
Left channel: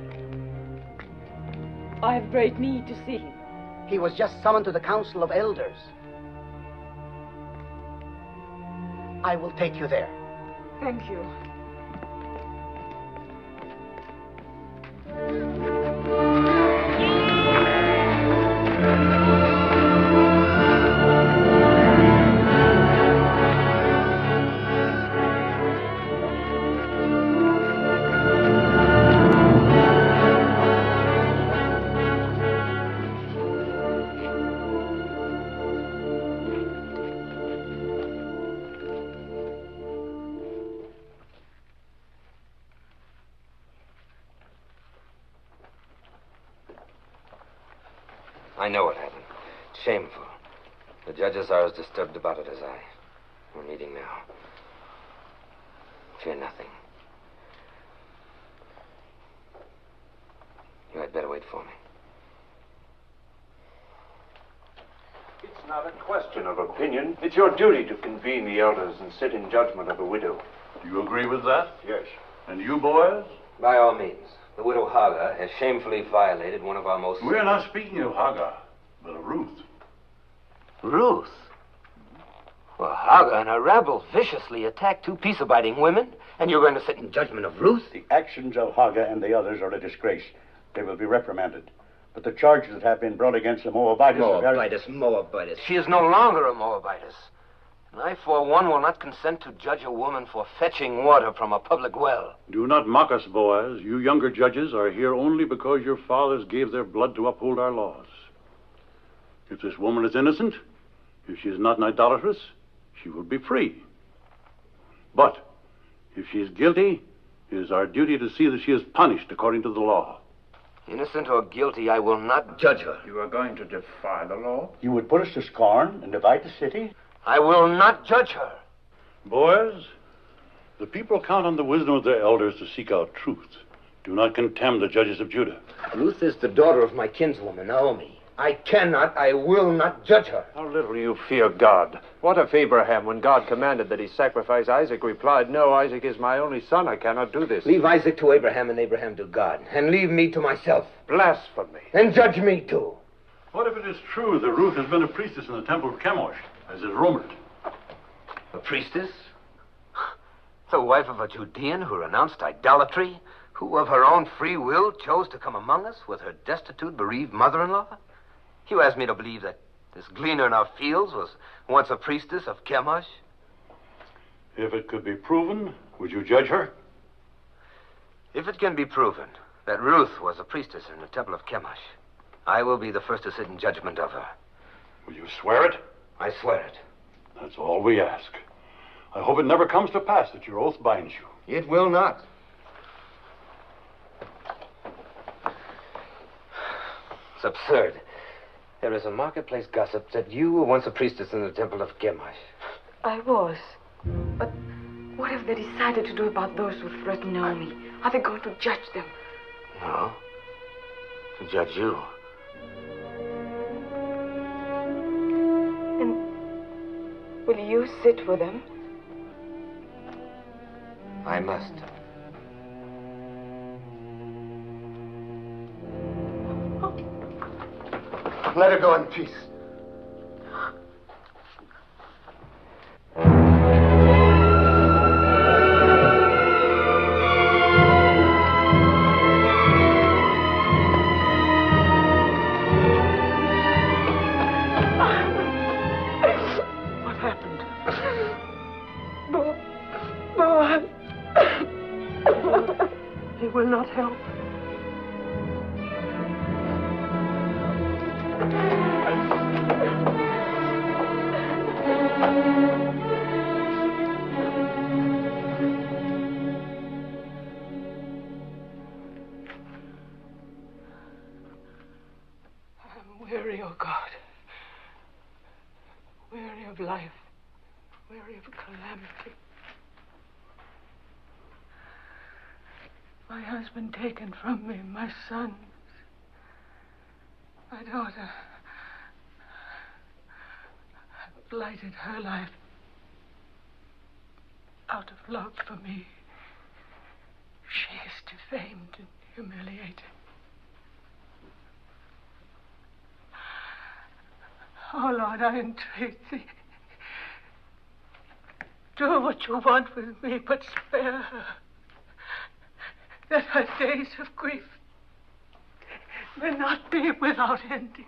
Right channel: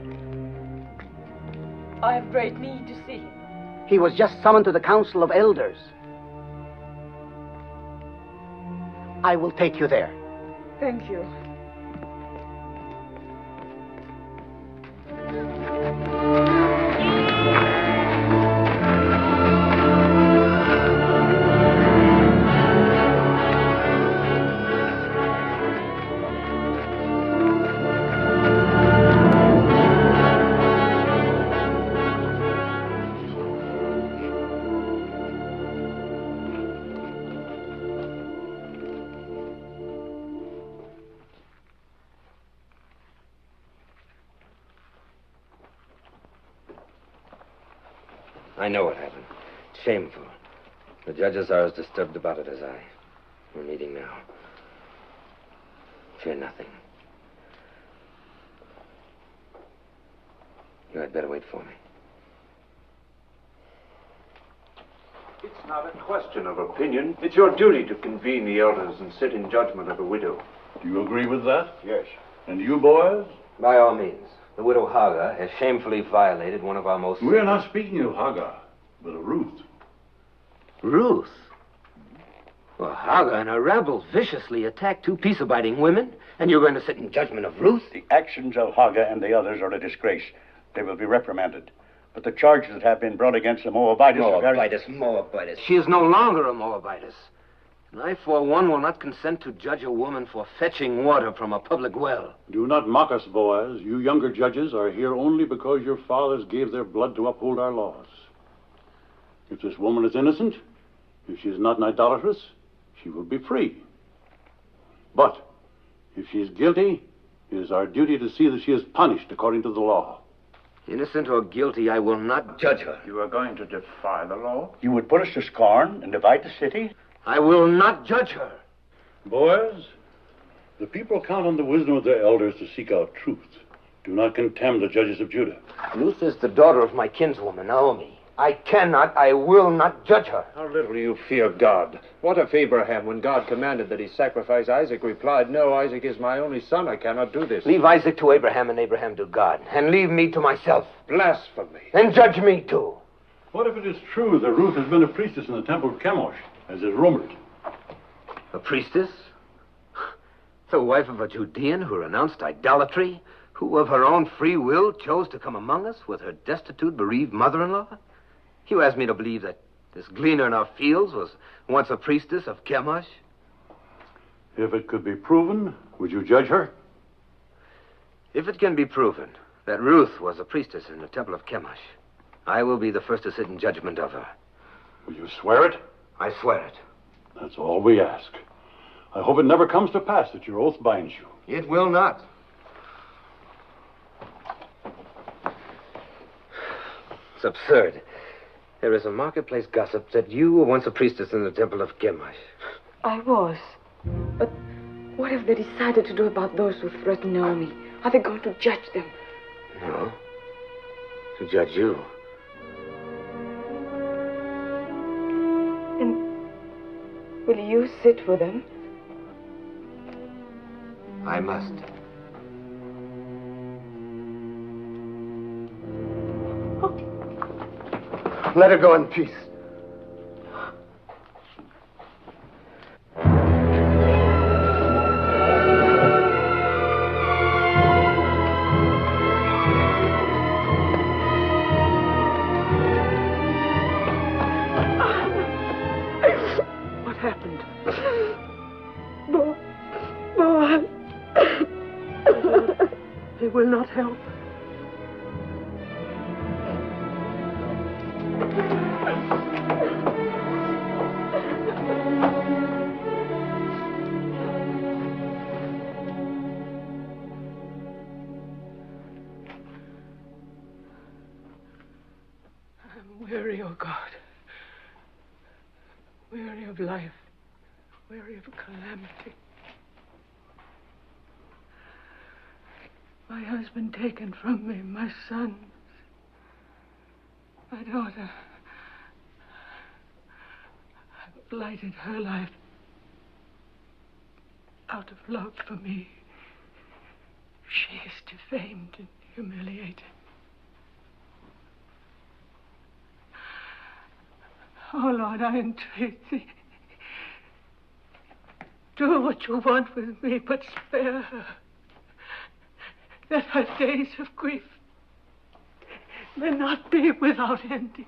I have great need to see him. He was just summoned to the council of elders. I will take you there. Thank you. I know what happened. Shameful. The judges are as disturbed about it as I. We're meeting now. Fear nothing. You had better wait for me. It's not a question of opinion. It's your duty to convene the elders and sit in judgment of the widow. Do you agree with that? Yes. And you, boys? By all means. The widow Hagar has shamefully violated one of our most... We're not speaking of Hagar, but of Ruth. Ruth? Well, Hagar and her rabble viciously attacked two peace-abiding women, and you're going to sit in judgment of Ruth? The actions of Hagar and the others are a disgrace. They will be reprimanded. But the charges that have been brought against the Moabitess... Moabitess. She is no longer a Moabitess. And I, for one, will not consent to judge a woman for fetching water from a public well. Do not mock us, Boaz. You younger judges are here only because your fathers gave their blood to uphold our laws. If this woman is innocent, if she is not an idolatress, she will be free. But if she is guilty, it is our duty to see that she is punished according to the law. Innocent or guilty, I will not judge her. You are going to defy the law? You would put us to scorn and divide the city? I will not judge her. Boys, the people count on the wisdom of their elders to seek out truth. Do not contemn the judges of Judah. Ruth is the daughter of my kinswoman, Naomi. I will not judge her. How little you fear God. What if Abraham, when God commanded that he sacrifice Isaac, replied, "No, Isaac is my only son. I cannot do this." Leave Isaac to Abraham and Abraham to God, and leave me to myself. Blasphemy. And judge me too. What if it is true that Ruth has been a priestess in the temple of Chemosh, as is rumored? A priestess? The wife of a Judean who renounced idolatry? Who of her own free will chose to come among us with her destitute, bereaved mother-in-law? You ask me to believe that this gleaner in our fields was once a priestess of Chemosh? If it could be proven, would you judge her? If it can be proven that Ruth was a priestess in the temple of Chemosh, I will be the first to sit in judgment of her. Will you swear it? I swear it. That's all we ask. I hope it never comes to pass that your oath binds you. It will not. It's absurd. There is a marketplace gossip that you were once a priestess in the temple of Chemosh. I was. But what have they decided to do about those who threaten Naomi? Are they going to judge them? No. To judge you. And will you sit with them? I must. Let her go in peace. What happened? Boaz. He will not help. Weary, oh God. Weary of life. Weary of calamity. My husband taken from me, my son, my daughter. I've blighted her life out of love for me. She is defamed and humiliated. Oh, Lord, I entreat thee. Do what you want with me, but spare her. That her days of grief may not be without ending.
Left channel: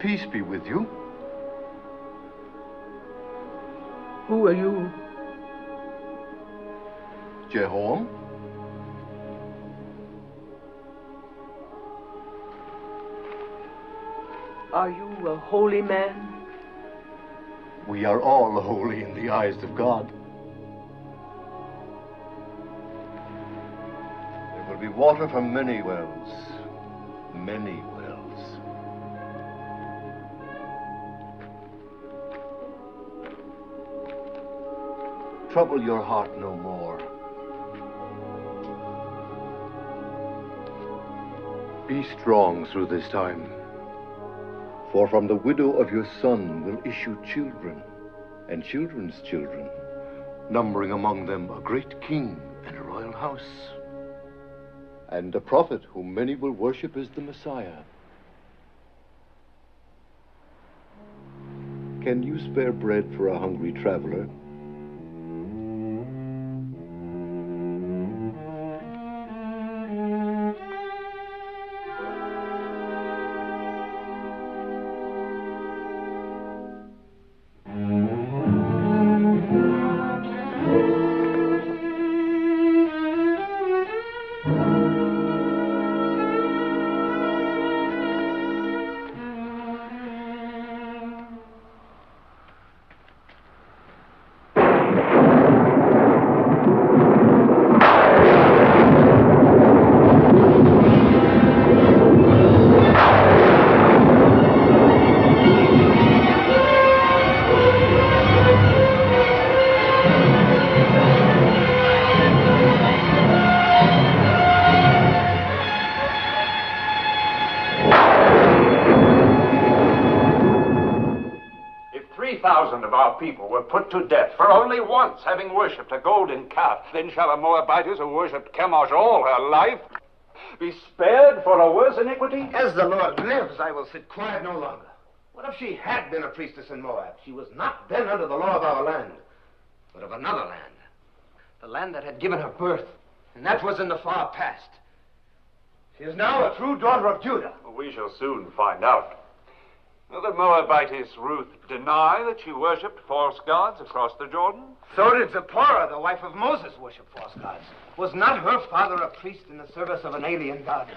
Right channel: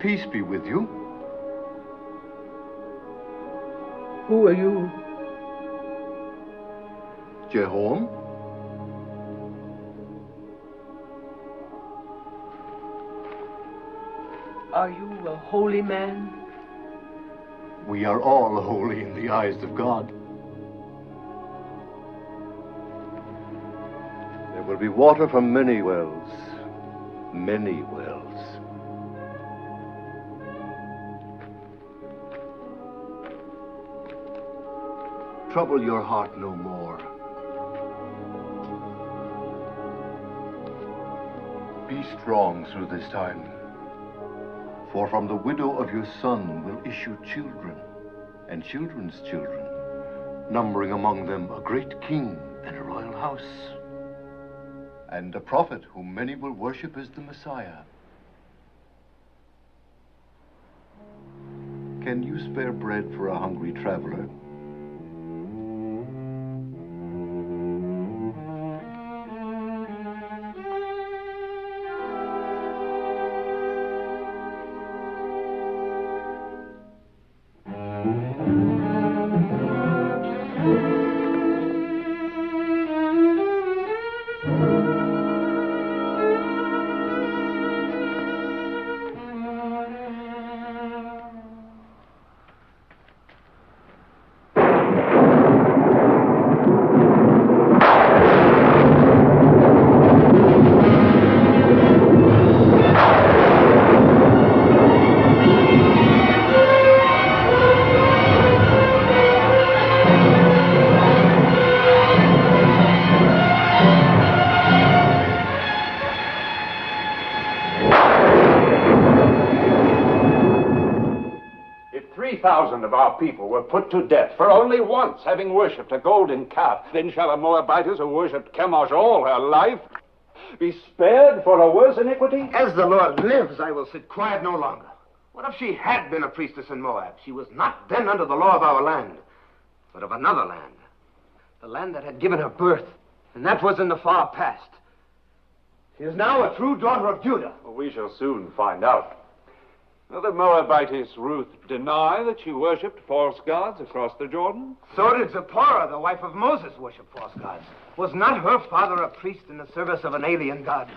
Peace be with you. Who are you? Jehoram? Are you a holy man? We are all holy in the eyes of God. There will be water from many wells. Many wells. Trouble your heart no more. Be strong through this time. For from the widow of your son will issue children, and children's children, numbering among them a great king and a royal house, and a prophet whom many will worship as the Messiah. Can you spare bread for a hungry traveler? Of our people were put to death for only once having worshipped a golden calf. Then shall a Moabitess who worshipped Chemosh all her life be spared for a worse iniquity? As the Lord lives, I will sit quiet no longer. What if she had been a priestess in Moab? She was not then under the law of our land, but of another land. The land that had given her birth, and that was in the far past. She is now a true daughter of Judah. Well, we shall soon find out. Will the Moabitess Ruth deny that she worshipped false gods across the Jordan? So did Zipporah, the wife of Moses, worship false gods. Was not her father a priest in the service of an alien god?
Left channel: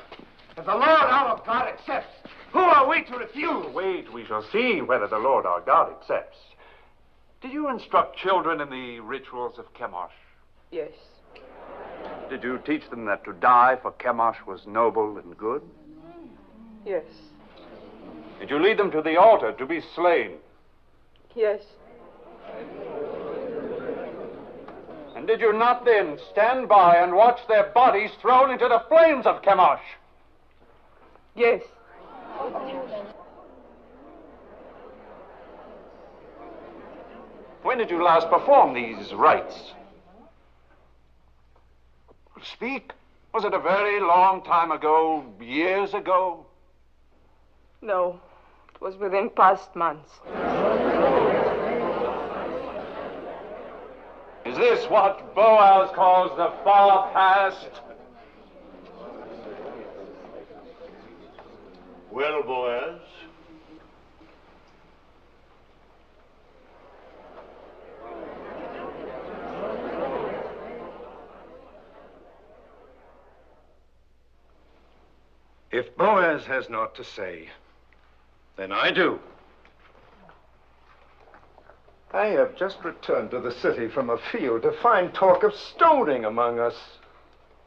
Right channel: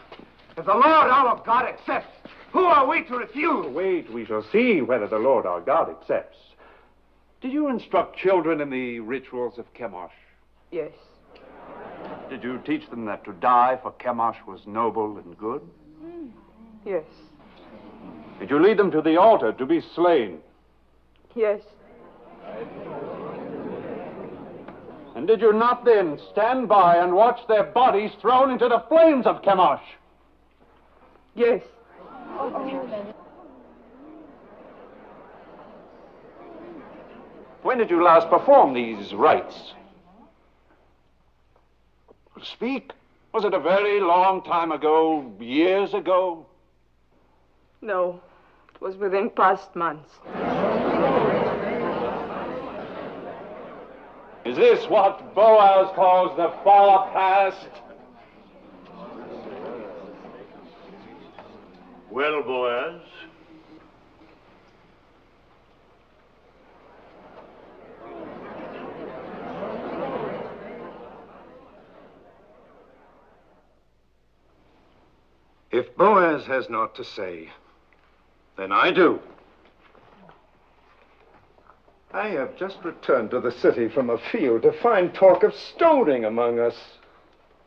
If the Lord our God accepts, who are we to refuse? Wait, we shall see whether the Lord our God accepts. Did you instruct children in the rituals of Chemosh? Yes. Did you teach them that to die for Chemosh was noble and good? Yes. Did you lead them to the altar to be slain? Yes. And did you not then stand by and watch their bodies thrown into the flames of Chemosh? Yes. When did you last perform these rites? Speak. Was it a very long time ago, years ago? No, it was within past months. Is this what Boaz calls the far past? Well, Boaz. If Boaz has naught to say, then I do. I have just returned to the city from a field to find talk of stoning among us.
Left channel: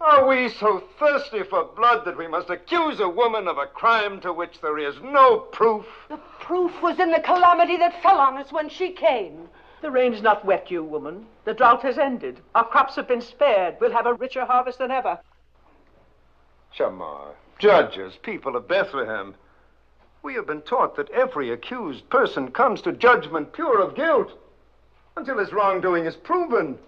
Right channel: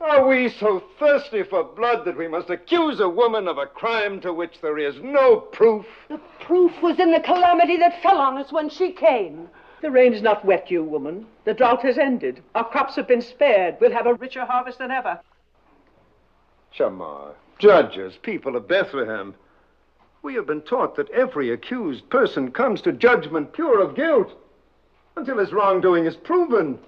Are we so thirsty for blood that we must accuse a woman of a crime to which there is no proof? The proof was in the calamity that fell on us when she came. The rain's not wet you, woman. The drought has ended. Our crops have been spared. We'll have a richer harvest than ever. Shamar, judges, people of Bethlehem, we have been taught that every accused person comes to judgment pure of guilt until his wrongdoing is proven.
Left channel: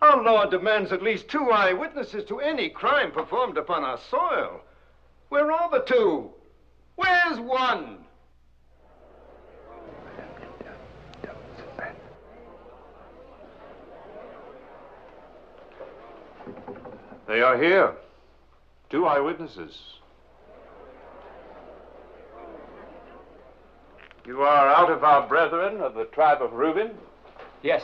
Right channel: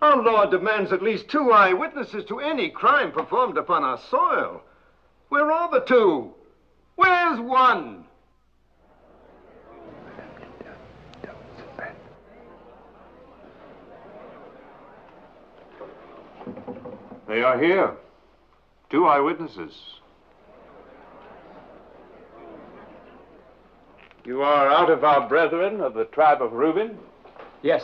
Our law demands at least 2 eyewitnesses to any crime performed upon our soil. Where are the 2? Where's 1? They are here. 2 eyewitnesses. You are out of our brethren of the tribe of Reuben? Yes,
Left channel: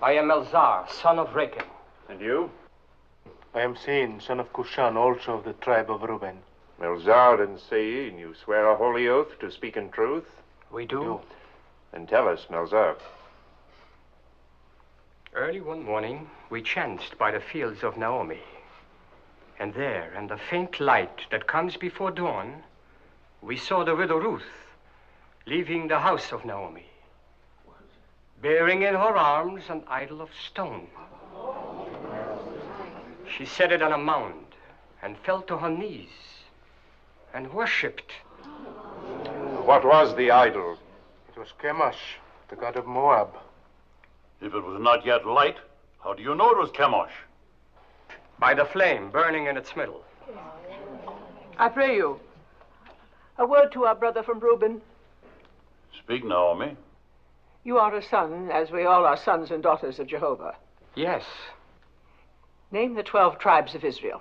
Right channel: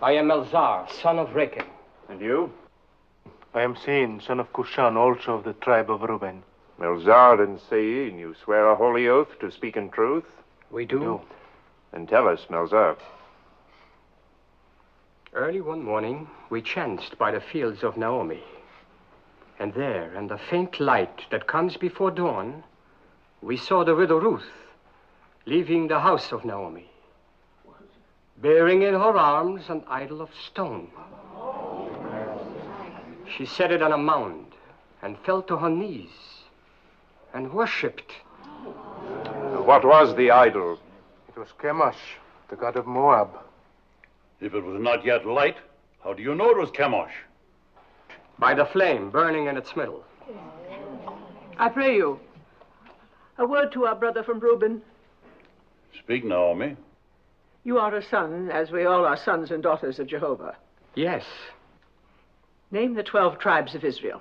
I am Elzar, son of Rechel. And you? I am Sein, son of Kushan, also of the tribe of Reuben. Elzar and Sein, you swear a holy oath to speak in truth? We do. Then tell us, Melzar. Early one morning, we chanced by the fields of Naomi. And there, in the faint light that comes before dawn, we saw the widow Ruth leaving the house of Naomi, bearing in her arms an idol of stone. She set it on a mound and fell to her knees and worshipped. What was the idol? It was Chemosh, the god of Moab. If it was not yet light, how do you know it was Chemosh? By the flame burning in its middle. I pray you, a word to our brother from Reuben. Speak, Naomi. You are a son, as we all are sons and daughters of Jehovah. Yes. Name the 12 tribes of Israel.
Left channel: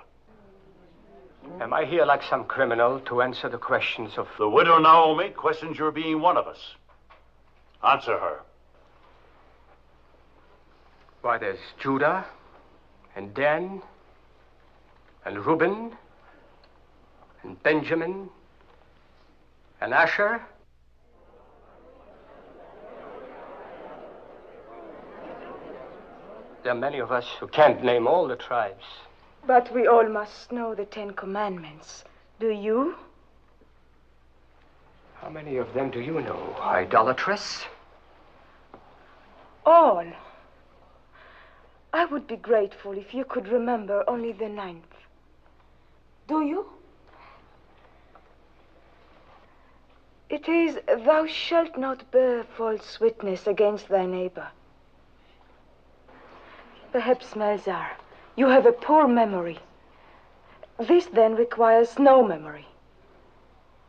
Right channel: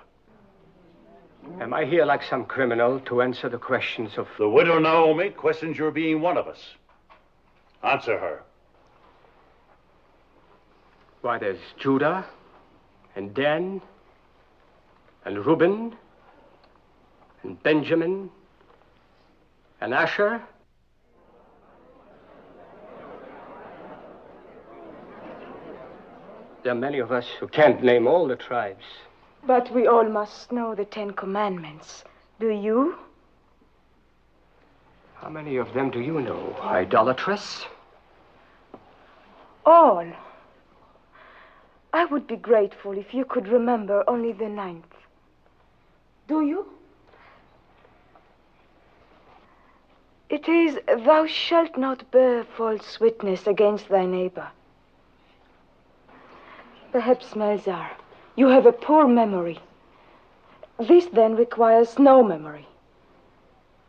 Am I here like some criminal to answer the questions of... The widow Naomi questions your being one of us. Answer her. Why, there's Judah and Dan and Reuben and Benjamin and Asher. There are many of us who can't name all the tribes. But we all must know the 10 Commandments. Do you? How many of them do you know, idolatress? All. I would be grateful if you could remember only the 9th. Do you? It is, thou shalt not bear false witness against thy neighbor. Perhaps, Melzar, you have a poor memory. This then requires no memory.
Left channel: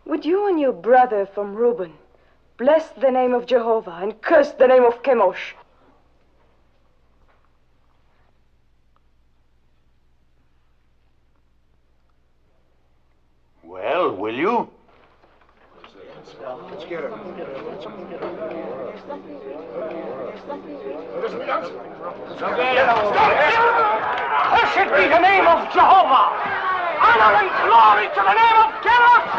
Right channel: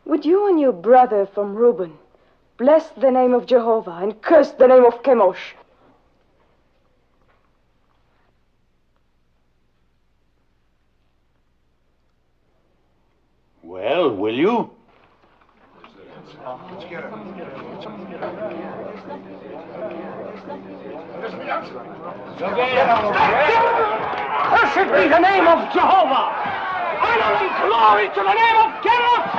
Would you and your brother from Reuben bless the name of Jehovah and curse the name of Chemosh? Well, will you? Cursed be the name of Jehovah! Honor and glory to the name of Chemosh!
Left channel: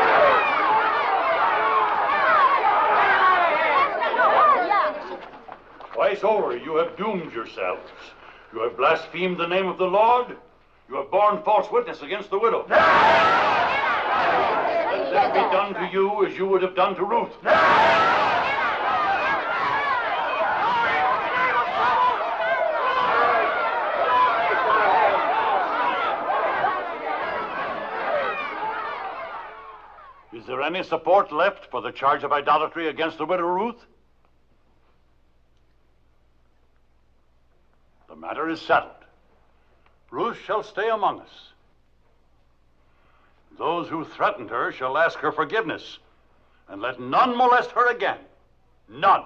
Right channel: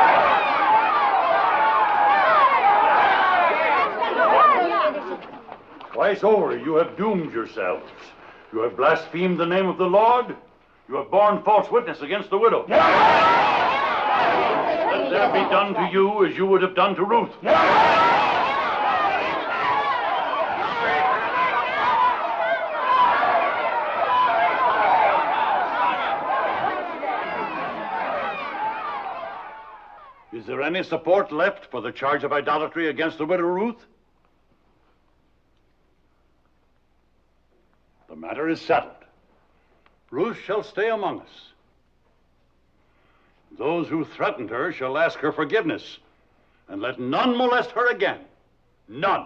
Twice over you have doomed yourselves. You have blasphemed the name of the Lord. You have borne false witness against the widow. Let that be done to you as you would have done to Ruth. Is there any support left for the charge of idolatry against the widow Ruth? The matter is settled. Ruth shall stay among us. Those who threatened her shall ask her forgiveness, and let none molest her again. None.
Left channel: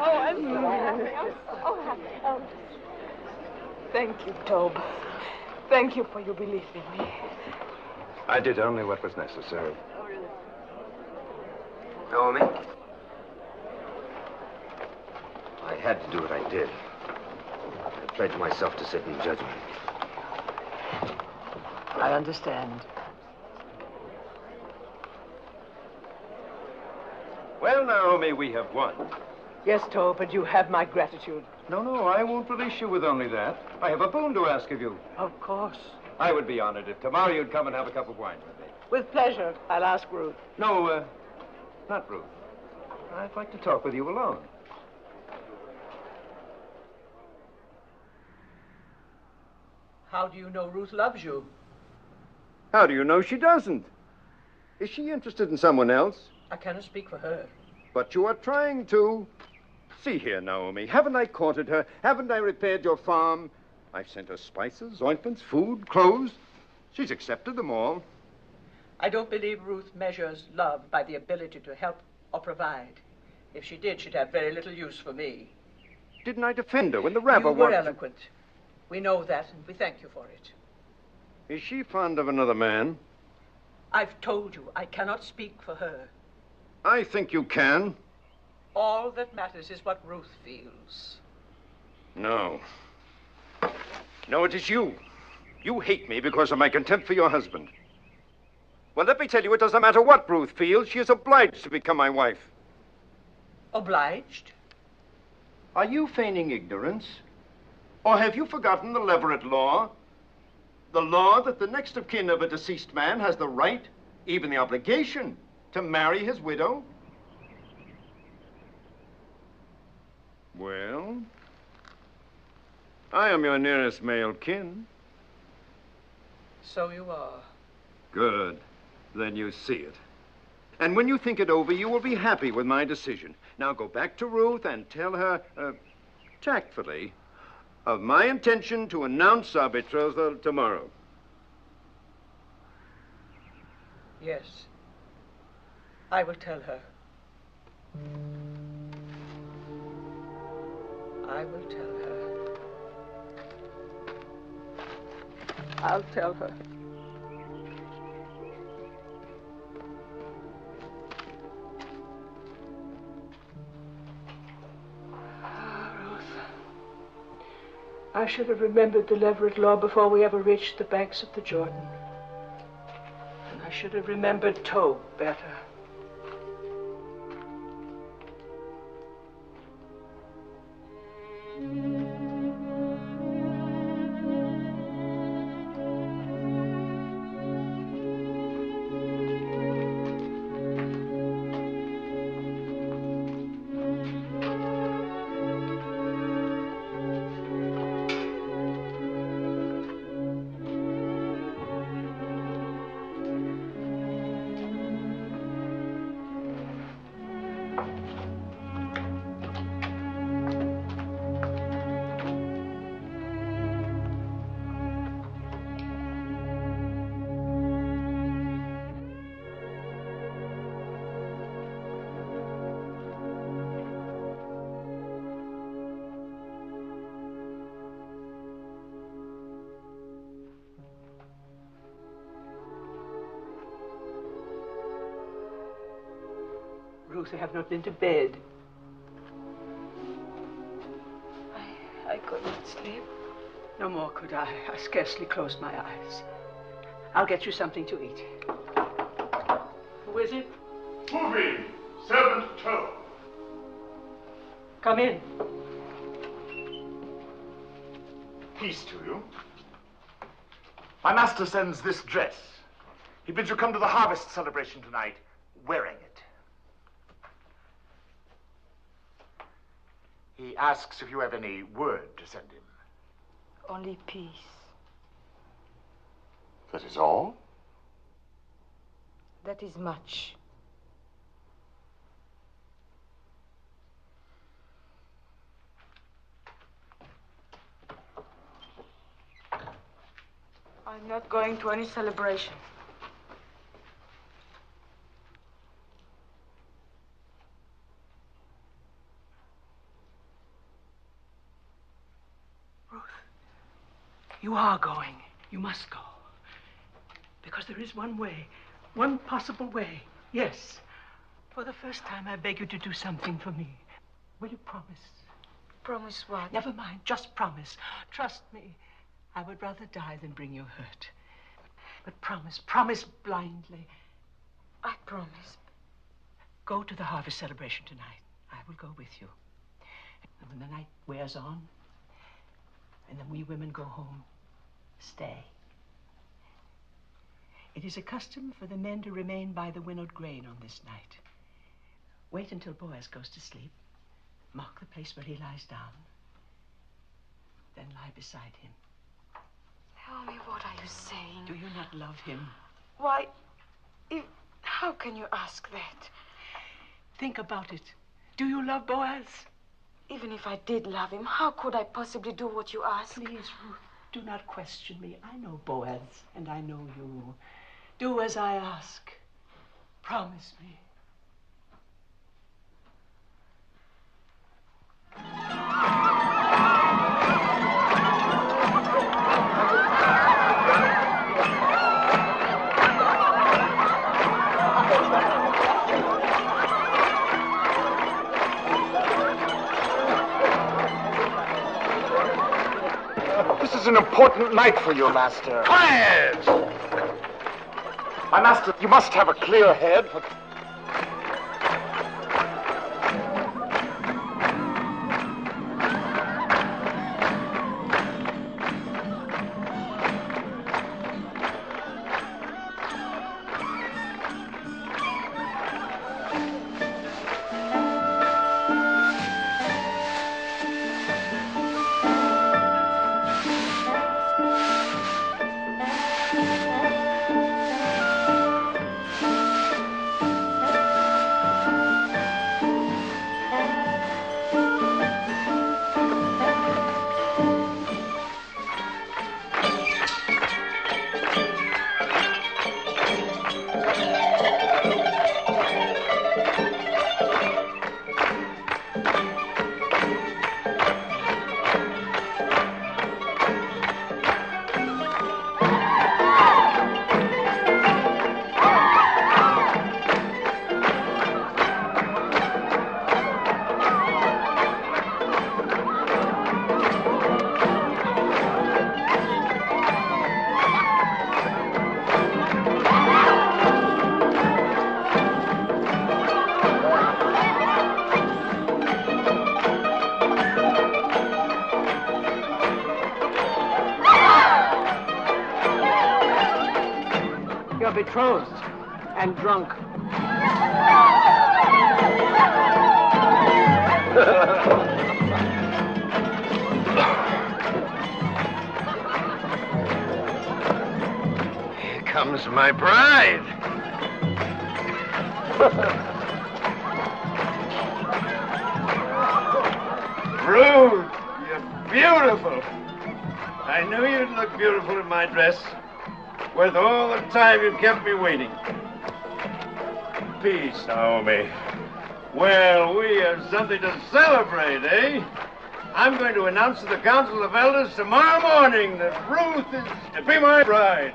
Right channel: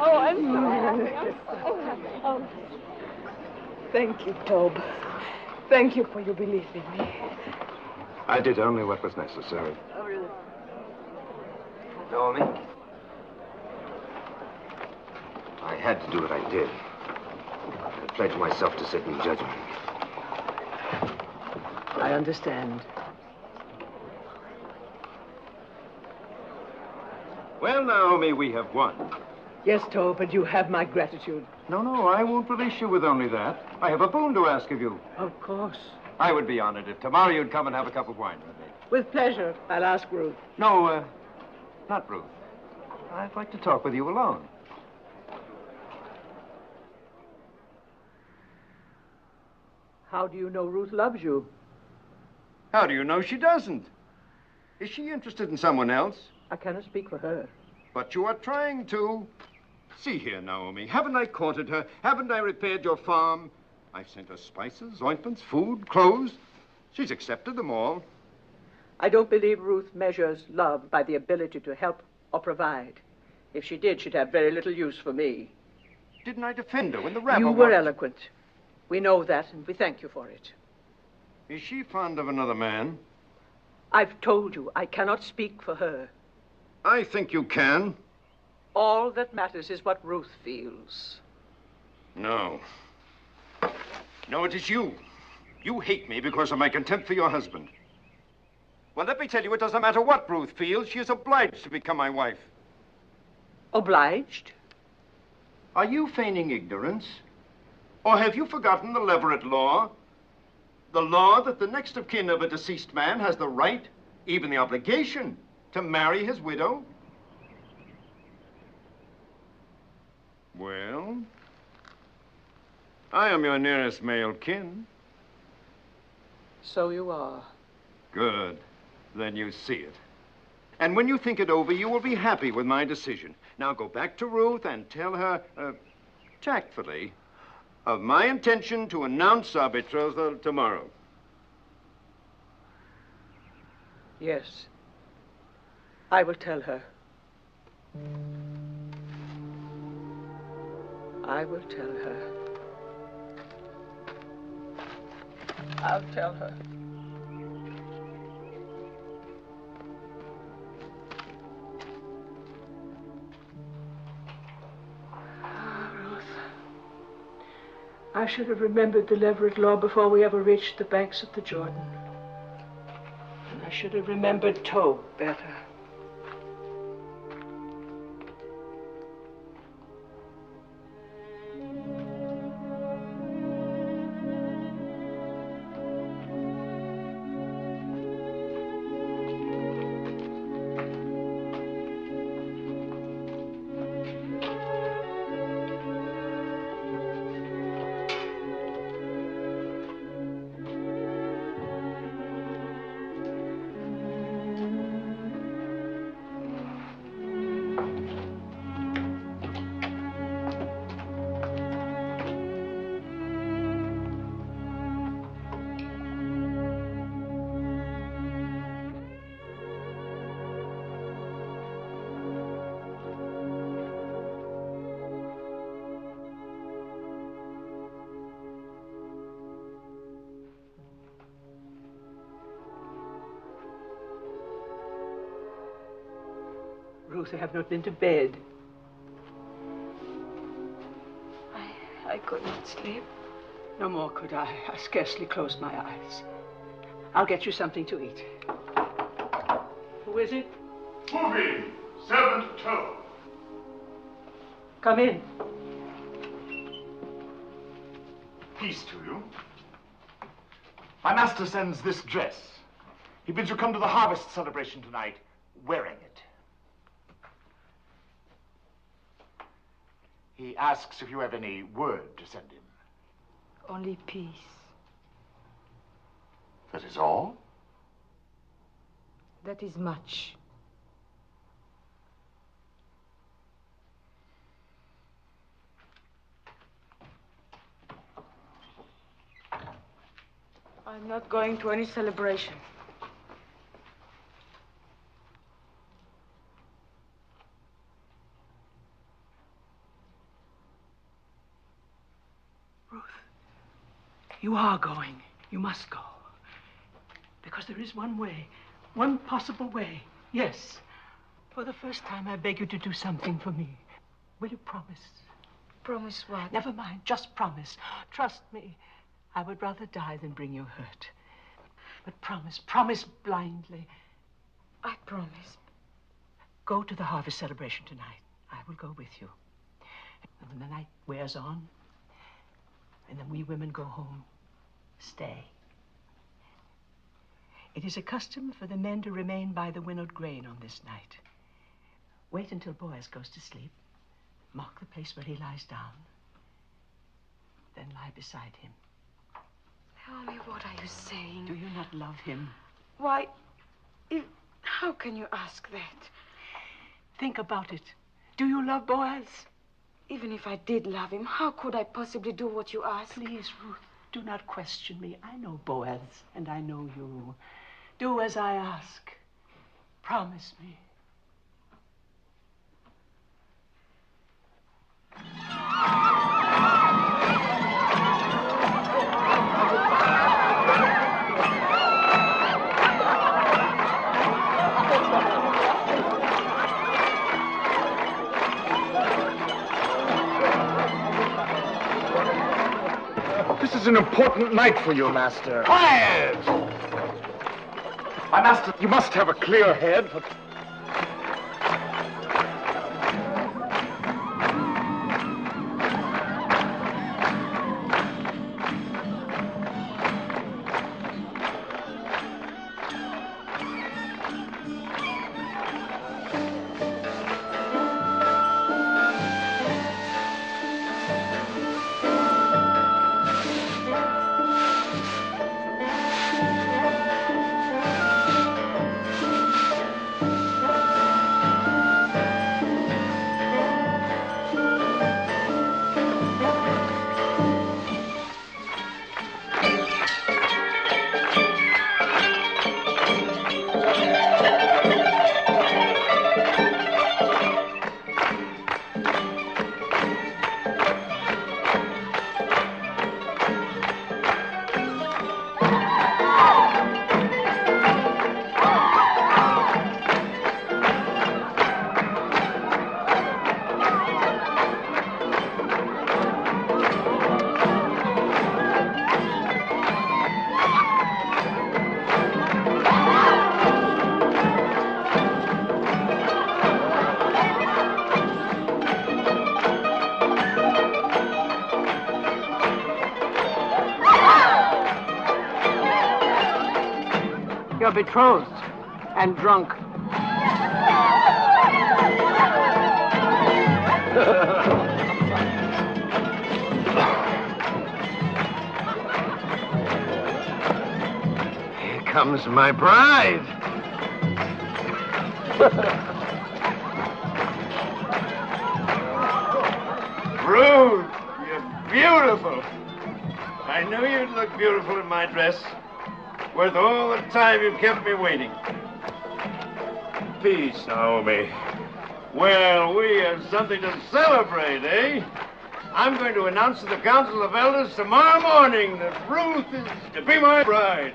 I'm sorry. Thank you, Tob. Thank you for your belief in me. I did only what was necessary. Oh, really? Naomi? I had to do what I did. I pledged myself to sit in judgment. I understand. Well, Naomi, we have won. Yes, Tob, but you have my gratitude. No, I won't release you with only that. I have a boon to ask of you. Of course. I would be honored if tomorrow you'd come and have a cup of wine with me. With pleasure. I'll ask Ruth. No, not Ruth. I'd like to talk with you alone. How do you know Ruth loves you? How do you know she doesn't? Is she interested in someone else? I cannot speak for her. But you are trying to. See here, Naomi. Haven't I courted her? Haven't I repaired your farm? I've sent her spices, ointments, food, clothes. She's accepted them all. I don't believe Ruth measures love by the ability to help or provide. If she did, she'd have very little use for me. Didn't I defend her when the rabbi You were eloquent. We know that, and we thank you for it. Is she fond of another man? I've told you I cannot speak for her. I think you can. All that matters is what Ruth feels. No. No, it is you. You hate me because of my contempt for your husband. Well, let me tell you, it doesn't matter what Ruth feels. She is obliged to become my wife. Obliged? Are you feigning ignorance? Or have you forgotten the Leverett law? The law that the next of kin of a deceased man has the right, even the obligation, to marry his widow? Well, I am your nearest male kin. So you are. Good. Then you see it. And when you think it over, you will be happy with my decision. Now go back to Ruth and tell her, tactfully, of my intention to announce our betrothal tomorrow. Yes. I will tell her. I will tell her. I'll tell her. I should have remembered the Leverett law before we ever reached the banks of the Jordan. And I should have remembered Tob better. Ruth, I have not been to bed. I could not sleep. No more could I. I scarcely closed my eyes. I'll get you something to eat. Who is it? Moving, servant Toe. Come in. Peace to you. My master sends this dress. He bids you come to the harvest celebration tonight, wearing it. He asks if you have any word to send him. Only peace. That is all? That is much. I'm not going to any celebration. You are going. You must go. Because there is one way, one possible way. Yes. For the first time, I beg you to do something for me. Will you promise? Promise what? Never mind. Just promise. Trust me. I would rather die than bring you hurt. But promise. Promise blindly. I promise. Go to the harvest celebration tonight. I will go with you. And when the night wears on, and then we women go home, stay. It is a custom for the men to remain by the winnowed grain on this night. Wait until Boaz goes to sleep. Mark the place where he lies down. Then lie beside him. Tell me, what are you saying? Do you not love him? Why, how can you ask that? Think about it. Do you love Boaz? Even if I did love him, how could I possibly do what you ask? Please, Ruth, do not question me. I know Boaz, and I know you. Do as I ask. Promise me. an important night for you, Master. Quiet! My master, you must have a clear head for... You're betrothed and drunk. Here comes my bride. Ruth, you're beautiful. I knew you'd look beautiful in my dress. Worth all the time you've kept me waiting. Peace, Naomi. Well, we have something to celebrate, eh? I'm going to announce to the Council of Elders tomorrow morning that Ruth is to be my bride.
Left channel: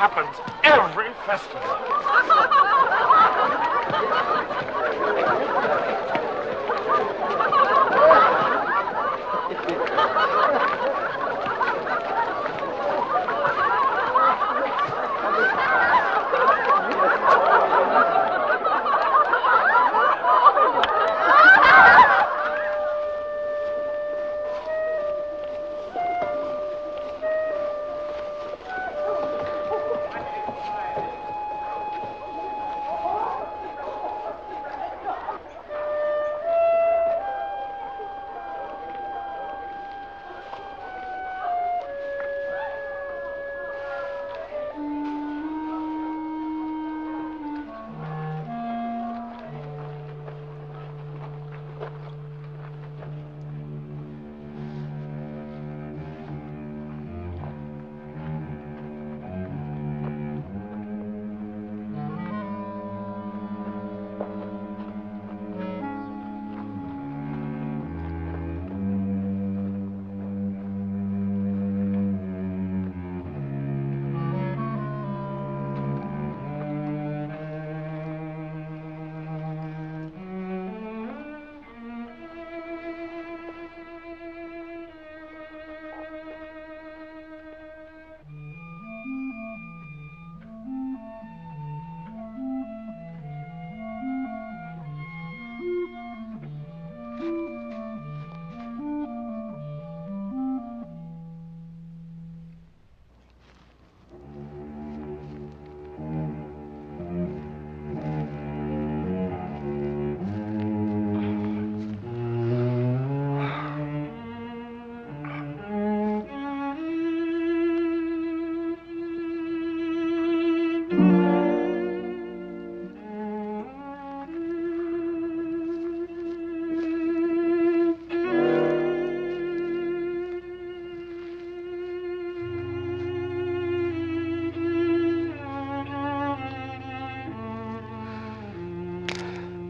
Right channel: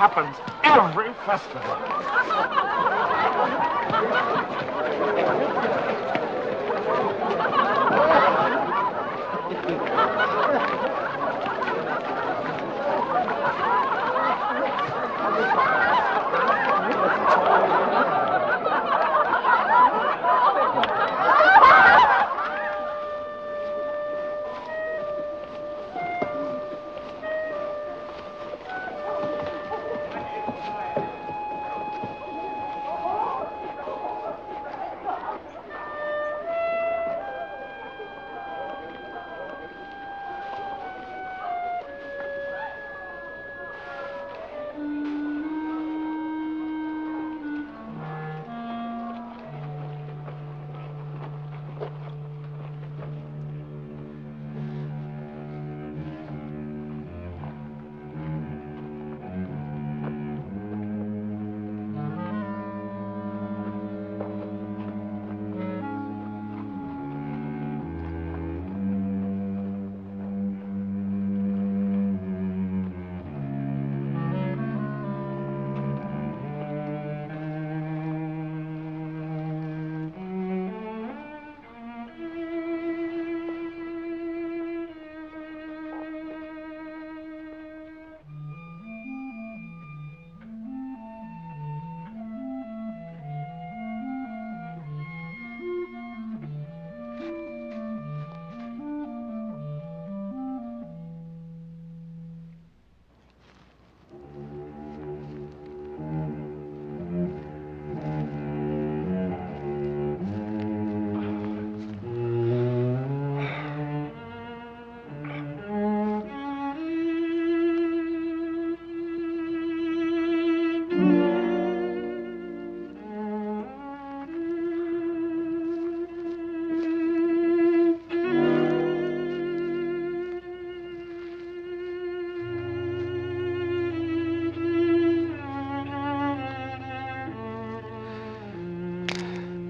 Happens every festival.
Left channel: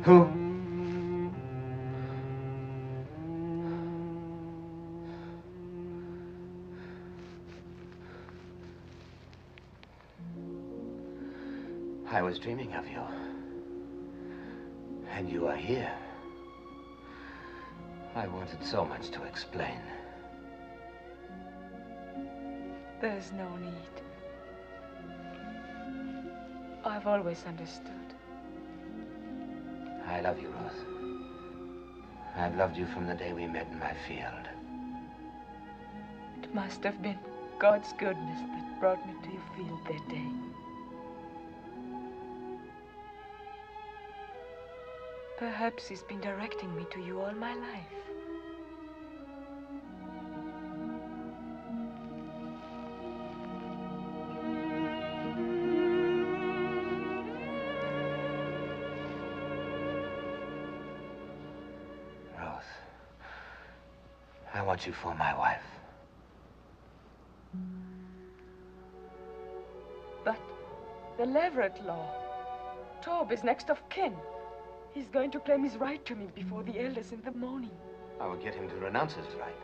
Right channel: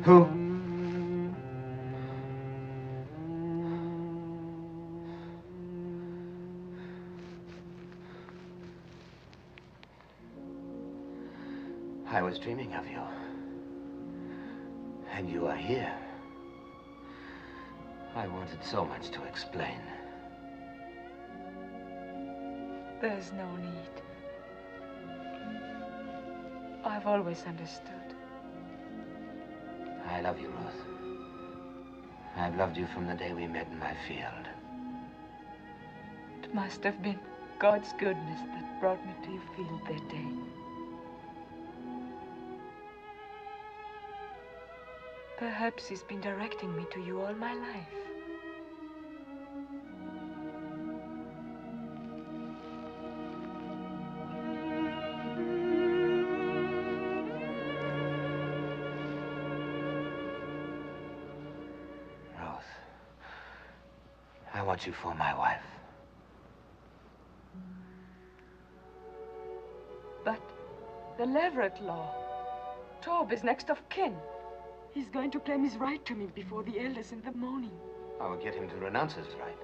Who? I was dreaming of you. And you are here. I wanted so much to explain. There's no need. I've always understood. I love you, Ruth. I've loved you from the day we met in my field. It must have been God's goodness that brought me to your field that day. Perhaps he's been directing me to you all my life. Ruth, I want you for my wife. But the Leverett law. Tob is next of kin. He's going to claim his right to me before the elders in the morning. I will get him to renounce his right.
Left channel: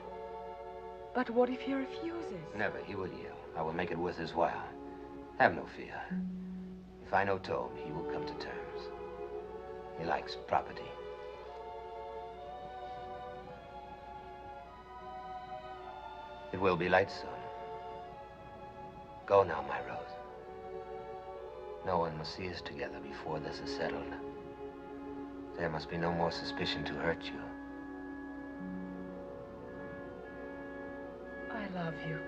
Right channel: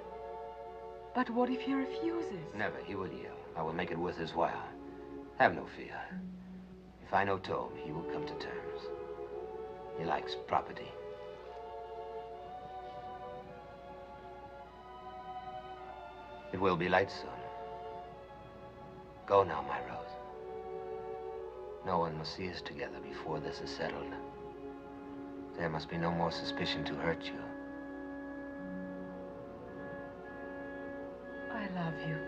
But what if he refuses? Never. He will yield. I will make it worth his while. Have no fear. If I know Tob, he will come to terms. He likes property. It will be light soon. Go now, my Rose. No one must see us together before this is settled. There must be no more suspicion to hurt you. I love you.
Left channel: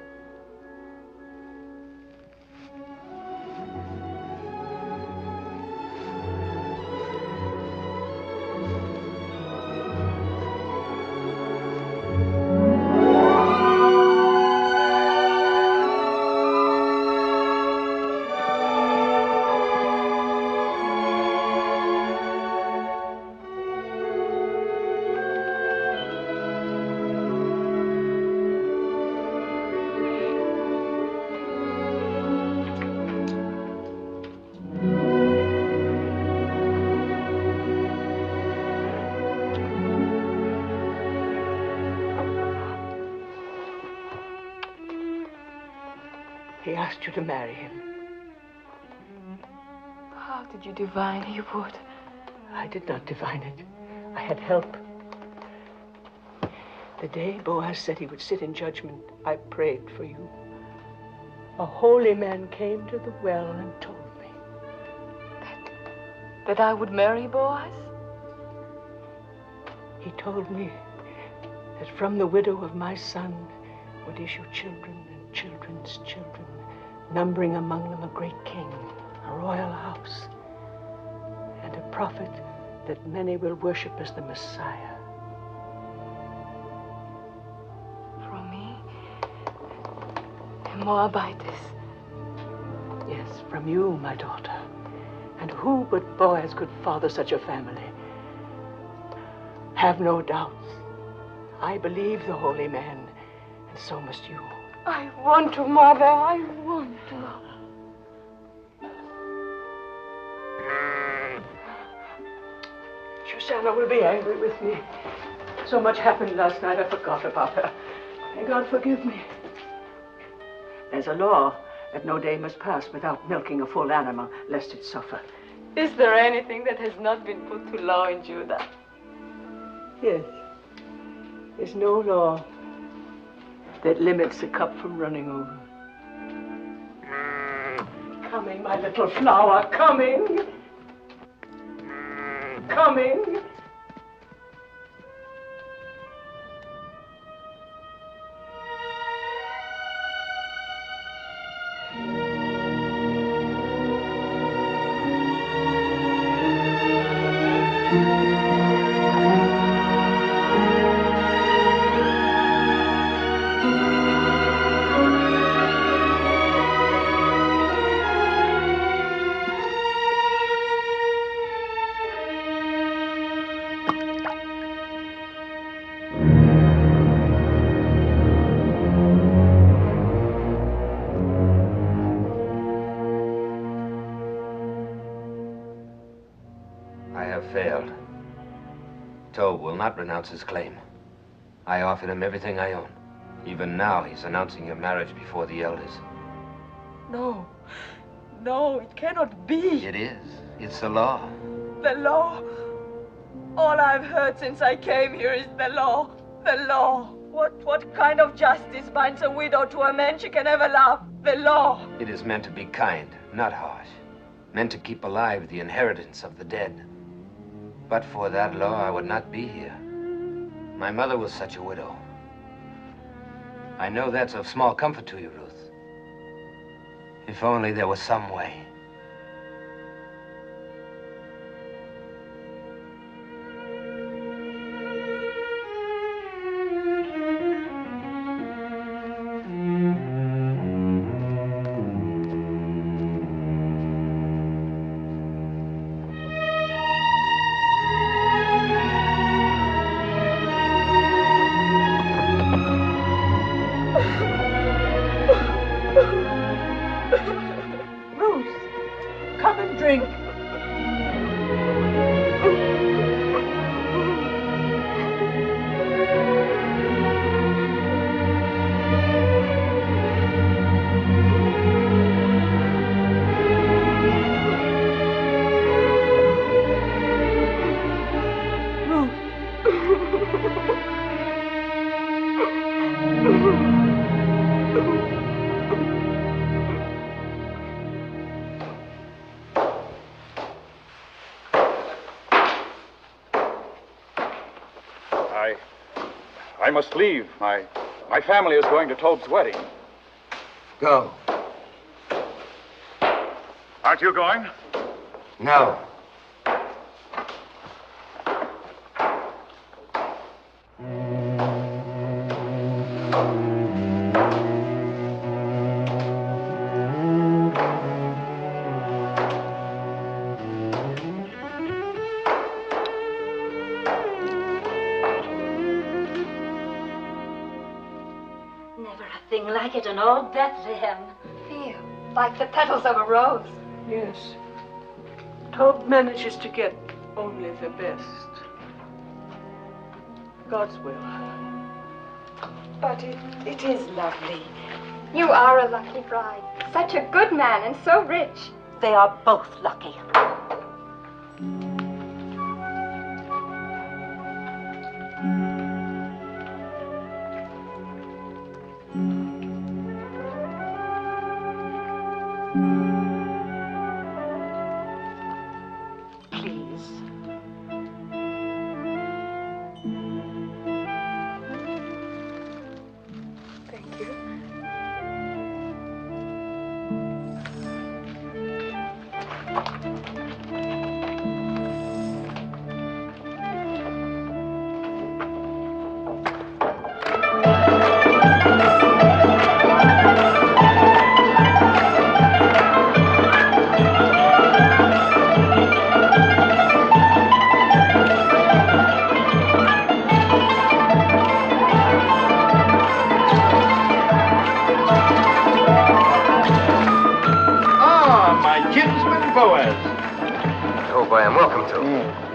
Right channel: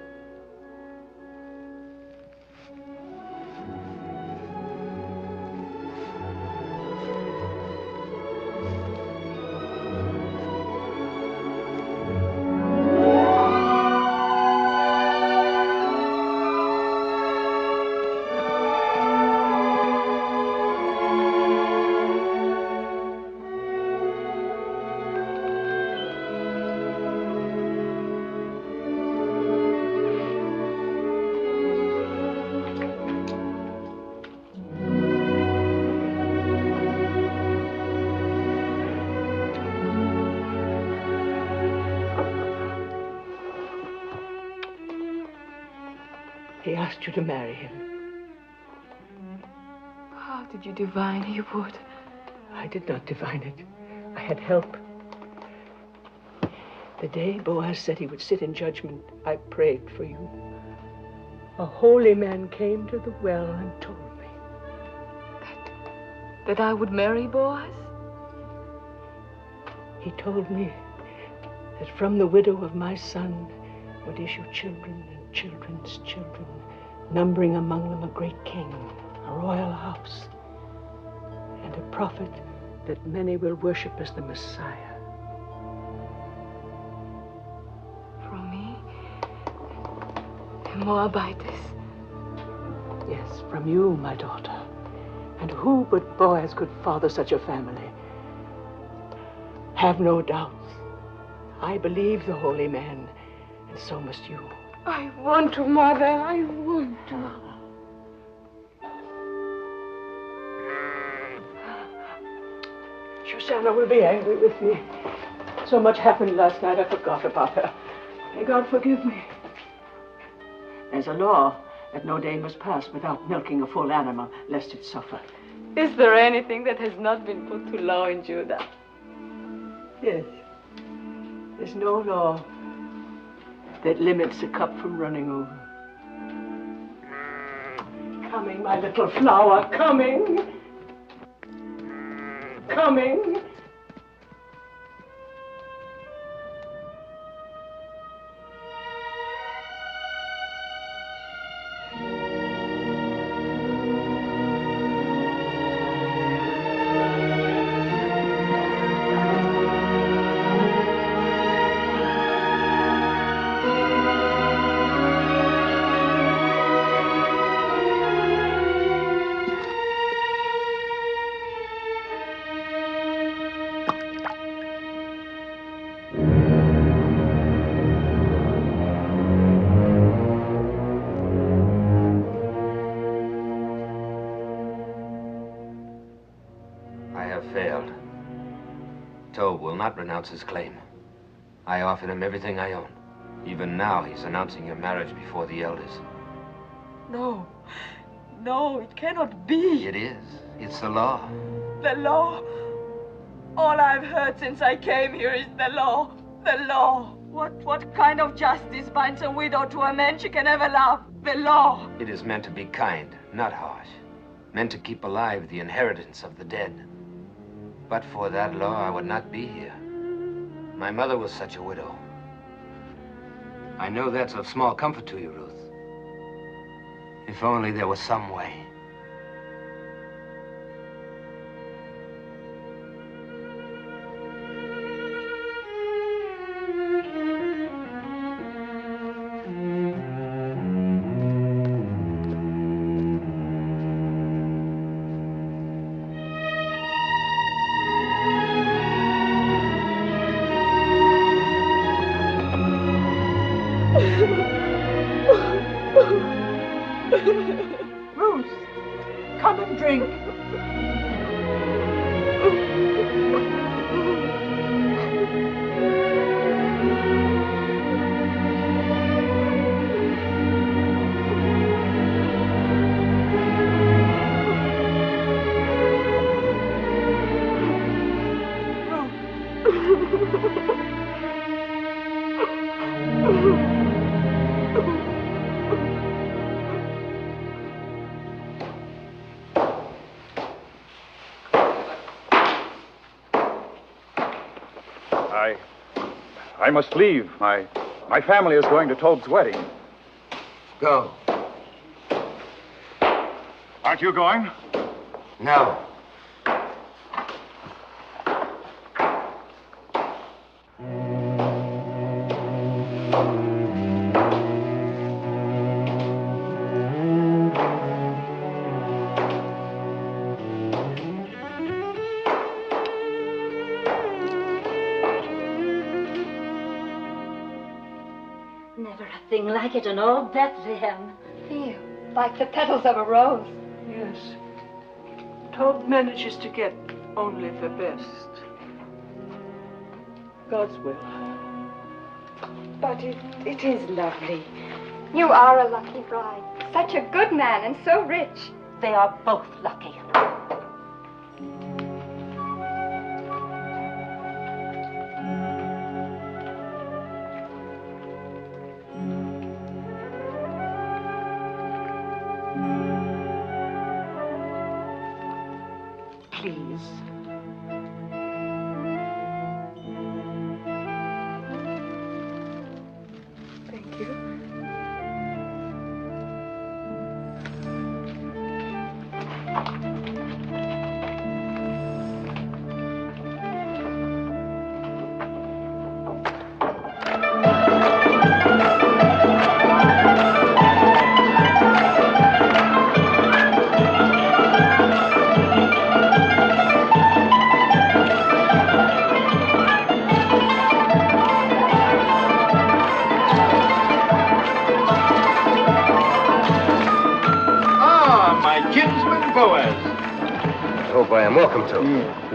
He asked you to marry him. How did you divine he would? I did not divine it. I had help. The day Boaz said he would sit in judgment, I prayed for you. A holy man came to the well and told me. That I would marry Boaz? He told me that from the widow of my son would issue children and children's children, numbering among them a great king, a royal house, and a prophet that many will worship as the Messiah. From me? A Moabitess? Yes, from you, my daughter. And who but Boaz could father such a family? Have no doubts. I believe the holy man, and so must you. I want to, Mother. I want to. Susanna will be angry with me. So much happened last night, I forgot about her. May God forgive me. There's a law that no day must pass without milking a full animal, lest it suffer. Is there anything that has not been put to law in Judah? Yes. There's no law that limits a cup from running over. Coming, my little flower, coming. Coming. have failed. Tob will not renounce his claim. I offered him everything I own. Even now, he's announcing your marriage before the elders. No. No, it cannot be. It is. It's the law. The law. All I've heard since I came here is the law. The law. What kind of justice binds a widow to a man she can never love? The law. It is meant to be kind, not harsh. Meant to keep alive the inheritance of the dead. But for that law, I would not be here. My mother was such a widow. I know that's of small comfort to you, Ruth. If only there was some way. Ruth, come and drink. I must leave. My family is going to Tob's wedding. Go. Aren't you going? No. Like it in all Bethlehem. Feel like the petals of a rose. Yes. Tob manages to get only the best. God's will. But it is lovely. You are a lucky bride. Such a good man and so rich. They are both lucky.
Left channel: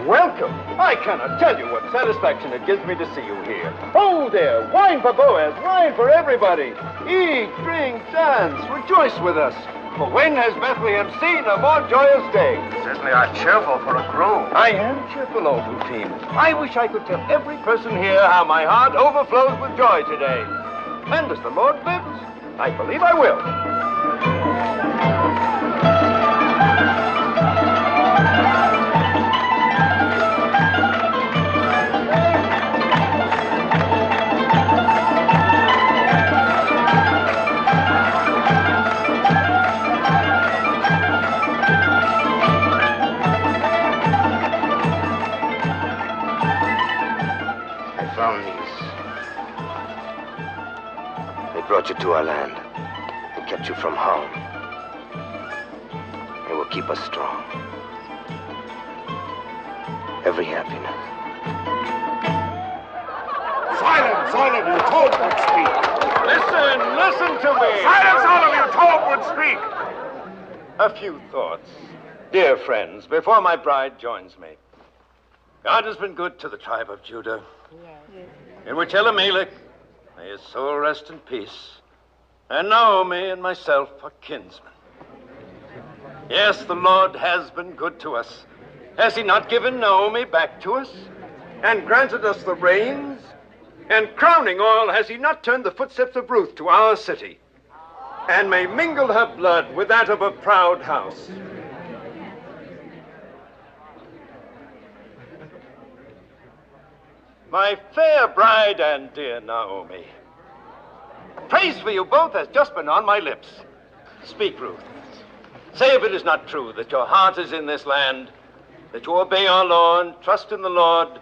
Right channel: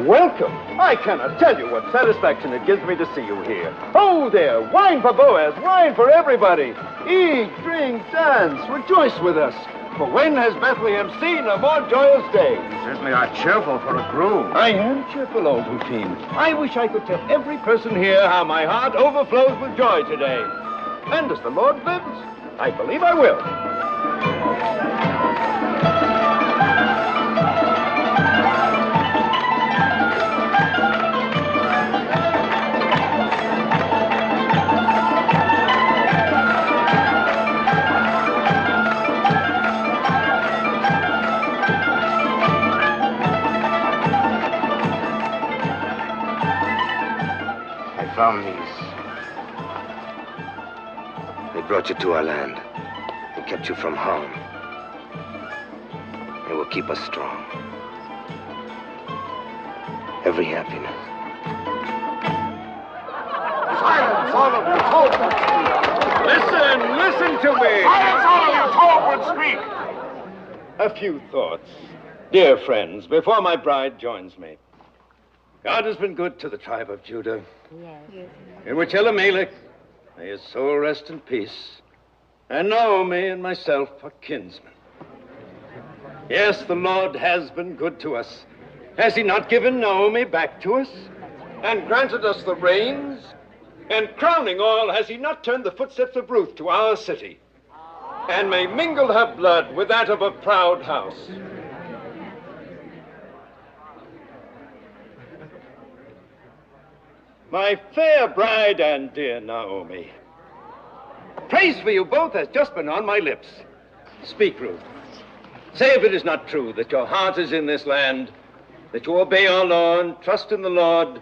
Welcome. I cannot tell you what satisfaction it gives me to see you here. Oh, there, wine for Boaz, wine for everybody. Eat, drink, dance, rejoice with us. For when has Bethlehem seen a more joyous day? Certainly are cheerful for a groom. I am cheerful, old routine. I wish I could tell every person here how my heart overflows with joy today. And as the Lord lives, I believe I will. Brought you to our land and kept you from harm. They will keep us strong. Every happiness. Silence, all of you. Tob would speak. Listen to me. Silence, all of you. Tob would speak. A few thoughts. Dear friends, before my bride joins me, God has been good to the tribe of Judah. Yes. In which Elimelech, may his soul rest in peace, and Naomi and myself are kinsmen. Yes, the Lord has been good to us. Has he not given Naomi back to us, and granted us the rains? And crowning all, has he not turned the footsteps of Ruth to our city, and may mingle her blood with that of a proud house? My fair bride and dear Naomi, praise for you both has just been on my lips. Speak, Ruth. Say if it is not true that your heart is in this land, that you obey our law and trust in the Lord,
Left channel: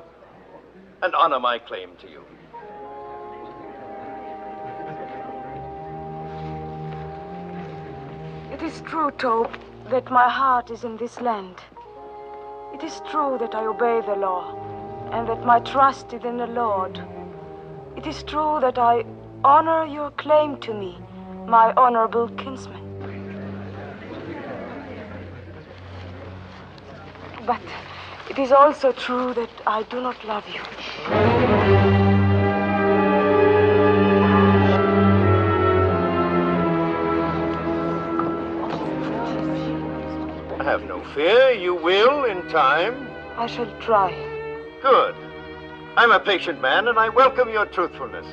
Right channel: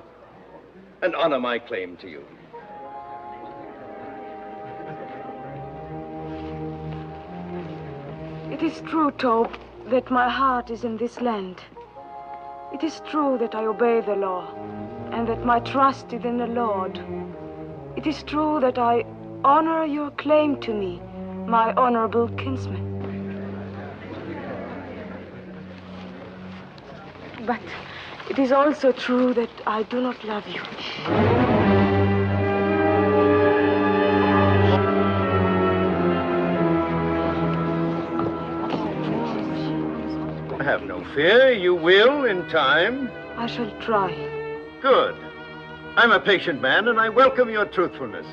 and honor my claim to you. It is true, Tob, that my heart is in this land. It is true that I obey the law, and that my trust is in the Lord. It is true that I honor your claim to me, my honorable kinsman. But it is also true that I do not love you. Have no fear, you will in time. I shall try. Good. I'm a patient man, and I welcome your truthfulness.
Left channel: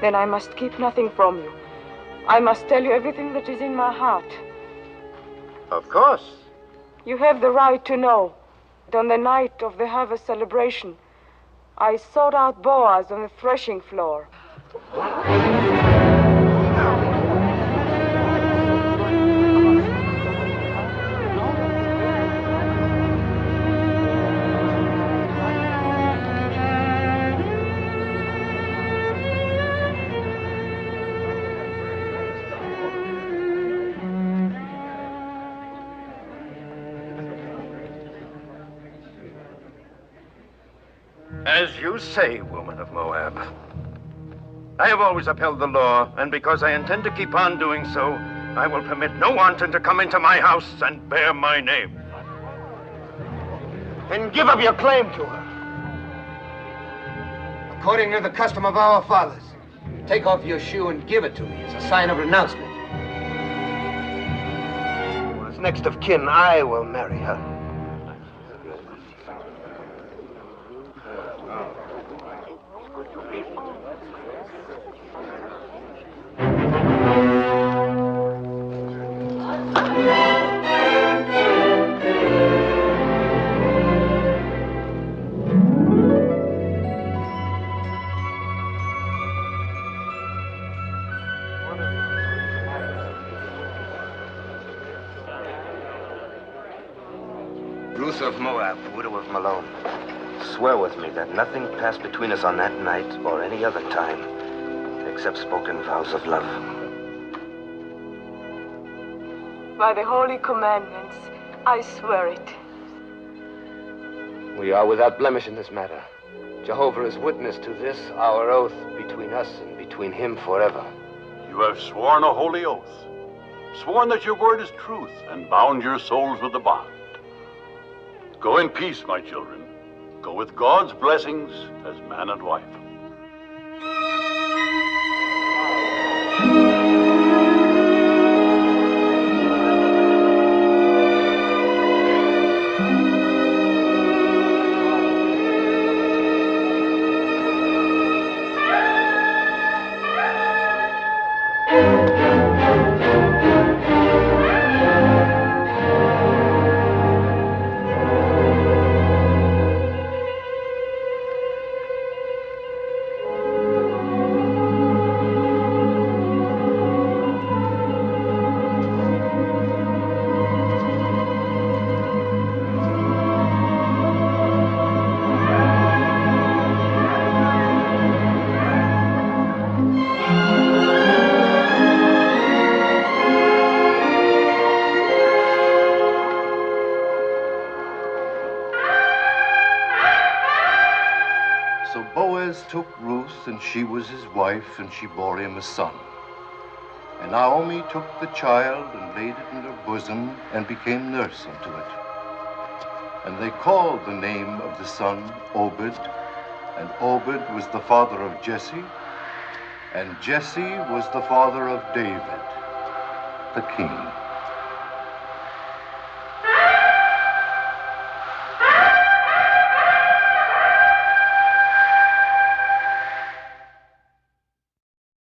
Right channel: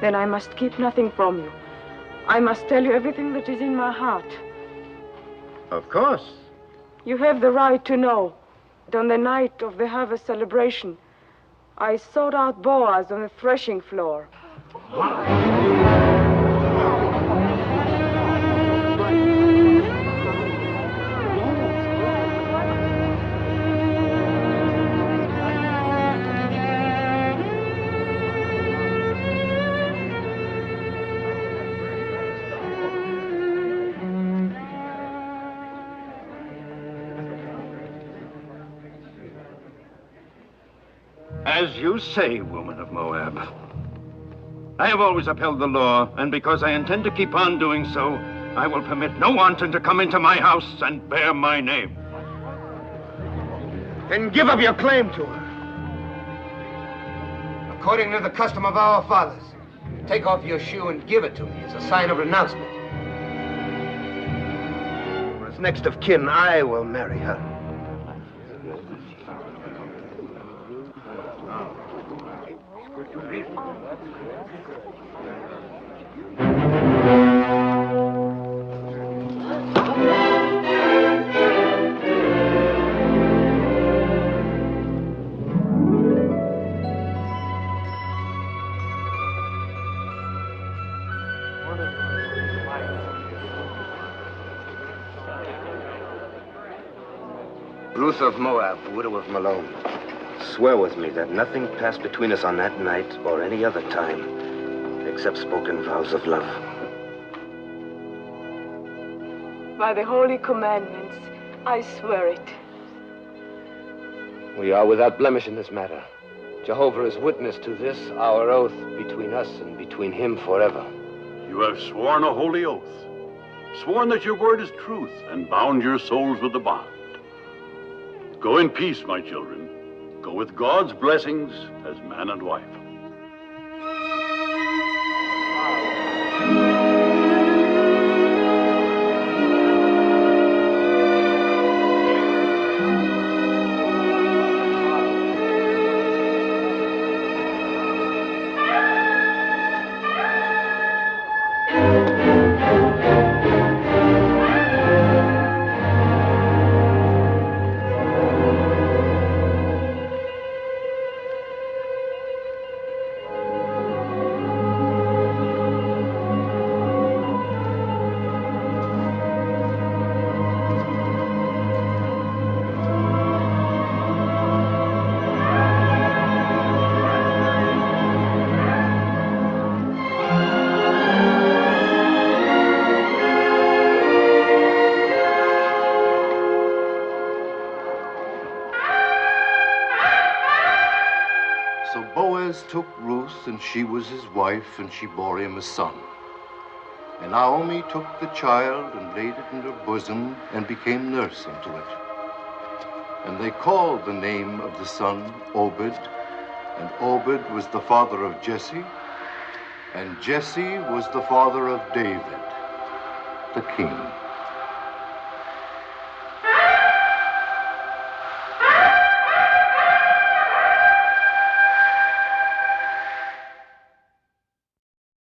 Then I must keep nothing from you. I must tell you everything that is in my heart. Of course. You have the right to know that on the night of the harvest celebration, I sought out Boaz on the threshing floor. As you say, woman of Moab. I have always upheld the law, and because I intend to keep on doing so, I will permit no wanton to come into my house and bear my name. Then give up your claim to her. According to the custom of our fathers, take off your shoe and give it to me as a sign of renouncement. As next of kin, I will marry her. Ruth of Moab, widow of Malone, swear with me that nothing passed between us on that night or any other time except spoken vows of love. By the holy commandments, I swear it. We are without blemish in this matter. Jehovah is witness to this, our oath between us and between him forever. You have sworn a holy oath, sworn that your word is truth, and bound your souls with the bond. Go in peace, my children. Go with God's blessings as man and wife. So Boaz took Ruth, and she was his wife, and she bore him a son. And Naomi took the child and laid it in her bosom and became nurse unto it. And they called the name of the son Obed, and Obed was the father of Jesse, and Jesse was the father of David, the king.